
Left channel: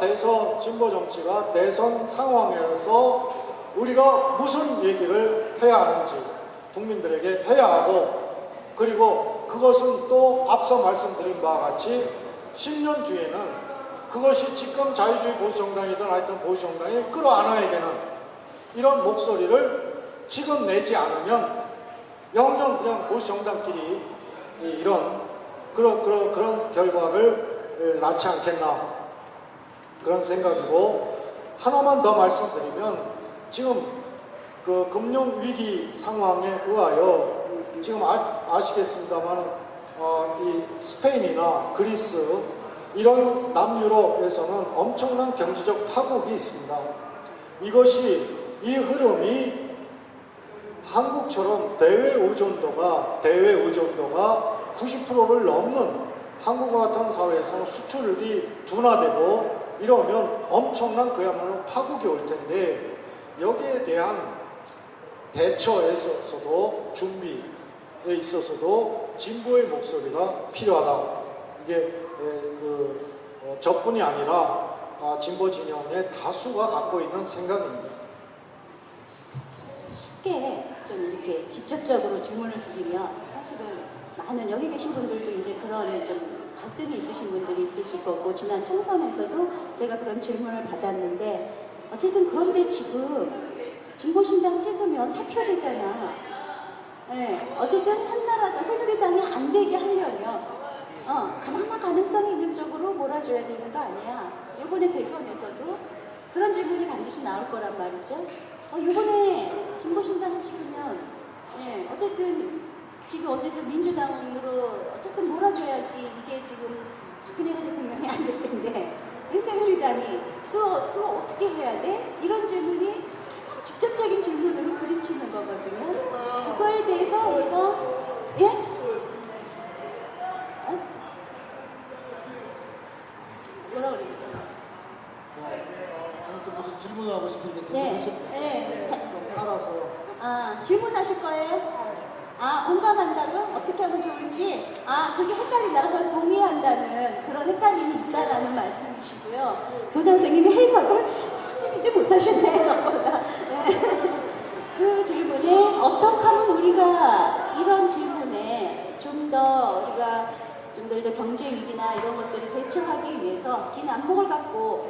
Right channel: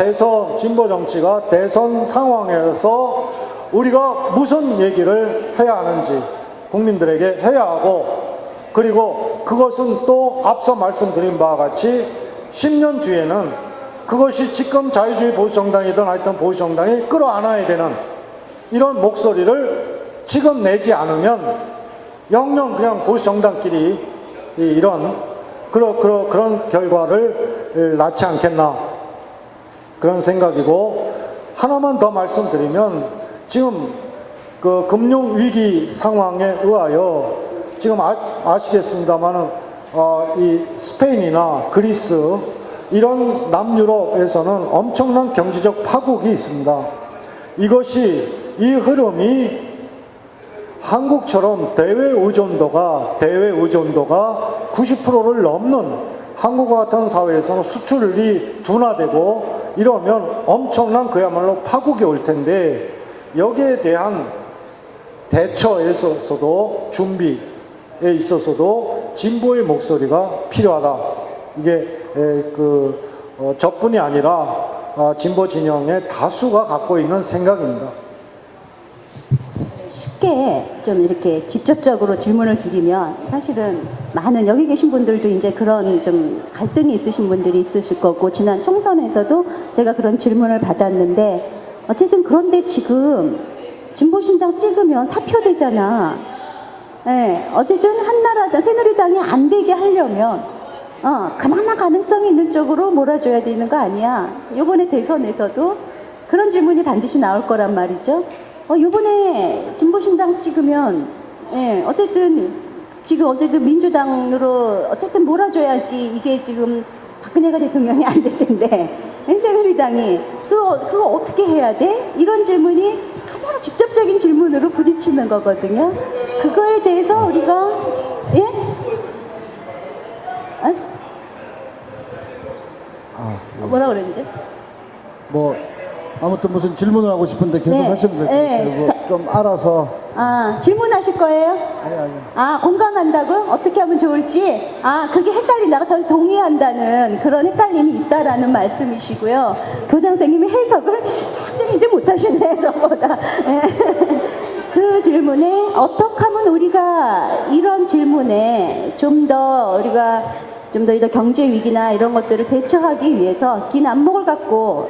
정치가 대선 상황에서 우리가 무슨 얘기를 해야 하는지 국민들에게 해야 하고 그리고 그것은 또 앞서 말씀드린 바와 같이 10년 뒤에는 그것이 지금 자유주의 보수정당이든 하여튼 보수정당이 끌어안아야 되는 이런 목소리를 지금 내지 않으면 영영 그냥 보수정당끼리 이런 그런 결과를 낳지 않겠나 그런 생각이고 하나만 더 말씀드리면 지금 그 금융위기 상황에 의하여 지금 아시겠습니다만은 이 스페인이나 그리스 이런 남유럽에서는 엄청난 경제적 파국이 있습니다. 이것이 이 흐름이 한국처럼 대외 의존도가 90%를 넘는 한국과 같은 사회에서는 수출이 둔화되고 이러면 엄청난 그야말로 파국이 올 텐데, 여기에 대한 대처에 있어서도 준비에 있어서도 진보의 목소리가 필요하다. 이게 저뿐이 아니라 진보 진영의 다수가 갖고 있는 생각입니다. 쉽게 좀 이렇게 직접적으로 질문을 드리면, 사실은 많은 여기 계신 분들도 이제 그런 좀 갈등이 있으신 분들이 있으실 거고, 지난 총선에서도 제가 그런 질문을 받았는데, 어쨌든 그런데 지금 진보신당 찍으면 사표되잖아. 예, 어쨌든 한나라당, 새누리당이 안 되게 하려면 그나마 가능성이 있는 쪽으로 몰아줘야 되는 거 아니야. 이번에 대선에서도 그런 질문이 반드시 나올 거란 말이죠. 이번에 진보신당 찍으면, 예, 어쨌든 민주당으로 어쨌든 몰아줘야지. 이게 지금 박근혜가 대통령이 안 될 텐데, 새누리당이 그거 어떻게 해야 돼? 이런 질문이 가장 직접적인 질문으로 부딪히는 거거든요. 그거에 대해서 우리가, 예? 뭐라 그랬지? 뭐 아무튼 무슨 질문을 하고 싶은데 계속 네. 하시면 네. 돼요. 좀 알아서. 질문하실 거예요? 아니. 공감한다고요? 어떻게 하면 좋을지? 그게 헷갈린다. 저는 동의한다는 그런 헷갈림이 있다라는 말씀이시고요. 교장 선생님이 해석을 학생인데 못하시네, 저보다. 그 질문에 어떻게 하면 우리가 이런 질문에 좀 더 이런 경제 위기나 이런 것들을 대처하기 위해서 긴 안목을 갖고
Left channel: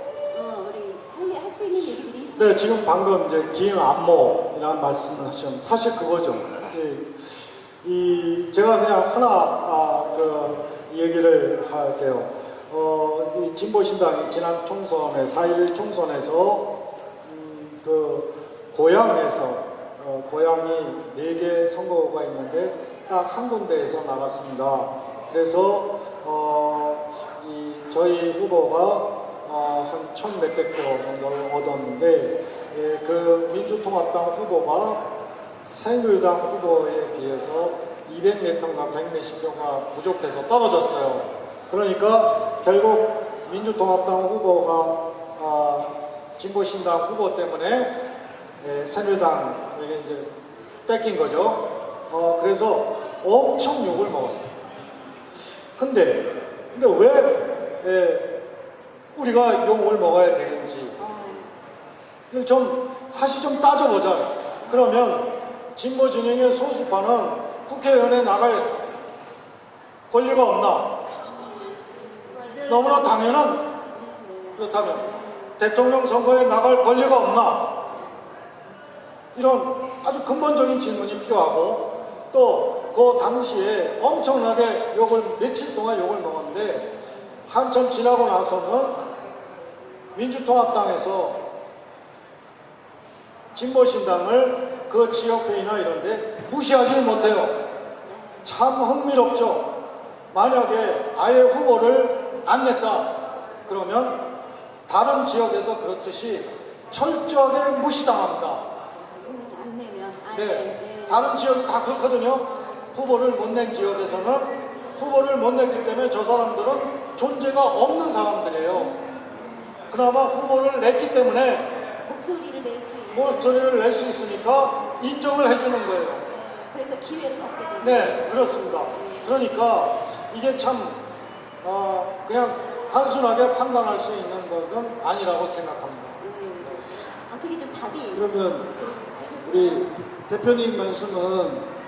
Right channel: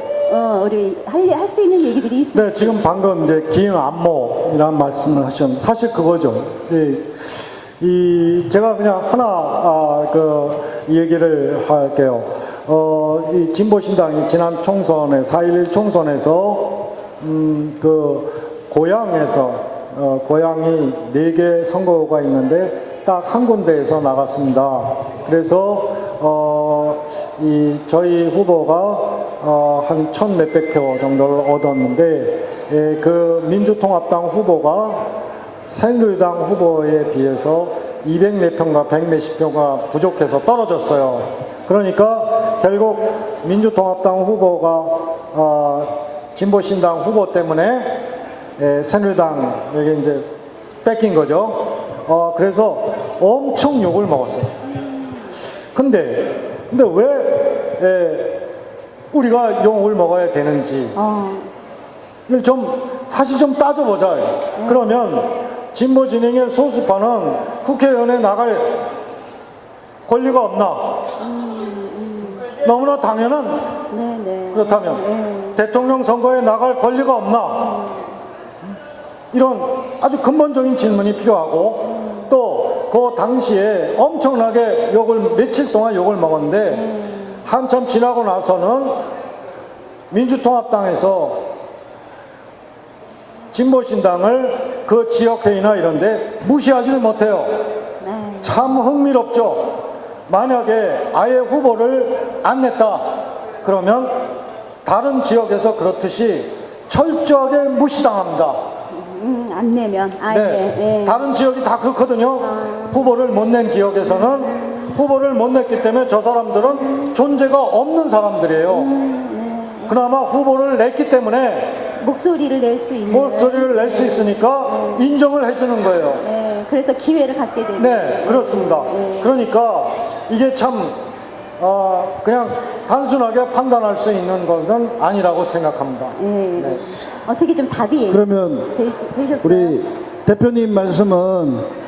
우리 할 수 있는 얘기들이 있습니다. 네, 지금 방금 이제 긴 안목이라는 말씀을 하셨는데, 사실 그거죠. 제가 그냥 하나 이 얘기를 할게요. 이 진보신당이 지난 총선에 4.11 총선에서 고향이 4개 선거구가 있는데 딱 한 군데에서 나갔습니다. 그래서 저희 후보가 한 1,000몇백 표 정도를 얻었는데, 그 민주통합당 후보가 새누리당 후보에 비해서 200몇 표인가 100몇십 표가 부족해서 떨어졌어요. 그러니까 결국 민주통합당 후보가 진보신당 후보 때문에 새누리당에게 이제 뺏긴 거죠. 그래서 엄청 욕을 먹었어요. 근데 왜 우리가 욕을 먹어야 되는지 사실 좀 따져보자요. 그러면 진보 진영의 소수파는 국회의원에 나갈 권리가 없나? 너무나 당연한. 그렇다면 대통령 선거에 나갈 권리가 없나? 이런 아주 근본적인 질문이 필요하고, 또 그 당시에 엄청나게 며칠 동안 욕을 먹었는데, 한참 지나고 나서는 민주통합당에서 진보신당을 그 지역회의나 이런데 무시하지를 못해요. 참 흥미롭죠. 만약에 아예 후보를 안 냈다 그러면 다른 지역에서 그렇듯이 철저하게 무시당합니다. 안 내면 네. 다른 지역이 다 그렇거든요. 후보를 못 낸 지역에서는 후보를 못 냈기 때문에 저 사람들은 존재가 없는 사람들이에요. 그나마 후보를 냈기 때문에 목소리를 낼 수 있으니까 인정을 해주는 거예요. 네, 그래서 기회를 갖게 되는. 네, 그렇습니다. 그러니까 이게 참 그냥 단순하게 판단할 수 있는 것은 아니라고 생각합니다. 네. 어떻게 좀 답이 그러면 되셨어요? 우리 대표님 말씀은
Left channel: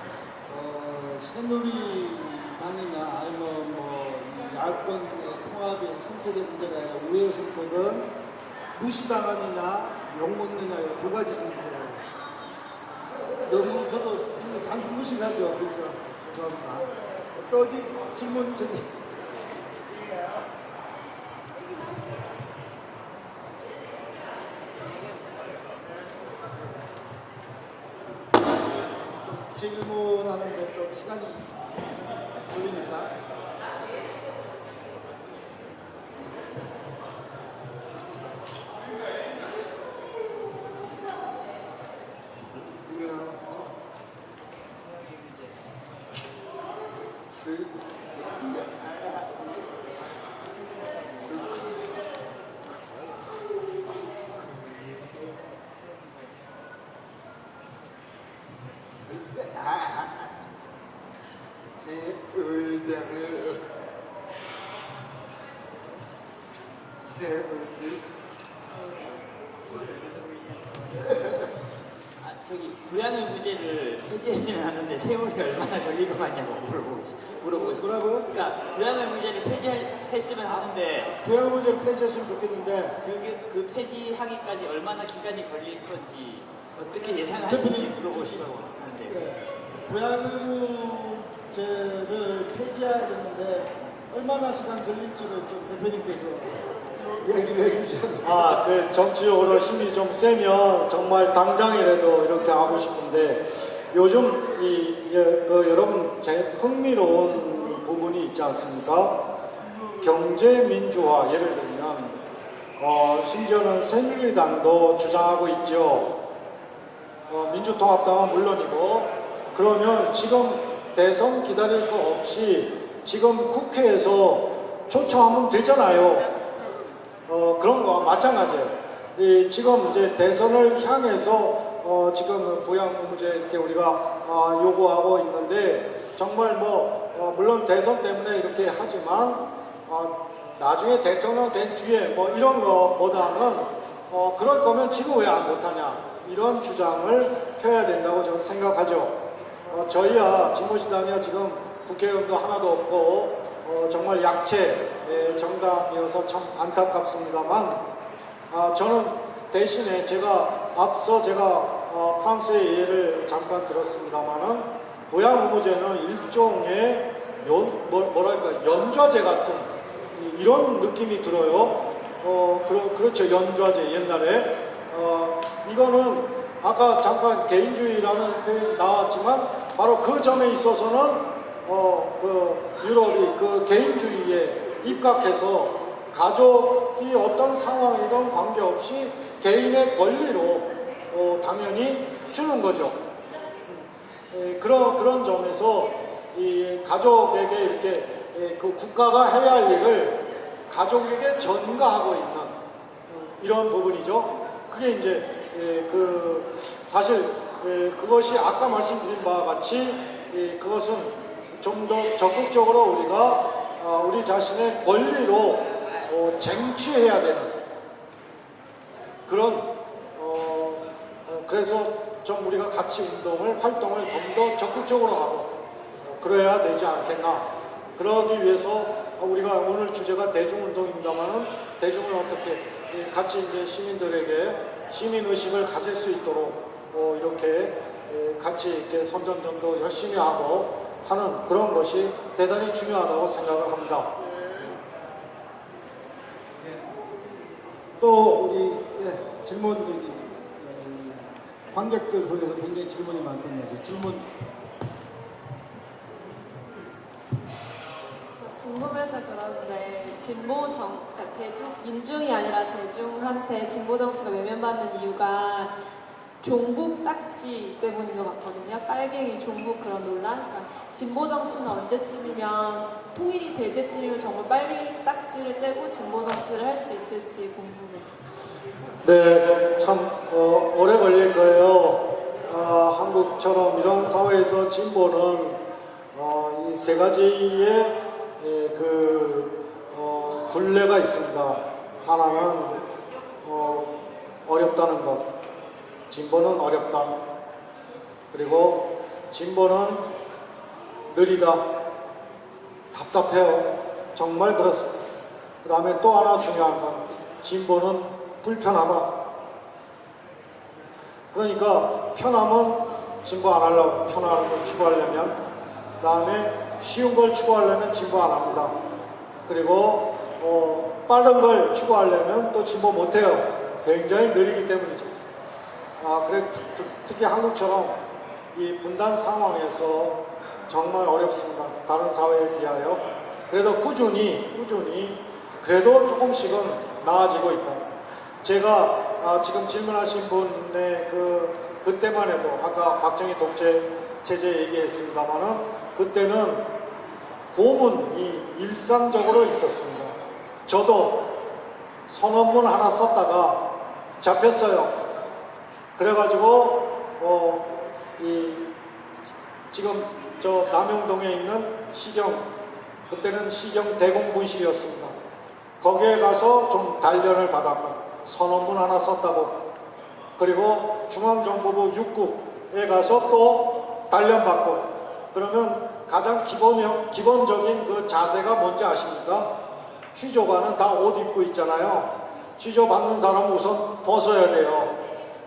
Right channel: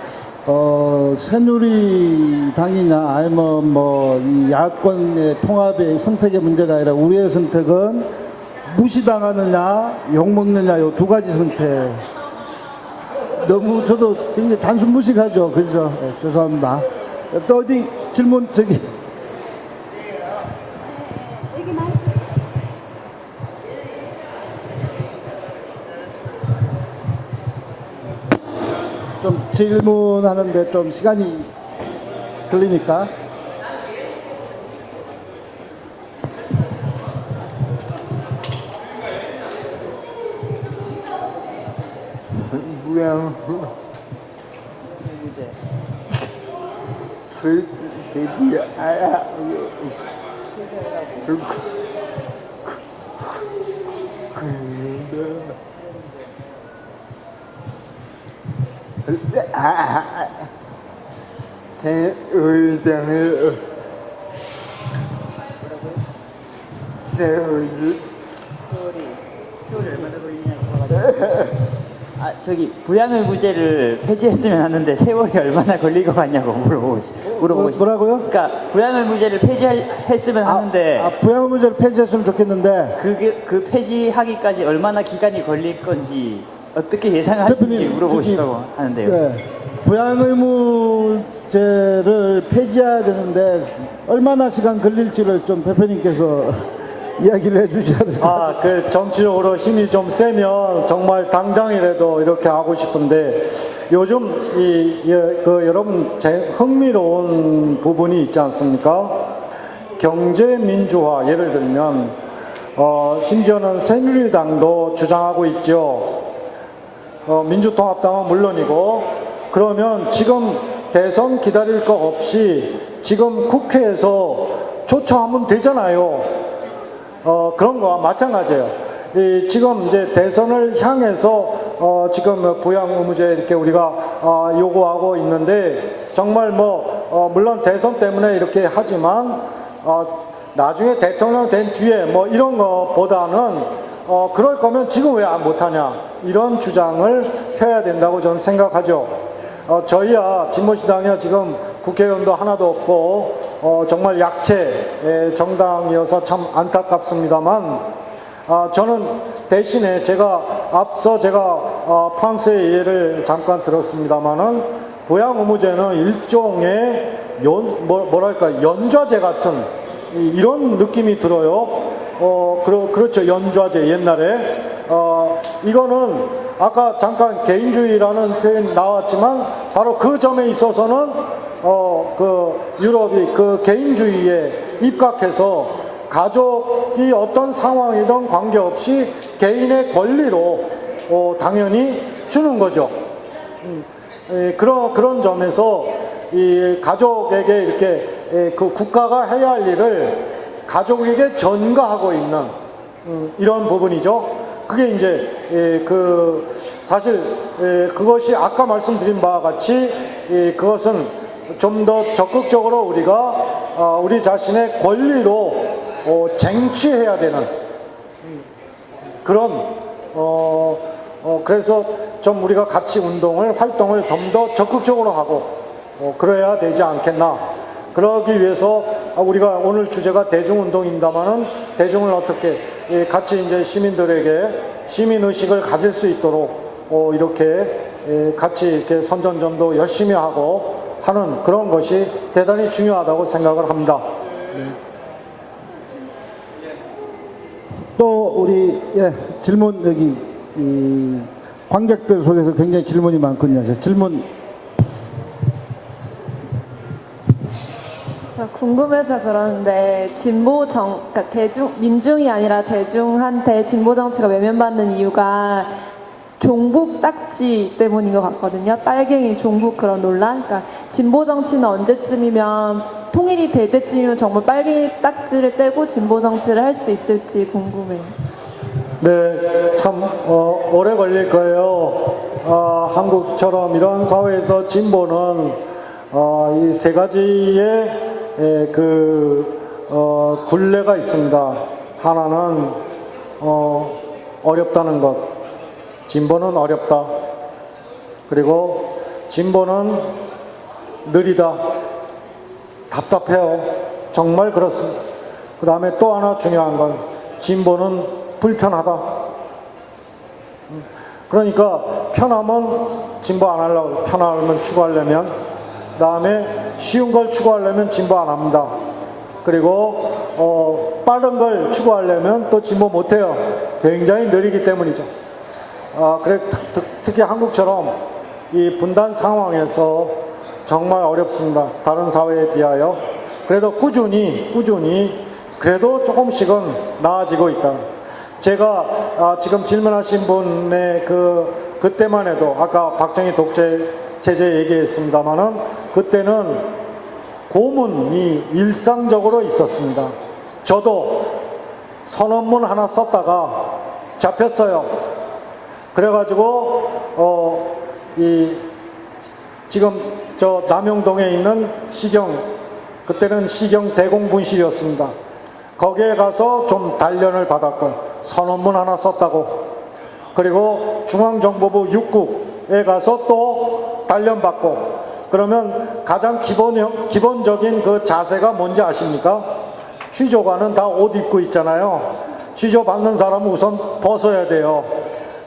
새누리당이나 아니면 이 야권의 통합의 선택의 문제가 아니라 우리의 선택은 무시당하느냐 욕먹느냐 요 두 가지 선택. 너무 저도 굉장히 단순 무식하죠. 그죠? 죄송합니다. 또 어디 질문 좀 질문하는데 좀 시간이 걸리니까. 아, 저기 부양의무제를 폐지했으면 하는데 세월이 얼마나 걸릴 것 같냐고 물어보고 싶어요. 뭐라고요? 그러니까 부양의무제를 폐지했으면 하는데 부양의무제를 폐지했으면 좋겠는데 그 폐지하기까지 얼마나 기간이 걸릴 건지 어떻게 예상하시는지 물어보고 싶다고 하는데요. 네. 부양의무제를 폐지해야 되는데 얼마나 시간 걸릴지를 좀 대표님께서 이야기를 해주셔야 돼요. 그 정치적으로 힘이 좀 세면 정말 당장이라도 이렇게 하고 싶은데 요즘 여러분 흥미로운 부분이 있지 않습니까? 경제 민주화 예를 들면 심지어는 새누리당도 주장하고 있죠. 민주통합당은 물론이고 그러면 지금 대선 기다릴 거 없이 지금 국회에서 초청하면 되잖아요. 그런 거와 마찬가지예요. 지금 이제 대선을 향해서 지금 부양 의무제 이렇게 우리가 요구하고 있는데 정말 물론 대선 때문에 이렇게 하지만 나중에 대통령 된 뒤에 이런 거보다는 그럴 거면 지금 왜 못하냐 이런 주장을 펴야 된다고 저는 생각하죠. 저희야 진보시당이야 지금 국회의원도 하나도 없고 정말 약체 정당이어서 참 안타깝습니다만 저는 대신에 앞서 프랑스의 예를 잠깐 들었습니다만은 부양 의무제는 일종의 연좌제 같은 이런 느낌이 들어요. 그렇죠. 연좌제 옛날에 이거는 아까 잠깐 개인주의라는 표현이 나왔지만 바로 그 점에 있어서는 유럽이 그 개인주의에 입각해서 가족이 어떤 상황이든 관계없이 개인의 권리로 당연히 주는 거죠. 그런 점에서 이 가족에게 이렇게 그 국가가 해야 할 일을 가족에게 전가하고 있는 이런 부분이죠. 그게 이제 사실 그것이 아까 말씀드린 바와 같이 그것은 좀 더 적극적으로 우리가 우리 자신의 권리로 쟁취해야 되는 그런 그래서 좀 우리가 같이 활동을 좀 더 적극적으로 하고 그래야 되지 않겠나. 그러기 위해서 우리가 오늘 주제가 대중운동입니다만은 대중을 어떻게 같이 이제 시민들에게 시민의식을 가질 수 있도록 이렇게 같이 이렇게 선전전도 열심히 하고 하는 그런 것이 대단히 중요하다고 생각을 합니다. 또 우리 질문 여기 관객들 속에서 굉장히 질문이 많군요. 질문. 저 궁금해서 그러는데 그러니까 민중이 아니라 대중한테 진보 정치가 외면받는 이유가 종북 딱지 때문인 것 같거든요. 빨갱이 종북 그런 논란. 그러니까 진보 정치는 언제쯤이면 통일이 될 때쯤이면 정말 빨갱이 딱지를 떼고 진보 정치를 할 수 있을지 궁금해요. 네, 참 오래 걸릴 거예요. 한국처럼 이런 사회에서 진보는 이 세 가지의 굴레가 있습니다. 하나는 어렵다는 것. 진보는 어렵다. 그리고 진보는 느리다. 답답해요. 정말 그렇습니다. 그 다음에 또 하나 중요한 건 진보는 불편하다. 그러니까 편하면 진보 안 하려고, 편하면 추구하려면, 그 다음에 쉬운 걸 추구하려면 진보 안 합니다. 그리고 빠른 걸 추구하려면 또 진보 못해요. 굉장히 느리기 때문이죠. 그래 특히 한국처럼 이 분단 상황에서 정말 어렵습니다. 다른 사회에 비하여. 그래도 꾸준히 그래도 조금씩은 나아지고 있다. 제가 지금 질문하신 분의 그때만 해도 아까 박정희 독재 체제 얘기했습니다만은 그때는 고문이 일상적으로 있었습니다. 저도 선언문 하나 썼다가 잡혔어요. 그래가지고 지금 저 남영동에 있는 그때는 시경 대공분실이었습니다. 거기에 가서 좀 단련을 받았고 선언문 하나 썼다고, 그리고 중앙정보부 6국에 가서 또 단련받고, 그러면 가장 기본적인 그 자세가 뭔지 아십니까? 취조관은 다 옷 입고 있잖아요. 취조 받는 사람은 우선 벗어야 돼요.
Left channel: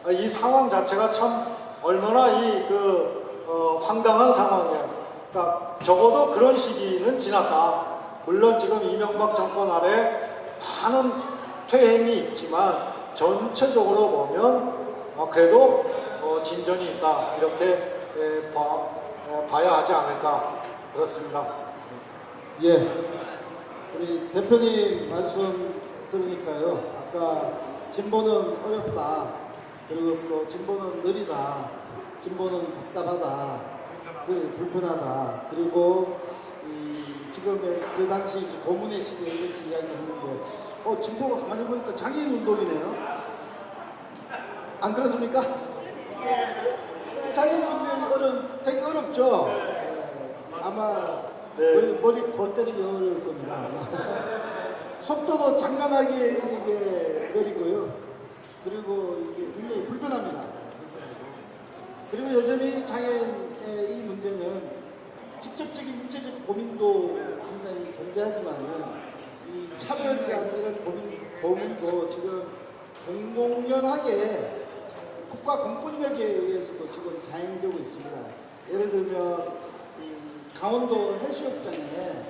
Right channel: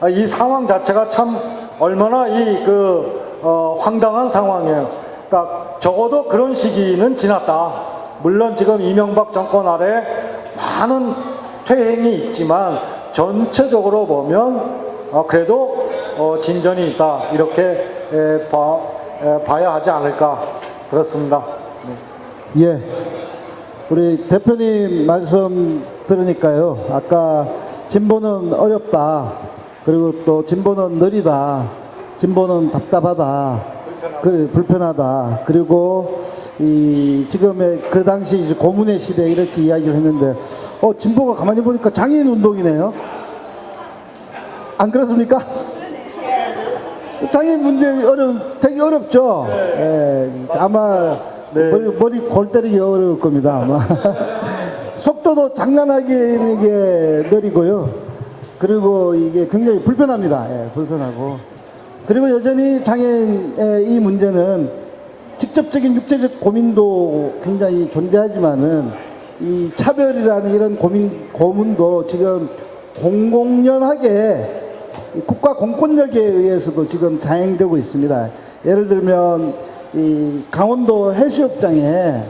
이 상황 자체가 참 얼마나 황당한 상황이에요. 그러니까 적어도 그런 시기는 지났다. 물론 지금 이명박 정권 아래 많은 퇴행이 있지만 전체적으로 보면 그래도 진전이 있다, 이렇게 봐야 하지 않을까, 그렇습니다. 예, 우리 대표님 말씀 들으니까요, 아까 진보는 어렵다, 그리고 또 진보는 느리다, 진보는 답답하다, 불편하다, 그리고 지금의 그 당시 이제 고문의 시대 이렇게 이야기를 했는데, 진보가 가만히 보니까 장애인 운동이네요. 안 그렇습니까? 장애인 문제 되게 어렵죠. 예, 아마 머리 골 때리기 어려울 겁니다. 아마 속도도 장난하게 이게 느리고요. 그리고 이게 굉장히 불편합니다. 예, 불편하고. 그리고 여전히 장애인의 이 문제는 직접적인 육체적 고민도 굉장히 존재하지만은 이 차별이라는 이런 고문도 지금 공공연하게 국가 공권력에 의해서도 지금 자행되고 있습니다. 예를 들면 이 강원도 해수욕장에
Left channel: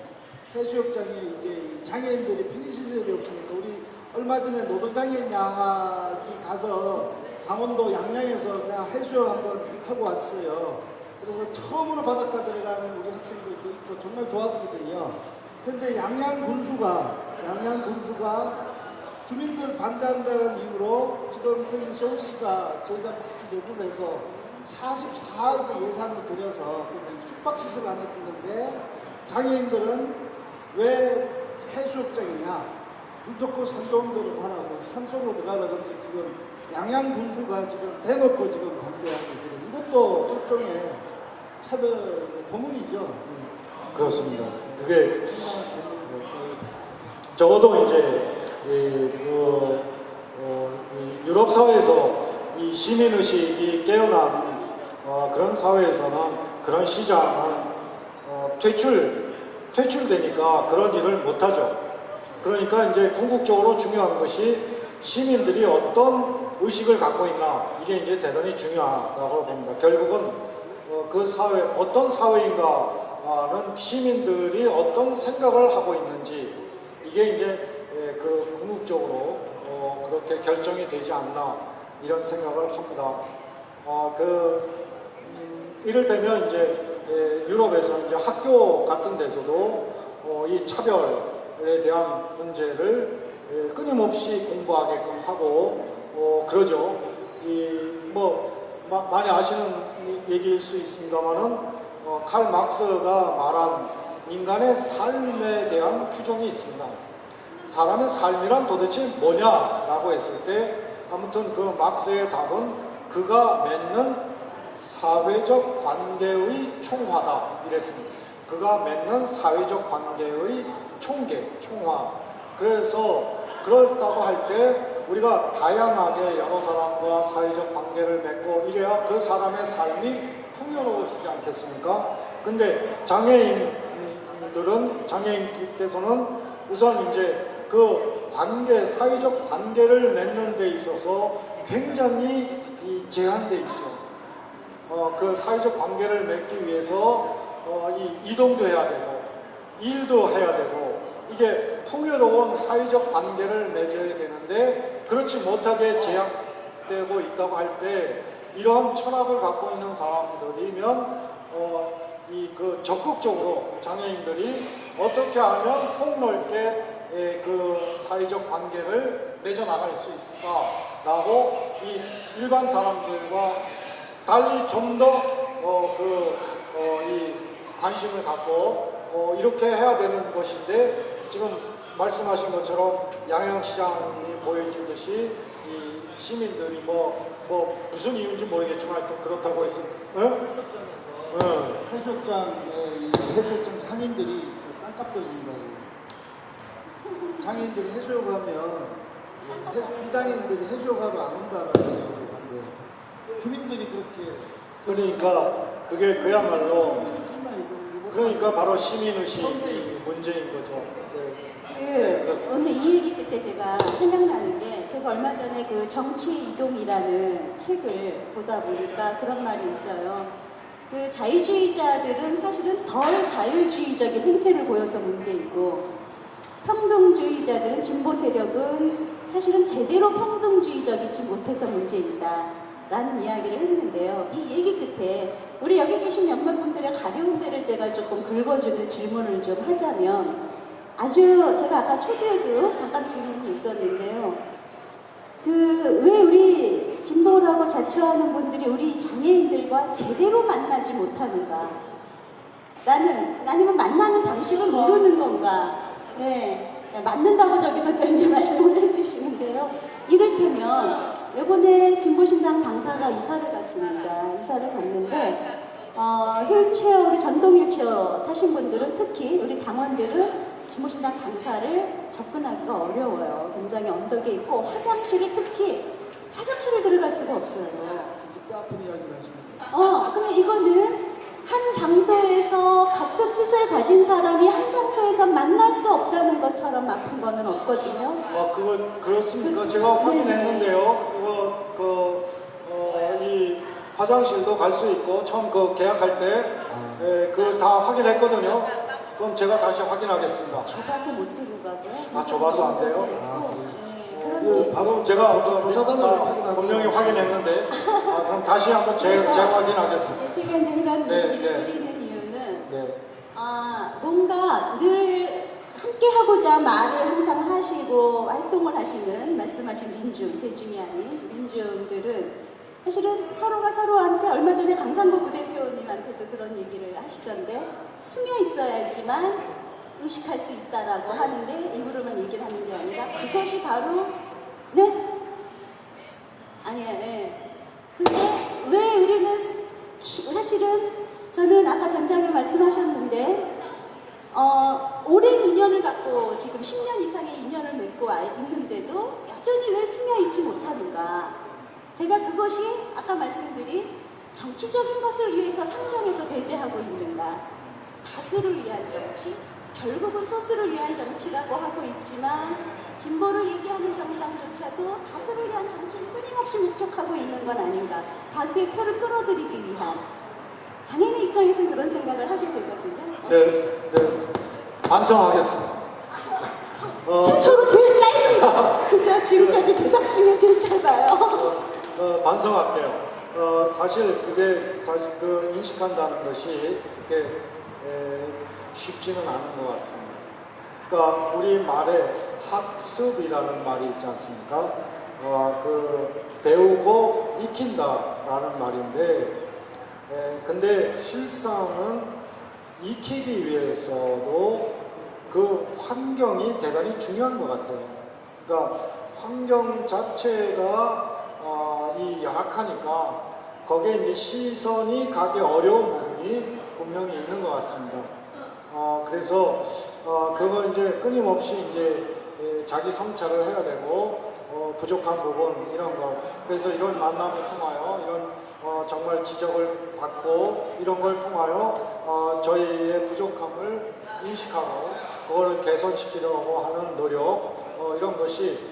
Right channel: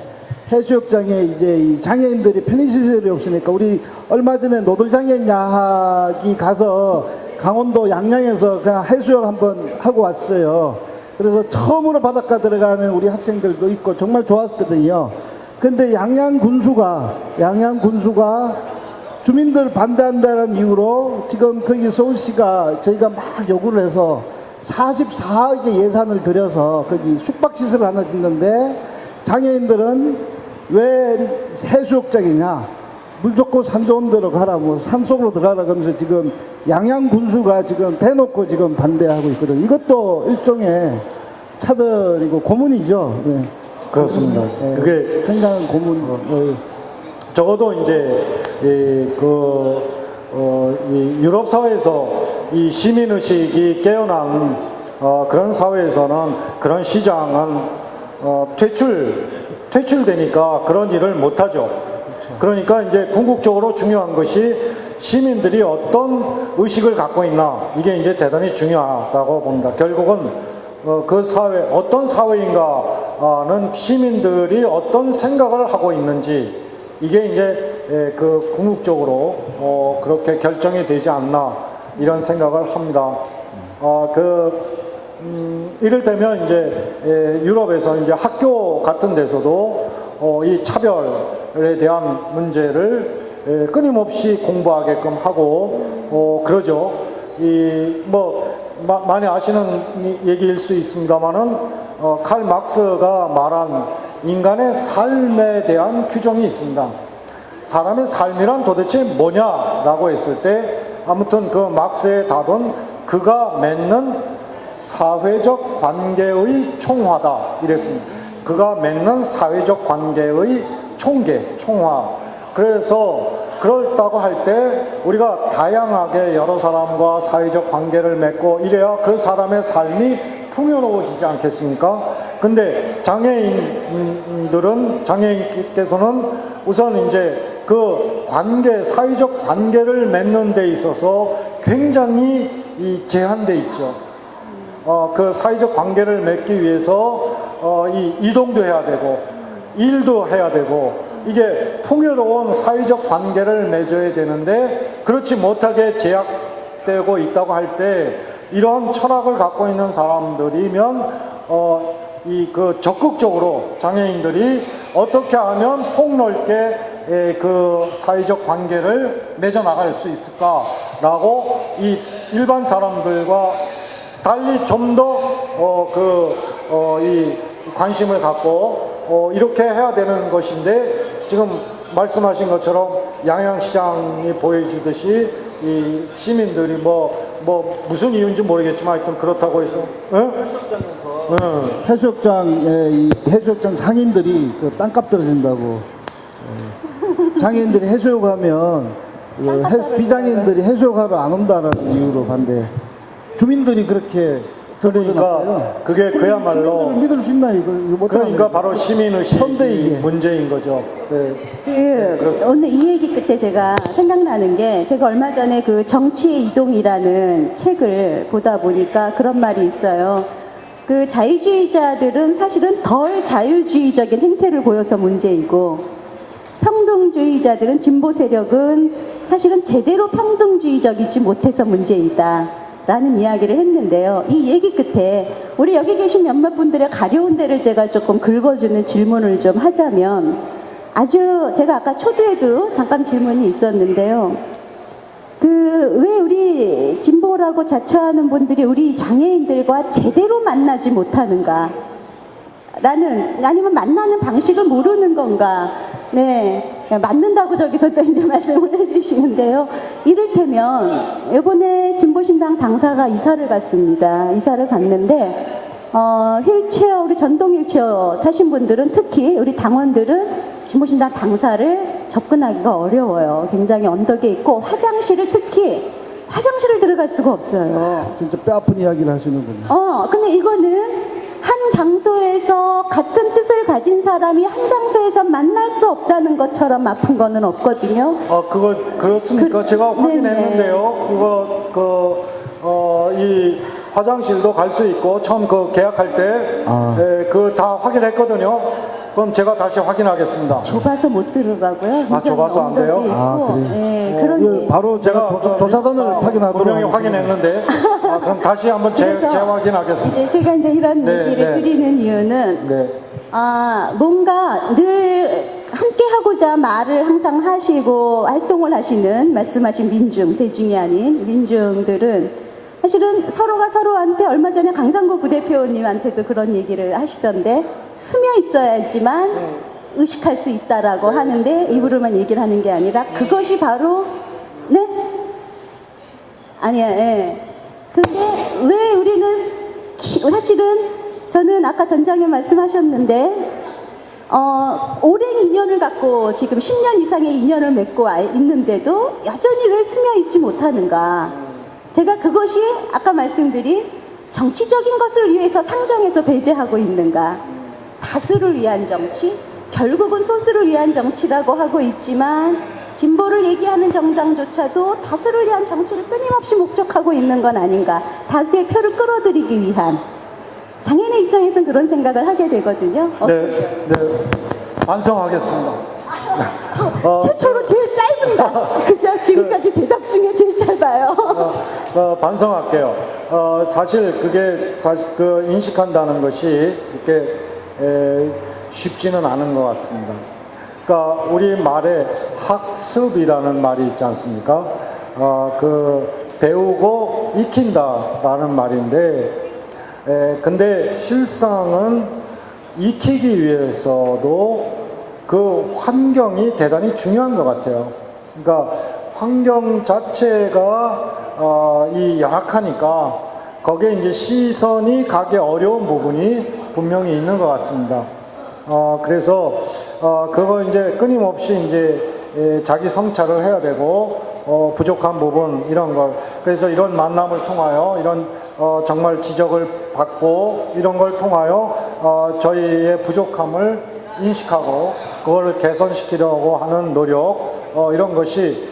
이제 이 장애인들이 편의시설이 없으니까, 우리 얼마 전에 노동장애인 야학이 가서 강원도 양양에서 그냥 해수욕 한번 하고 왔어요. 그래서 처음으로 바닷가 들어가는 우리 학생들도 있고 정말 좋았거든요. 근데 양양 군수가 주민들 반대한다는 이유로 지금 거기 서울시가 저희가 막 요구를 해서 44억의 예산을 들여서 거기 숙박시설 하나 짓는데, 장애인들은 왜 해수욕장이냐, 물 좋고 산 좋은 데로 가라고, 산속으로 들어가라 그러면서 지금 양양 군수가 지금 대놓고 지금 반대하고 있거든요. 이것도 일종의 차별이고 고문이죠. 네. 그렇습니다. 네. 그게 굉장한 고문. 네. 적어도 이제 이 유럽 사회에서 이 시민 의식이 깨어난 그런 사회에서는 그런 시장은 퇴출되니까 그런 일을 못하죠. 그러니까 이제 궁극적으로 중요한 것이 시민들이 어떤 의식을 갖고 있나, 이게 이제 대단히 중요하다고 봅니다. 결국은 그 사회, 어떤 사회인가는 시민들이 어떤 생각을 하고 있는지, 이게 이제 그 궁극적으로 그렇게 결정이 되지 않나, 이런 생각을 합니다. 이를테면 이제 유럽에서 이제 학교 같은 데서도 이 차별에 대한 문제를 끊임없이 공부하게끔 하고 그러죠. 많이 아시는 얘기일 수 있습니다만은 칼 막스가 말한 인간의 삶에 대한 규정이 있습니다. 사람의 삶이란 도대체 뭐냐라고 했을 때, 아무튼 그 막스의 답은 그가 맺는 사회적 관계의 총화다, 이랬습니다. 그가 맺는 사회적 관계의 총화. 그래서 그렇다고 할 때 우리가 다양하게 여러 사람과 사회적 관계를 맺고 이래야 그 사람의 삶이 풍요로워지지 않겠습니까? 근데 장애인께서는 우선 이제 그 사회적 관계를 맺는 데 있어서 굉장히 제한돼 있죠. 그 사회적 관계를 맺기 위해서 이동도 해야 되고 일도 해야 되고, 이게 풍요로운 사회적 관계를 맺어야 되는데 그렇지 못하게 제약되고 있다고 할 때, 이러한 철학을 갖고 있는 사람들이면 적극적으로 장애인들이 어떻게 하면 폭넓게 그 사회적 관계를 맺어 나갈 수 있을까라고 이 일반 사람들과 달리 좀 더 이 관심을 갖고 이렇게 해야 되는 것인데 지금 말씀하신 것처럼 양양시장이 보여주듯이 이 시민들이 무슨 이유인지 모르겠지만 하여튼 그렇다고 해서 해수욕장에 이 해수욕장 상인들이 그 땅값 떨어진다고. 장애인들이 해수욕하면 비장애인들이 해수욕하러 안 온다는 이유로 반대. 주민들이 그렇게 그러니까 그게 그야말로 믿을 수 있나 이거 못 그러니까 바로 시민의식이 선대이게. 문제인 거죠. 네. 오늘 이 얘기 끝에 제가 생각나는 게 제가 얼마 전에 그 정치의 이동이라는 책을 보다 보니까 그런 말이 있어요. 그 자유주의자들은 사실은 덜 자유주의적인 행태를 보여서 문제이고 평등주의자들은 진보 세력은 사실은 제대로 평등주의적이지 못해서 문제이다. 라는 이야기를 했는데요. 이 얘기 끝에 우리 여기 계신 몇몇 분들의 가려운 데를 제가 조금 긁어주는 질문을 좀 하자면 아주 제가 아까 초두에도 잠깐 질문이 있었는데요. 왜 우리 진보라고 자처하는 분들이 우리 장애인들과 제대로 만나지 못하는가? 아니면 만나는 방식을 모르는 건가? 네. 맞는다고 저기서 또 이제 말씀을 해주시는데요. 이를테면, 이번에 진보신당 당사가 이사를 갔습니다. 이사를 갔는데, 휠체어, 우리 전동 휠체어 타신 분들은 특히 우리 당원들은 진보신당 당사를 접근하기가 어려워요. 굉장히 언덕에 있고, 화장실을 들어갈 수가 없어요. 진짜 뼈 아픈 이야기를 하시는군요. 근데 이거는 한 장소에서 같은 뜻을 가진 사람이 한 장소에서 만날 수 없다는 것처럼 아픈 거는 없거든요. 그렇습니까? 제가 확인했는데요. 이 화장실도 갈 수 있고 처음 계약할 때 그거 다 확인했거든요. 그럼 제가 다시 확인하겠습니다. 좁아서 못 들어가고요. 좁아서 안 돼요? 그런 바로 제가 조사단을 확인하고 분명히 확인했는데 그럼 다시 한번 재확인하겠습니다. 제가 이제 이런 얘기를 드리는 이유는 뭔가 늘 함께 하고자 말을 항상 하시고 활동을 하시는 말씀하신 대중이 아닌 민중들은 사실은 서로가 서로한테 얼마 전에 강상구 부대표님한테도 그런 얘기를 하시던데 스며 있어야지만 의식할 수 있다라고 하는데 입으로만 얘기를 하는 게 아니라 그것이 바로 근데 왜 우리는 사실은 저는 아까 전장님 말씀하셨는데 오랜 인연을 갖고 지금 10년 이상의 인연을 맺고 있는데도 여전히 왜 스며 있지 못하는가. 제가 그것이 아까 말씀드린 정치적인 것을 위해서 상정해서 배제하고 있는가. 다수를 위한 정치, 결국은 소수를 위한 정치라고 하고 있지만 진보를 얘기하는 정당조차도 다수를 위한 정치를 끊임없이 목적하고 있는 건 아닌가. 다수의 표를 끌어들이기 위한. 장애인의 입장에서는 그런 생각을 하게 되거든요. 네. 반성하겠습니다. 최초로 제일 짧은 그죠? 지금까지 대답 중에 제일 짧아요. 반성할게요. 사실 그 인식한다는 것이 이렇게 쉽지는 않은 것 같습니다. 그러니까 우리 말에 학습이라는 말이 있지 않습니까? 배우고 익힌다라는 말인데, 근데 실상은 익히기 위해서도 그 환경이 대단히 중요한 것 같아요. 그러니까 환경 자체가 이 열악하니까 거기에 이제 시선이 가기 어려운 부분이 분명히 있는 것 같습니다. 그래서 그걸 이제 끊임없이 이제 자기 성찰을 해야 되고 부족한 부분 이런 걸 그래서 이런 만남을 통하여 이런 정말 지적을 받고 이런 걸 통하여 저희의 부족함을 인식하고 그걸 개선시키려고 하는 노력 이런 것이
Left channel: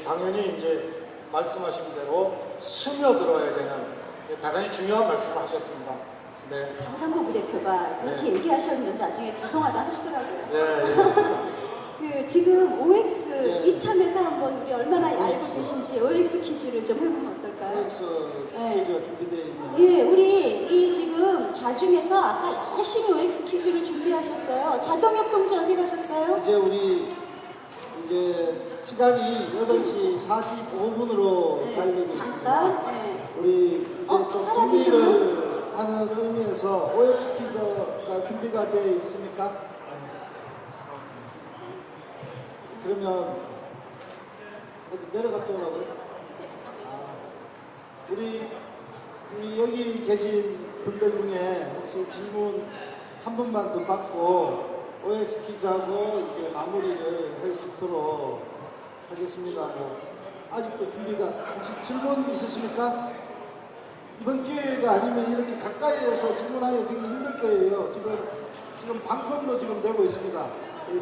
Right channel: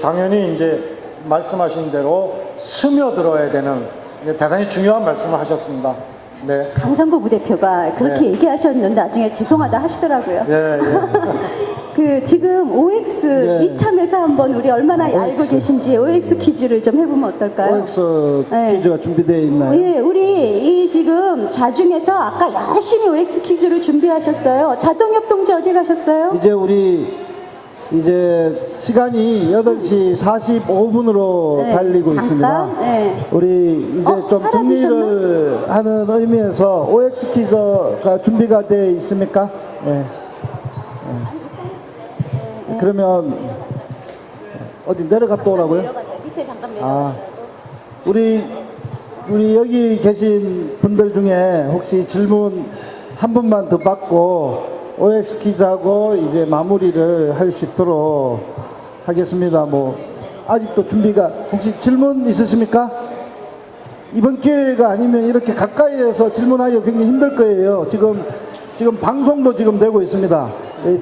당연히 이제 말씀하신 대로 스며들어야 되는 대단히 중요한 말씀을 하셨습니다. 네. 강상구 부대표가 그렇게 얘기하셨는데 나중에 죄송하다 하시더라고요. 지금 OX 이참에서 한번 우리 얼마나 알고 계신지 OX 퀴즈를 좀 해보면 어떨까요? OX 퀴즈가 준비되어 있나요? 예, 우리 지금 좌중에서 아까 열심히 OX 퀴즈를 준비하셨어요. 자동혁 동지 어디 가셨어요? 이제 우리 이제 시간이 8시 45분으로 네, 달리고 잠깐, 있습니다. 네. 우리 이제 좀 사라지셨나? 정리를 하는 의미에서 OX 퀴즈가 준비가 돼 있습니까? 네. 그러면 어디 내려갔다 오라고요? 밑에 잠깐 아, 우리 여기 계신 분들 중에 혹시 질문 한 분만 더 받고 OX 퀴즈하고 이제 마무리를 할 수 있도록 하겠습니다. 뭐 아직도 준비가 혹시 질문 있으십니까? 이번 기회가 아니면 이렇게 가까이에서 질문하기가 굉장히 힘들 거예요. 지금 방송도 지금 되고 있습니다.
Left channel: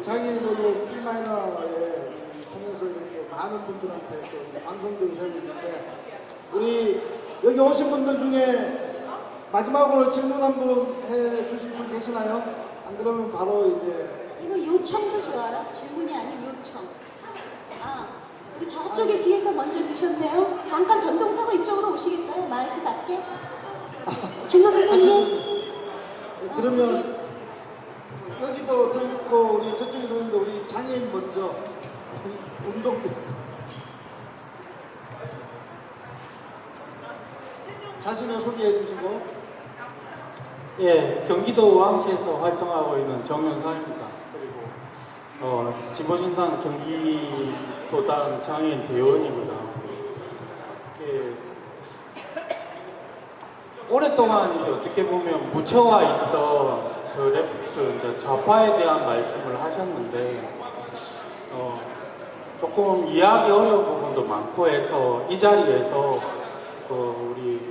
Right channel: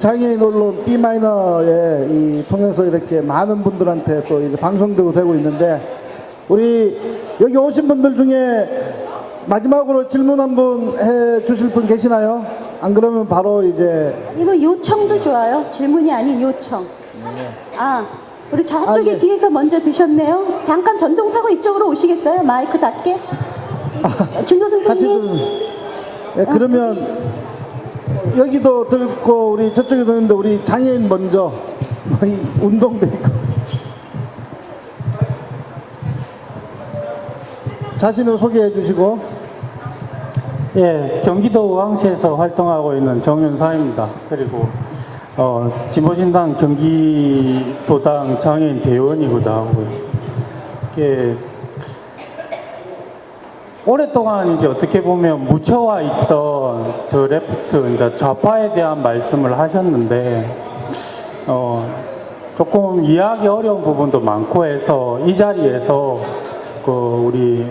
장애인 언론 B-에 통해서 이렇게 많은 분들한테 또 이제 방송도 되고 있는데, 우리 여기 오신 분들 중에 마지막으로 질문 한번 해 주실 분 계시나요? 안 그러면 바로 이제 아니면 요청도 좋아요. 질문이 아닌 요청. 아, 우리 저쪽에 네. 뒤에서 먼저 드셨네요. 잠깐 전동 타고 이쪽으로 오시겠어요? 마이크 닿게. 준호 사실 선생님. 네, 그러면 여기도 듣고 우리 저쪽에 듣는데 우리 장애인 먼저 이 운동도 있고 자신을 소개해 주시고. 예, 경기도 의왕시에서 활동하고 있는 정윤사입니다. 그리고 진보신당 경기도당 장애인 대의원이기도 하고, 이게 오랫동안 이제 어떻게 보면 묻혀와 있던 그 레프트, 그러니까 좌파에 대한 말씀을 하셨는데, 조금 이해하기 어려운 부분도 많고 해서 이 자리에서 그 우리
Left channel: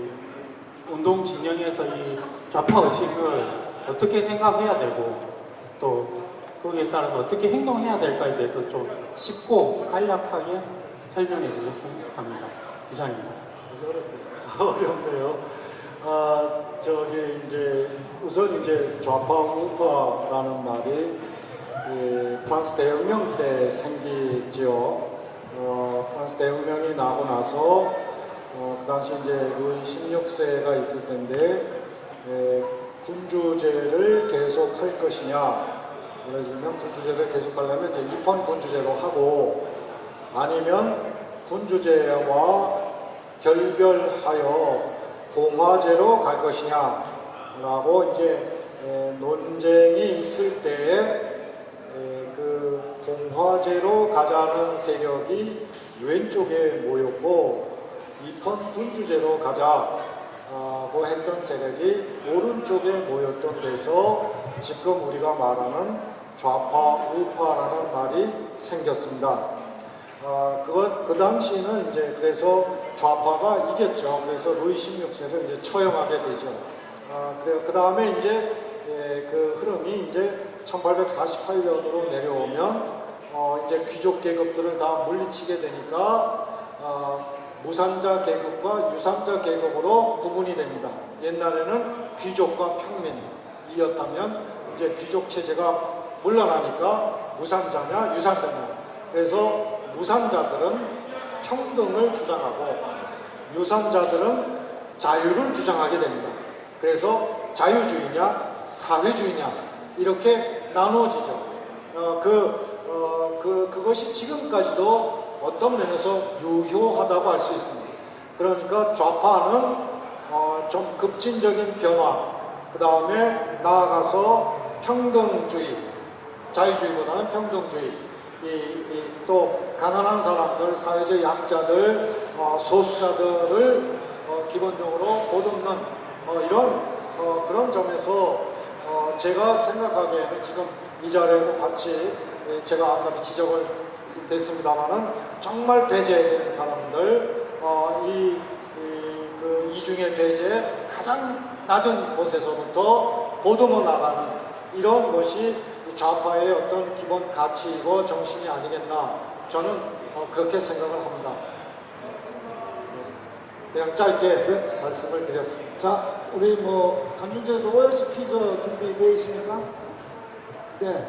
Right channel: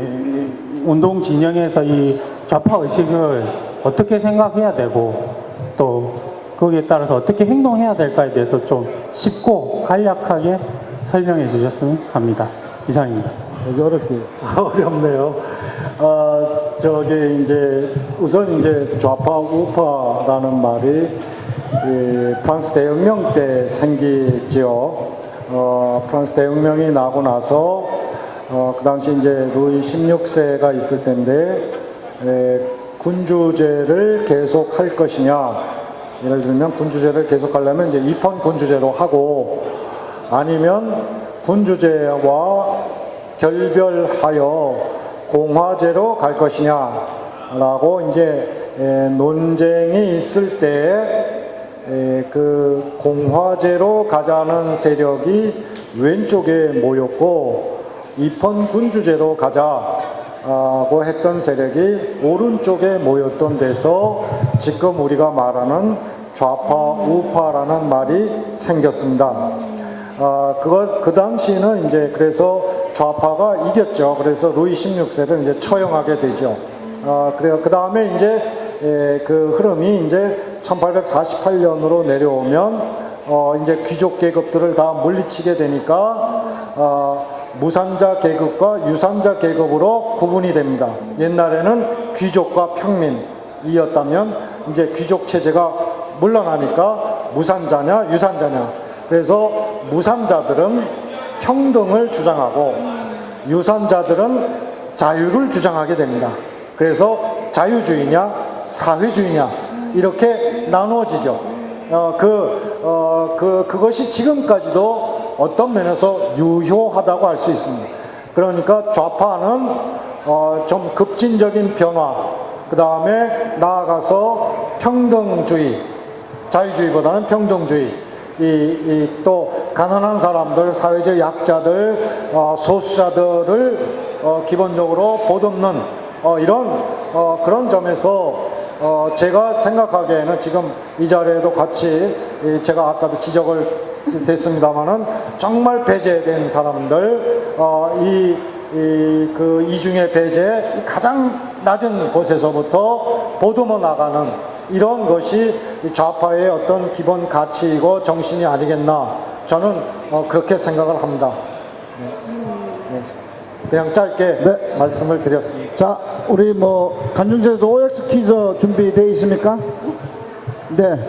운동 진영에서 이 좌파 의식을 어떻게 생각해야 되고 또 거기에 따라서 어떻게 행동해야 될까에 대해서 좀 쉽고 간략하게 설명해 주셨으면 합니다. 이상입니다. 여기 어렵게. 어렵네요. 이제 우선 이제 좌파 우파라는 말이 프랑스 대혁명 때 생기죠. 프랑스 대혁명이 나고 나서 그 당시 이제 루이 16세가 있을 텐데, 군주제를 계속 할 것이냐, 예를 들면 군주제를 계속 하려면 이제 입헌 군주제로 하고, 아니면 군주제와 결별하여 공화제로 갈 것이냐라고 이제 논쟁이 있을 때, 그 공화제로 가자는 세력이 왼쪽에 모였고, 입헌 군주제로 가자고 했던 세력이 오른쪽에 모였던 데서 지금 우리가 말하는 좌파 우파라는 말이 생겼습니다. 그 당시는 이제 그래서 좌파가 이겼죠. 그래서 루이 16세를 이제 처형하게 되죠. 그래요. 그 다음에 이제 그 흐름이 이제 1848년으로 내려오면 이제 귀족 계급들을 다 물리치게 되니까 무산자 계급과 유산자 계급으로 구분이 됩니다. 옛날에는 귀족과 평민이었다면 이제 귀족 체제가 물러나니까 무산자냐 유산자냐. 그래서 무산자들은 평등을 주장하고 유산자들은 자유를 주장하게 됩니다. 그래서 자유주의냐 사회주의냐 이렇게 나눠지죠. 그것이 지금까지도 어떤 면에서 유효하다고 할 수 있습니다. 그러니까 좌파는 좀 급진적인 변화, 그 다음에 나아가서 평등주의, 자유주의보다는 평등주의, 또 가난한 사람들, 사회적 약자들, 소수자들을 기본적으로 보듬는 이런 그런 점에서 제가 생각하기에는 지금 이 자리에도 같이 제가 아까도 지적을 됐습니다만은 정말 배제된 사람들, 이중의 배제, 가장 낮은 곳에서부터 보듬어 나가는 이런 것이 좌파의 어떤 기본 가치이고 정신이 아니겠나, 저는 그렇게 생각을 합니다. 그냥 짧게 말씀을 드렸습니다. 자, 우리 간중제도 OX 퀴즈 준비되어 있습니까? 네.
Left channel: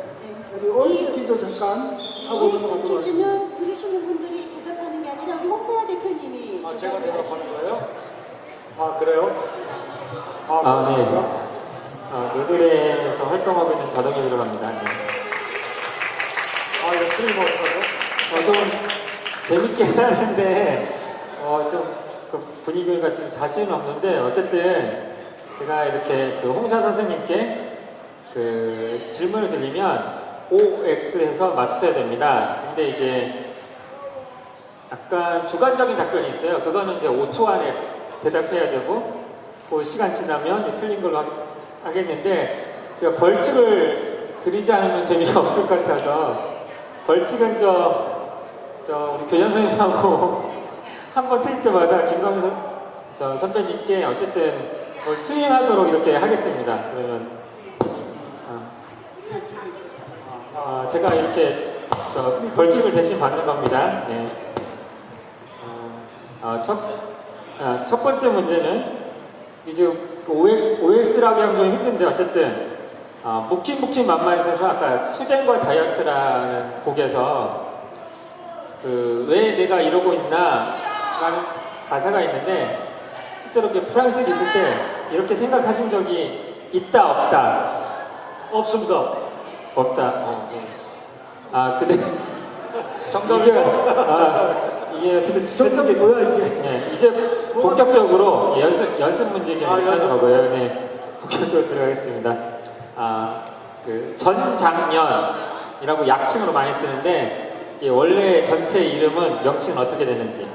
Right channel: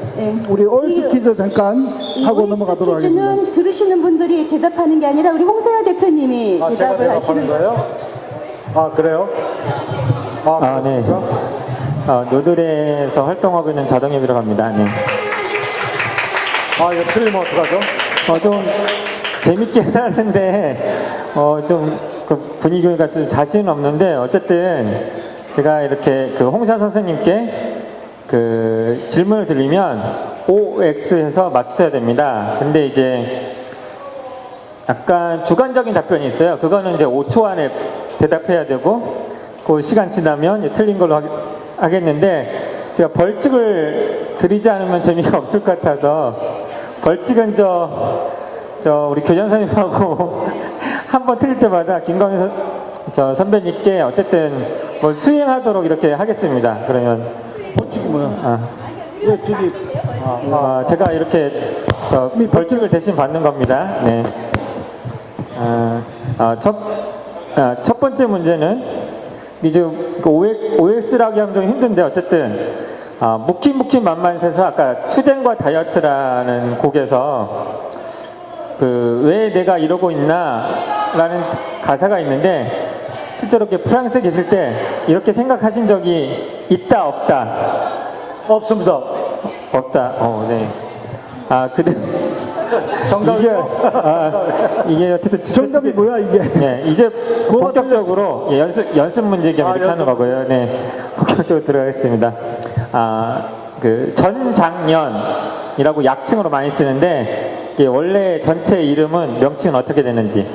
우리 OX 퀴즈 잠깐 하고 넘어가도록 하겠습니다. 퀴즈는 들으시는 분들이 대답하는 게 아니라 우리 홍세아 대표님이 제가 대답을 대답하는 하시는 거예요? 그래요? 네. 노들에서 활동하고 있는 자동에 들어갑니다. 네. 아, 이거 틀리면 어떡하죠? 좀 재밌게 하는데 좀 그 분위기가 좀 자신 없는데 어쨌든 제가 이렇게 그 홍샤 선생님께 그 질문을 드리면 OX해서 맞추셔야 됩니다. 근데 이제 약간 주관적인 답변이 있어요. 그거는 이제 5초 안에 대답해야 되고 그 시간 지나면 이제 틀린 걸로 하겠는데 제가 벌칙을 드리지 않으면 재미가 없을 것 같아서 벌칙은 저 우리 교장 선생님하고 한번 틀릴 때마다 김광현 선배님께 어쨌든 뭐 수행하도록 이렇게 하겠습니다. 그러면 제가 이렇게 벌칙을 대신 받는 겁니다. 네. 첫 번째 문제는 이제 그 OX라고 하면 좀 힘든데 어쨌든 무킨 만만해서 아까 투쟁과 다이어트라는 곡에서 그 왜 내가 이러고 있나 라는 가사가 있는데 실제로 이렇게 프랑스에 계실 때 이렇게 생각하신 적이 있다 없다? 없습니다. 없다. 네. 근데 정답이요? 이게 어쨌든 정답이 뭐야 이게? 네, 이제 본격적으로 연습 문제 겸해서 하는 거고요. 네, 본격적으로 들어가겠습니다. 그 전장년이라고 약칭으로 많이 쓰는데 이게 원래 전체 이름은 명칭은 어떻게 되는지?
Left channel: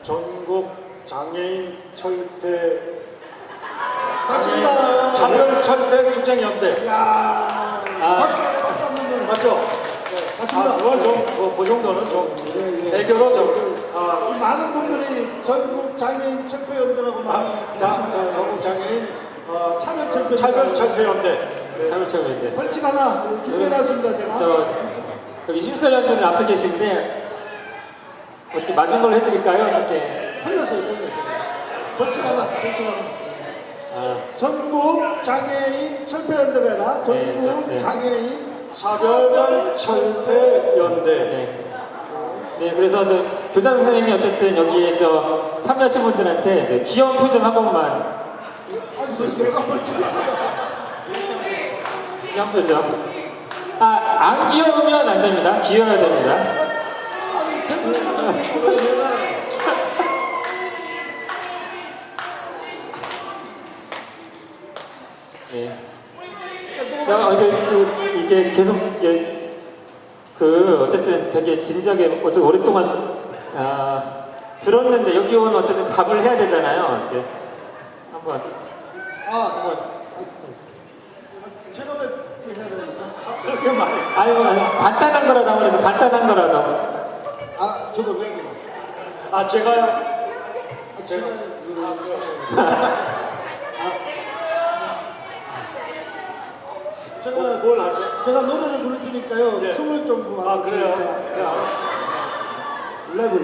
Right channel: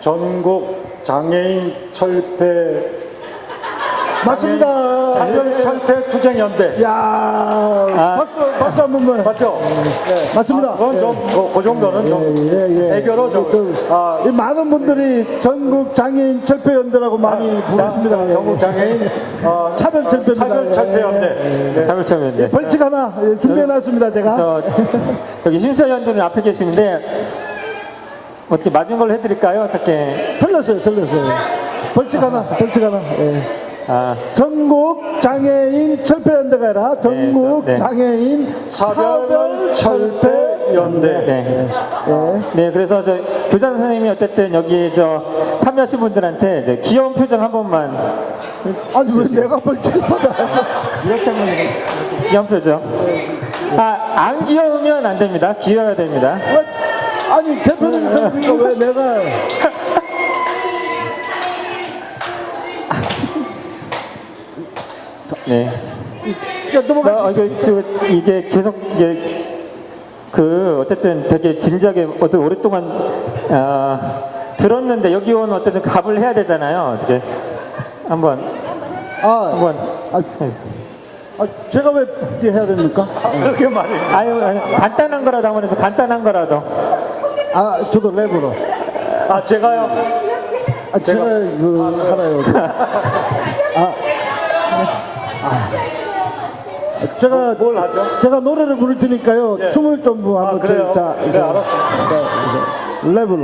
전국 장애인 철폐 맞습니다. 장애인 철폐 투쟁연대. 야, 박수 한 번만. 맞죠? 맞습니다. 그 정도는 좀 애교로 이 많은 분들이 전국 장애인 철폐연대라고 많이 부르십니다. 전국 장애인 차별철폐연대. 차별철폐연대. 벌칙 하나 준비해놨습니다, 제가. 여기 심사위원들은 앞에 계신데 뭐 이렇게 마지막으로 해드릴까요? 어떻게? 틀렸어요. 벌칙 하나. 예. 전국 장애인 철폐연대가 아니라 전국 네. 장애인 차별철폐연대. 네, 그래서 교장 선생님이 어쨌든 여기 참여하신 분들한테 귀여운 표정 한 번만. 아니 왜 내가 벌칙을 받아? 이렇게 하면 귀여운 표정. 안 귀여우면 안 됩니다. 귀여워야 됩니다. 아니 대표님 왜 내가 네. 이게 계속 어쨌든 되게 진지하게 어떤 오랫동안 들었는데 여기 오면 어쨌든 답을 해야 되잖아요. 어떻게 한번 제가 왜 이렇게 해야 됩니까? 그렇게 말해. 아유 간단한 거라도 한번 해서 간단한 거라도. 저도 랩으로. 제가요? 제가 하나요. 제가 뭘 하죠? 제가 노래를 부를 테니까요. 예. 춤을 좀 한번 그래요? 자, 네, 알았습니다. 랩으로.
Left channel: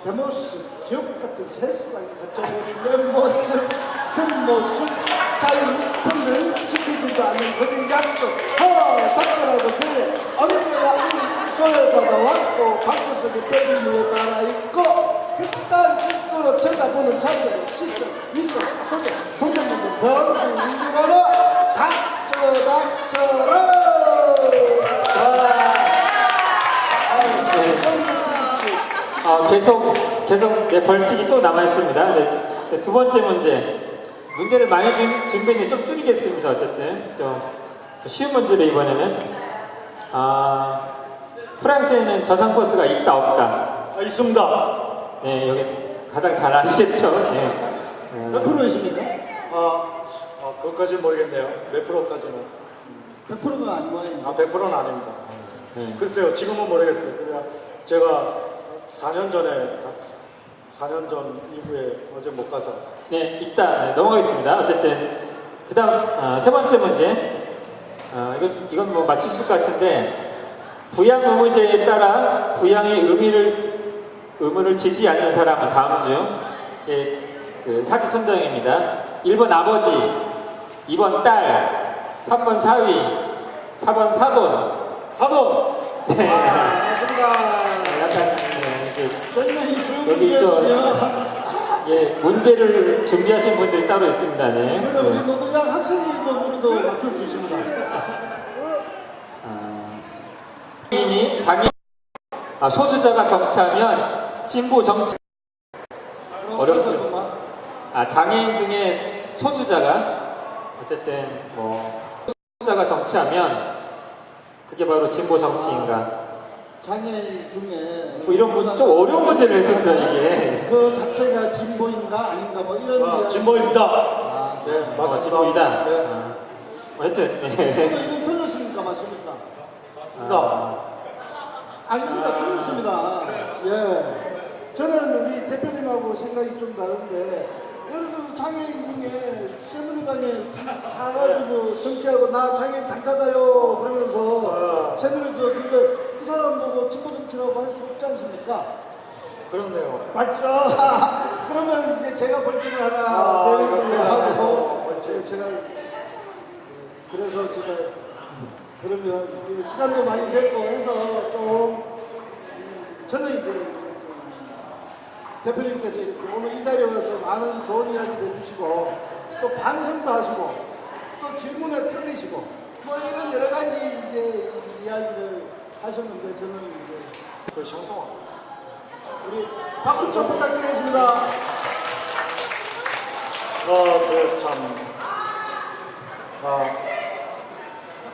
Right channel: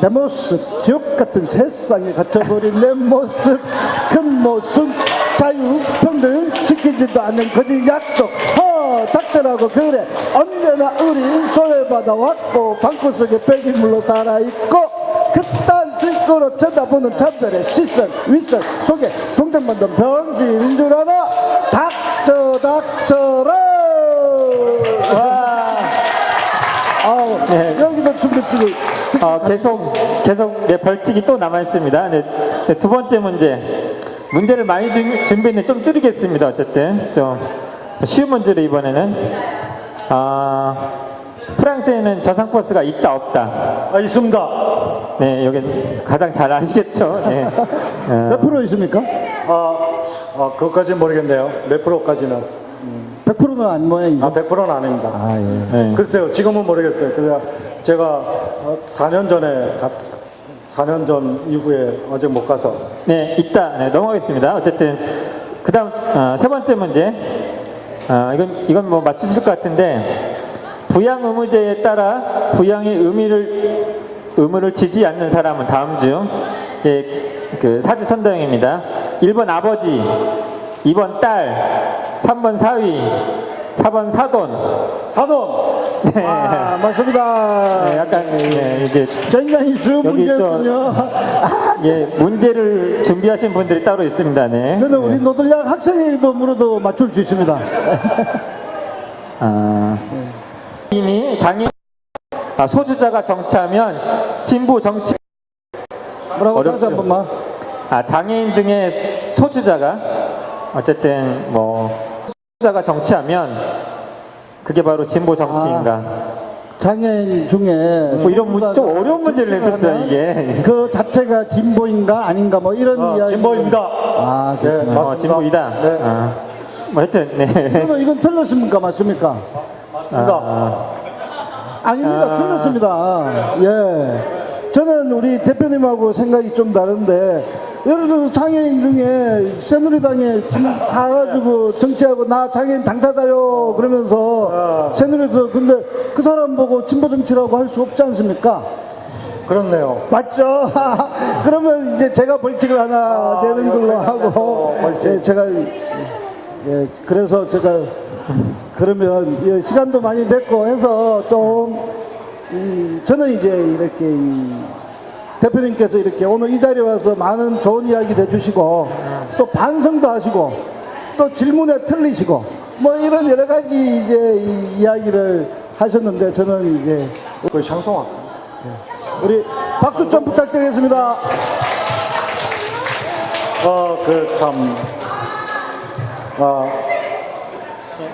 내 모습, 지옥 같은 세상에 갇혀버린 내 모습, 큰 모습, 자유, 평등, 지키지도 않는 거짓 약속. 닥터라고 그래. 언제나 우리 소외받아 왔고, 방구석에 배기물로 살아있고, 그딴 짓거로 쳐다보는 자들의 시선, 윗선 속에 동전 만든 병신인 줄 알아. 닥쳐라. 여기서 준비끼리. 계속 네, 벌칙이 또 남아있습니다. 네, 두 번째 문제를 많이 준비했는데 좀 줄이겠습니다. 어쨌든 좀 쉬운 문제를 이번에는 프랑스에는 저상버스가 있다 없다? 있습니다. 네, 여기 가장 잘 아시겠죠? 네. 몇 프로 있습니까? 그것까지 모르겠네요. 몇 프로까지는. 100%가 안 모양이죠. 100%는 아닙니다. 예. 글쎄요, 지금은 모르겠어요. 그냥 제가 4년 전 이후에 어제 못 가서. 네, 있다. 네, 넘어가겠습니다. 어쨌든 그 다음 세 번째 문제. 이건 뭐 맞추실 것 같은데 부양 의무제에 따라 부양의 의무를 지지 않는 사람은 다음 중 그 사지선다형입니다. 1번 아버지, 2번 딸, 3번 사위, 4번 사돈. 사돈! 맞습니다. 네, 약간 이게 굉장히 쉬운 여기 문제군요. 예, 문제를 준비하신 분들이 따로 있습니다. 네. 그는 우리 노들량 학생회도 물어도 맞출 수 있습니다. 강의 소수자가 정치하면 진보 정치 뭐라고 다시 어렵죠. 한 번만. 장애인 등의 소수자가 어쨌든 뭐 소수자가 정치하면 그게 바로 진보 정치인가? 장애인 중에 뭐 이런 또 어려운 문제를 했었어요 이게. 그 자체가 진보인가 아닌가 뭐 이런 이야기. 진보입니다. 아, 네, 그렇구나. 맞습니다. 진보이다. 네. 뭐 하여튼 네. 이건 틀렸습니까? 맞습니까? 맞습니다. 아닙니다. 틀렸습니다. 예. 저는 우리 대표님하고 생각이 좀 다른데, 예를 들어서 장애인 중에 새누리당에 가가지고 정치하고 나 장애인 당사자요 그러면서 새누리당 근데 그 사람 보고 진보 정치라고 할 수 없지 않습니까? 그렇네요. 맞죠? 그러면 이제 제가 벌칙을 하나 내는 걸로 하고 제가 그래서 제가 그러면 시간도 많이 됐고 해서 좀 저는 이제 이렇게 대표님께서 이렇게 오늘 이 자리에 와서 많은 좋은 이야기 해주시고 또 반성도 하시고 또 질문에 틀리시고 뭐 이런 여러 가지 이제 이야기를 하셨는데 저는 이제 그 샹송아. 우리 박수 좀 부탁드리겠습니다.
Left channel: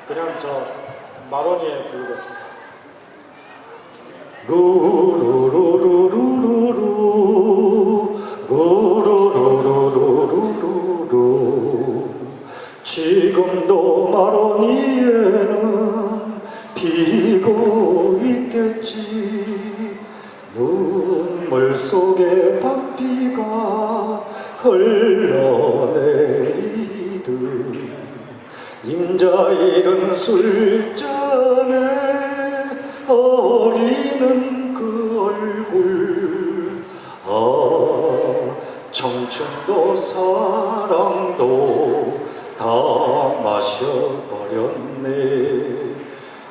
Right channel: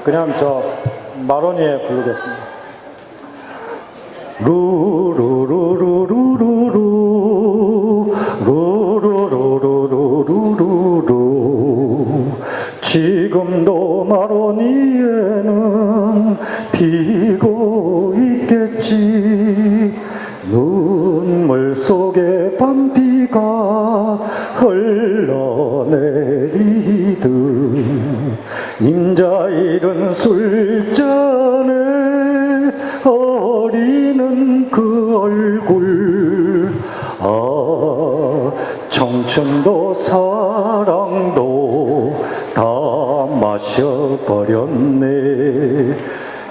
그냥 저 마로니에 부르겠습니다. 루루루루루루루루루루루루루 지금도 마로니에는 비고 있겠지. 눈물 속에 밤비가 흘러내리듯 인자 잃은 술잔에 어리는 그 얼굴 청춘도 사랑도 다 마셔버렸네.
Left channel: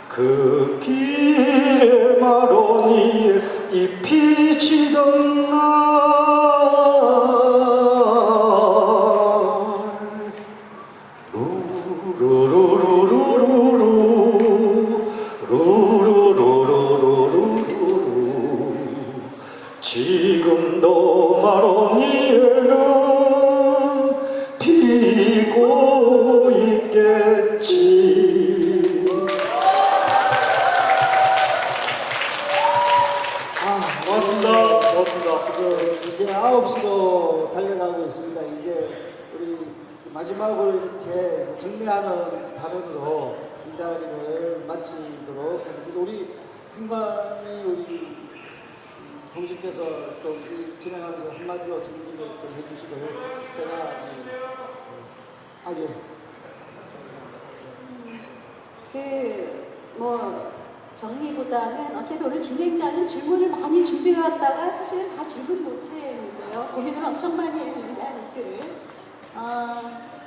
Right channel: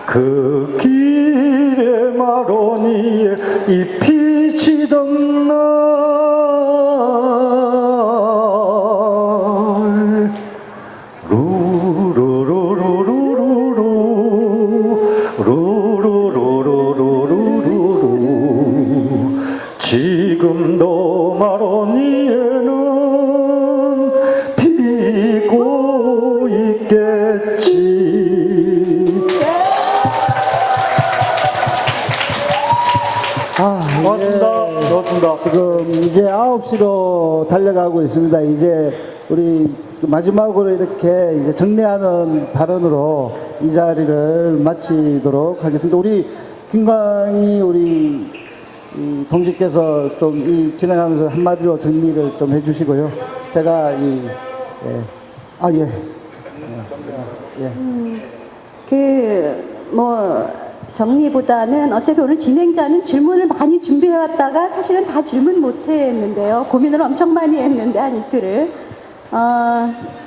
그 길에 마로니에 잎이 지던 날 루루루루루루루루루루루루루 지금도 마로니에는 피고 있겠지. 고맙습니다. 고맙습니다. 지금 이제 9시로 달려가고 있습니다. 이제 우리 마지막으로 이렇게 이제 정리하는 발언으로 이 자리를 마치도록 하겠습니다. 우리 김광희 우리 이 동지께서 좀 이 진행하면서 한마디로 정리를 좀 해주시고요. 제가 정리보다는 어차피 오늘 진행자는 질문을 많이 준비해왔다가 사실은 다 질문 못했는데요. 고민을 엄청 많이 했는데 한 이틀을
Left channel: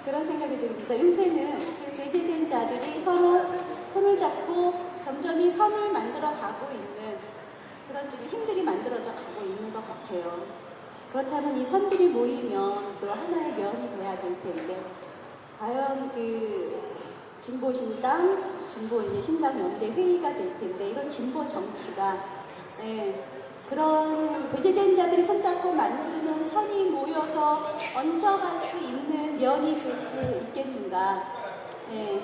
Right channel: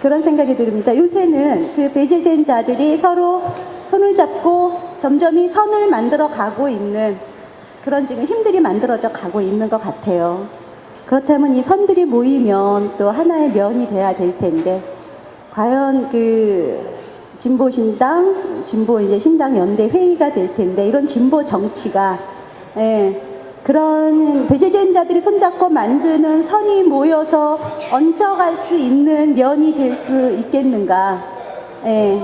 그런 생각이 듭니다. 요새는 그 배제된 자들이 서로 손을 잡고 점점이 선을 만들어 가고 있는 그런 지금 힘들이 만들어져 가고 있는 것 같아요. 그렇다면 이 선들이 모이면 또 하나의 면이 돼야 될 텐데 과연 그 진보신당, 진보 이제 신당 연대 회의가 될 텐데 이런 진보 정치가 그런 배제된 자들이 손잡고 만드는 선이 모여서 얹혀갈 수 있는 면이 될 수 있겠는가?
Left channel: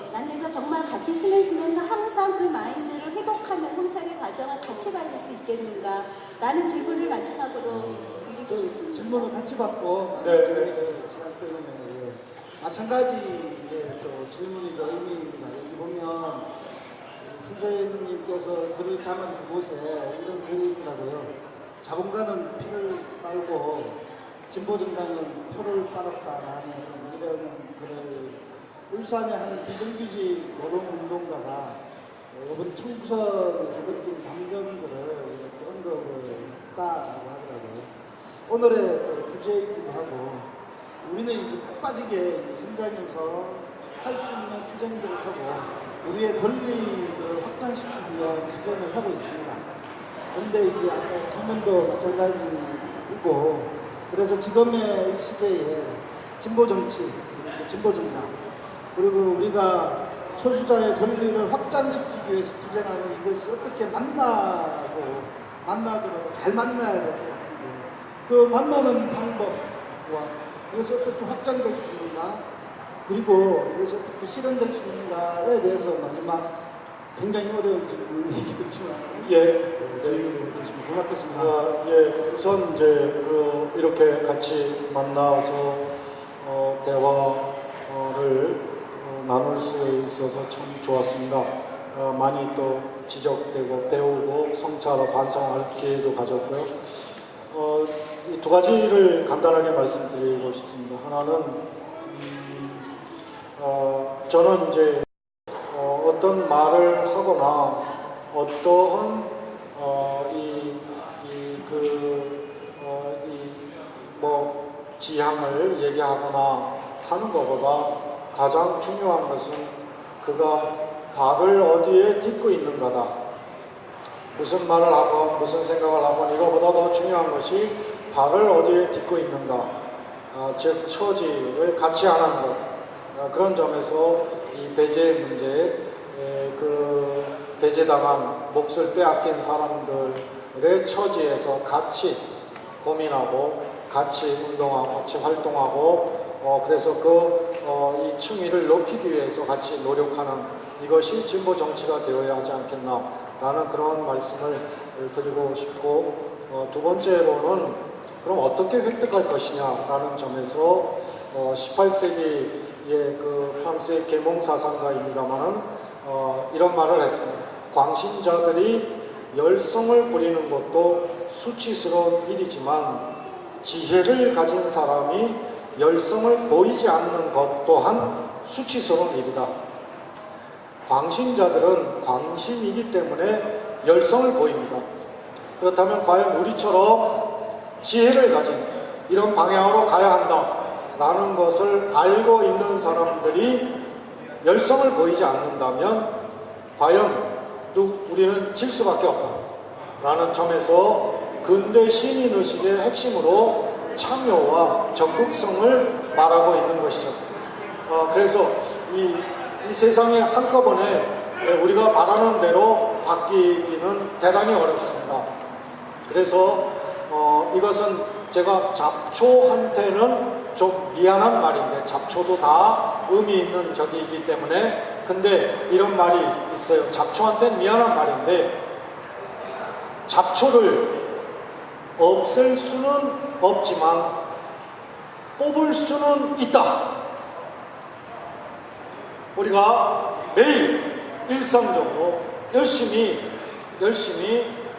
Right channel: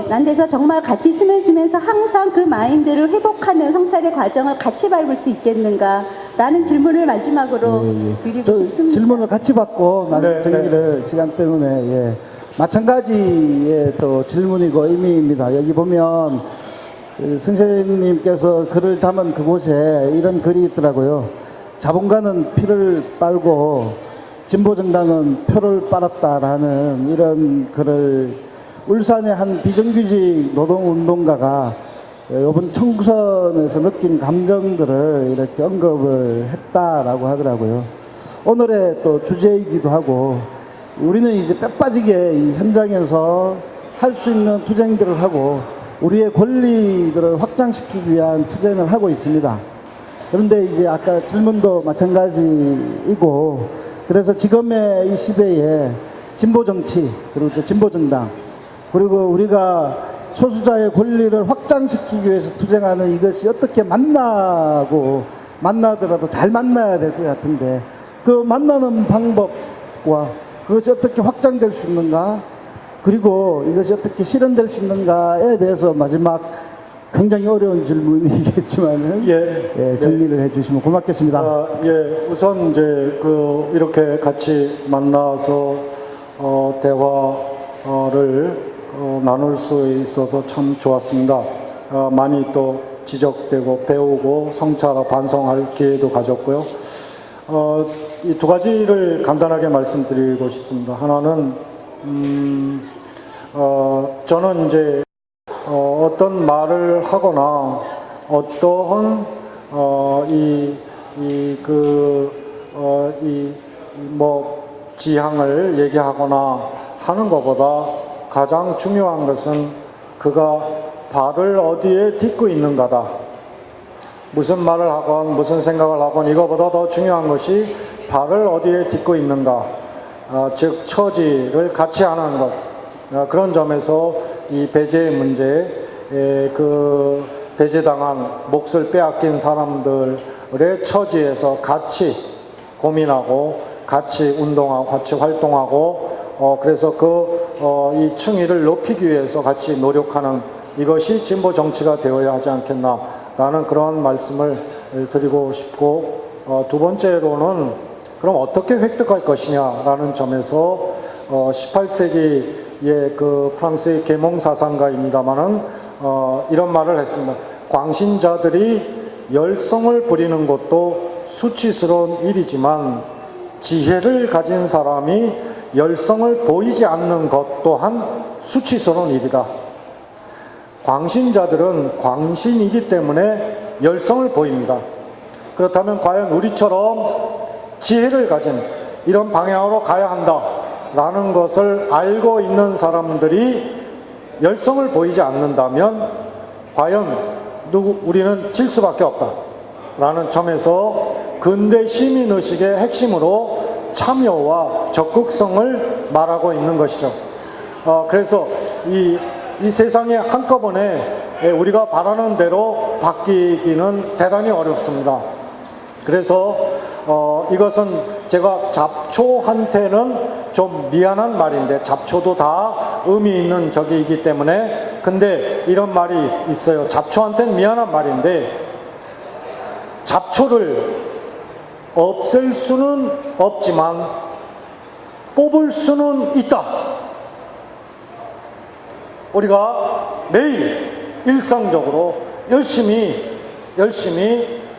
난 그래서 정말 같이 쓰면서 항상 그 마인드를 회복하는 성찰의 과정을 같이 밟을 수 있겠는가? 라는 질문을 마지막으로 드리고 싶습니다. 질문을 같이 받고 나중에 정리를 시간 때문에 마찬가지의 또 질문이고 의미입니다. 여기 보면 선생님께서 글을 담은 그곳에 이런 글이 있더라고요. 자본가는 피를 빨고 진보정당은 표를 빨았다라는 이런 글을 울산의 한 비정규직 노동운동가가 이번 총선에서 느낀 감정들을 이렇게 언급을 했다라고 하더라고요. 오늘의 또 주제이기도 하고 우리는 이제 뼈 빠지게 이 현장에서 할 수 있는 투쟁들을 하고 우리의 권리들을 확장시키기 위한 투쟁을 하고 있습니다. 그런데 이제 아까 질문도 마찬가지이고, 그래서 지금의 이 시대에 진보 정치, 그리고 또 진보 정당, 그리고 우리가 소수자의 권리를 확장시키기 위해서 투쟁하는 이것이 어떻게 만나더라도 잘 만나야 될 것 같은데, 그 만나는 방법과 그것이 어떻게 확장될 수 있는가, 그리고 이것이 어떻게 실현될 수 있는가에 대해서 마지막 굉장히 어려운 질문이겠지만은 정리를 해주시면 고맙겠습니다. 우선 이제 이렇게 같이 만나서 대화를 나눌 수 있어서 참 좋았습니다. 많이 또 지적되고 배우고 성찰 반성할 기회도 가졌고요. 이 두 가지를 간단하게 말씀드리고 싶습니다. 하나는 저는 이제 어떤 말을 하거나 어떠한 지향을 얘기하거나 하는 것보다 가장 중요한 것은 그가 발을 어디에 딛고 있는가다. 무슨 말을 하건 무슨 생각을 하건 이거보다 더 중요한 것이 발을 어디에 딛고 있는가, 즉 처지를 같이 하는 것. 그런 점에서 이 배제 문제, 배제당한 몫을 빼앗긴 사람들의 처지에서 같이 고민하고 같이 운동하고 같이 활동하고 그래서 이 층위를 높이기 위해서 같이 노력하는 이것이 진보 정치가 되어야 하지 않겠나라는 그런 말씀을 드리고 싶고, 두 번째로는 그럼 어떻게 획득할 것이냐라는 점에서 18세기의 프랑스의 계몽사상가입니다만은 이런 말을 했습니다. 광신자들이 열성을 부리는 것도 수치스러운 일이지만 지혜를 가진 사람이 열성을 보이지 않는 것 또한 수치스러운 일이다. 광신자들은 광신이기 때문에 열성을 보입니다. 그렇다면 과연 우리처럼 지혜를 가진 이런 방향으로 가야 한다 라는 것을 알고 있는 사람들이 열성을 보이지 않는다면 과연 우리는 질 수밖에 없다 라는 점에서 근대 시민의식의 핵심으로 참여와 적극성을 말하고 있는 것이죠. 그래서 이 세상에 한꺼번에 우리가 바라는 대로 바뀌기는 대단히 어렵습니다. 그래서 이것은 제가 잡초한테는 좀 미안한 말인데, 잡초도 다 의미 있는 격이기 때문에, 근데 이런 말이 있어요. 잡초한테는 미안한 말인데 잡초를 없앨 수는 없지만 뽑을 수는 있다. 우리가 매일 일상적으로 열심히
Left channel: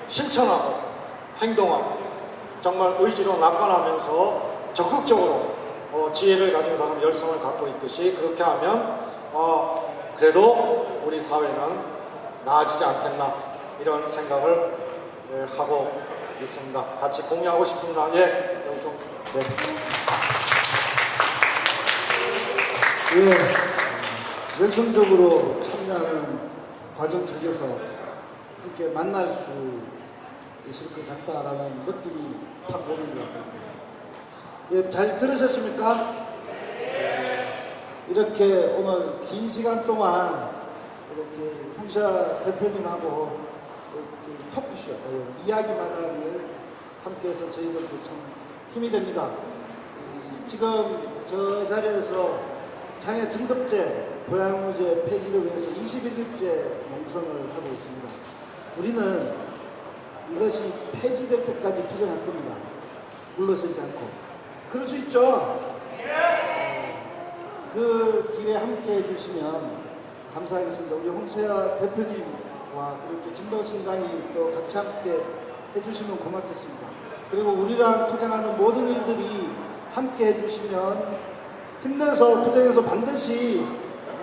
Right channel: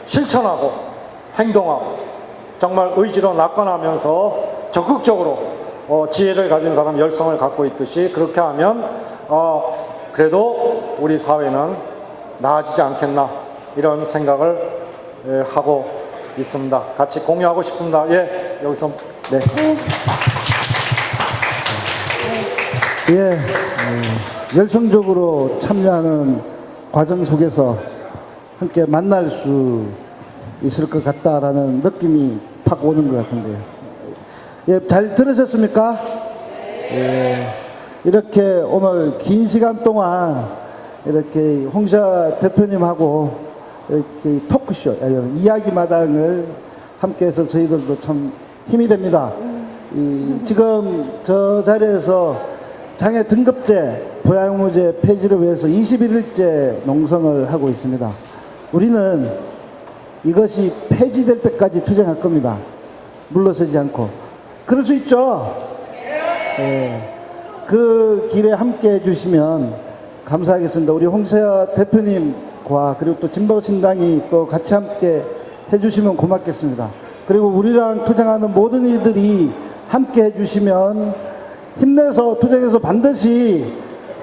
실천하고 행동하고 정말 의지로 낙관하면서 적극적으로 지혜를 가진 사람, 열성을 갖고 있듯이 그렇게 하면 그래도 우리 사회는 나아지지 않겠나 이런 생각을 하고 있습니다. 같이 공유하고 싶습니다. 여기서 열성적으로 참여하는 과정 속에서 함께 만날 수 있을 것 같다라는 느낌이 팍 오는 것 같은데요. 잘 들으셨습니까? 이렇게 오늘 긴 시간 동안 이렇게 홍시아 대표님하고 이렇게 토크쇼, 이야기마당을 함께해서 저희들도 참 힘이 됩니다. 지금 저 자리에서 장애 등급제, 보양무제 폐지를 위해서 21일째 농성을 하고 있습니다. 우리는 이것이 폐지될 때까지 투쟁할 겁니다. 물러서지 않고. 그럴 수 있죠? 그 길에 함께 해주시면 감사하겠습니다. 우리 홍시아 대표님과 그리고 또 진보신당이 또 같이 함께 해주시면 고맙겠습니다. 그리고 우리랑 투쟁하는 모든 이들이 함께 해주시면 힘내서 투쟁해서 반드시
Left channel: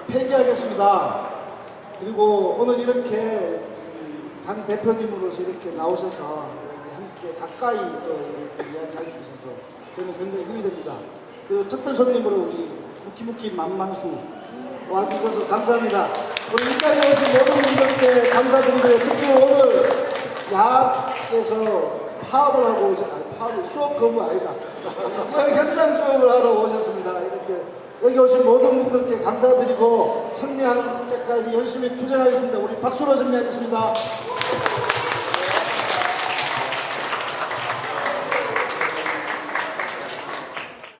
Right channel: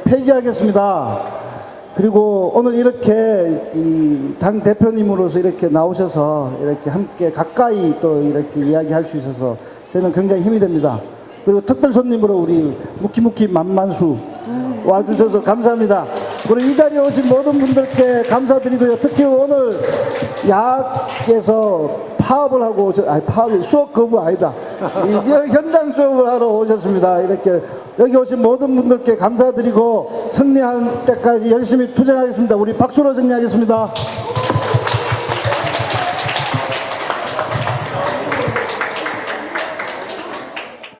폐지하겠습니다. 그리고 오늘 이렇게 당 대표님으로서 이렇게 나오셔서 이렇게 함께 가까이 또 이렇게 이야기할 수 있어서 저는 굉장히 힘이 됩니다. 그리고 특별 손님으로 우리 무키무키 만만수 와주셔서 감사합니다. 그리고 이 자리에 오신 모든 분들께 감사드리고요. 특히 오늘 야학에서 파업을 하고 파업이 수업 거부 아니다. 이 현장 수업을 하러 오셨습니다. 이렇게 여기 오신 모든 분들께 감사드리고 승리할 때까지 열심히 투쟁하겠습니다. 우리 박수로 정리하겠습니다.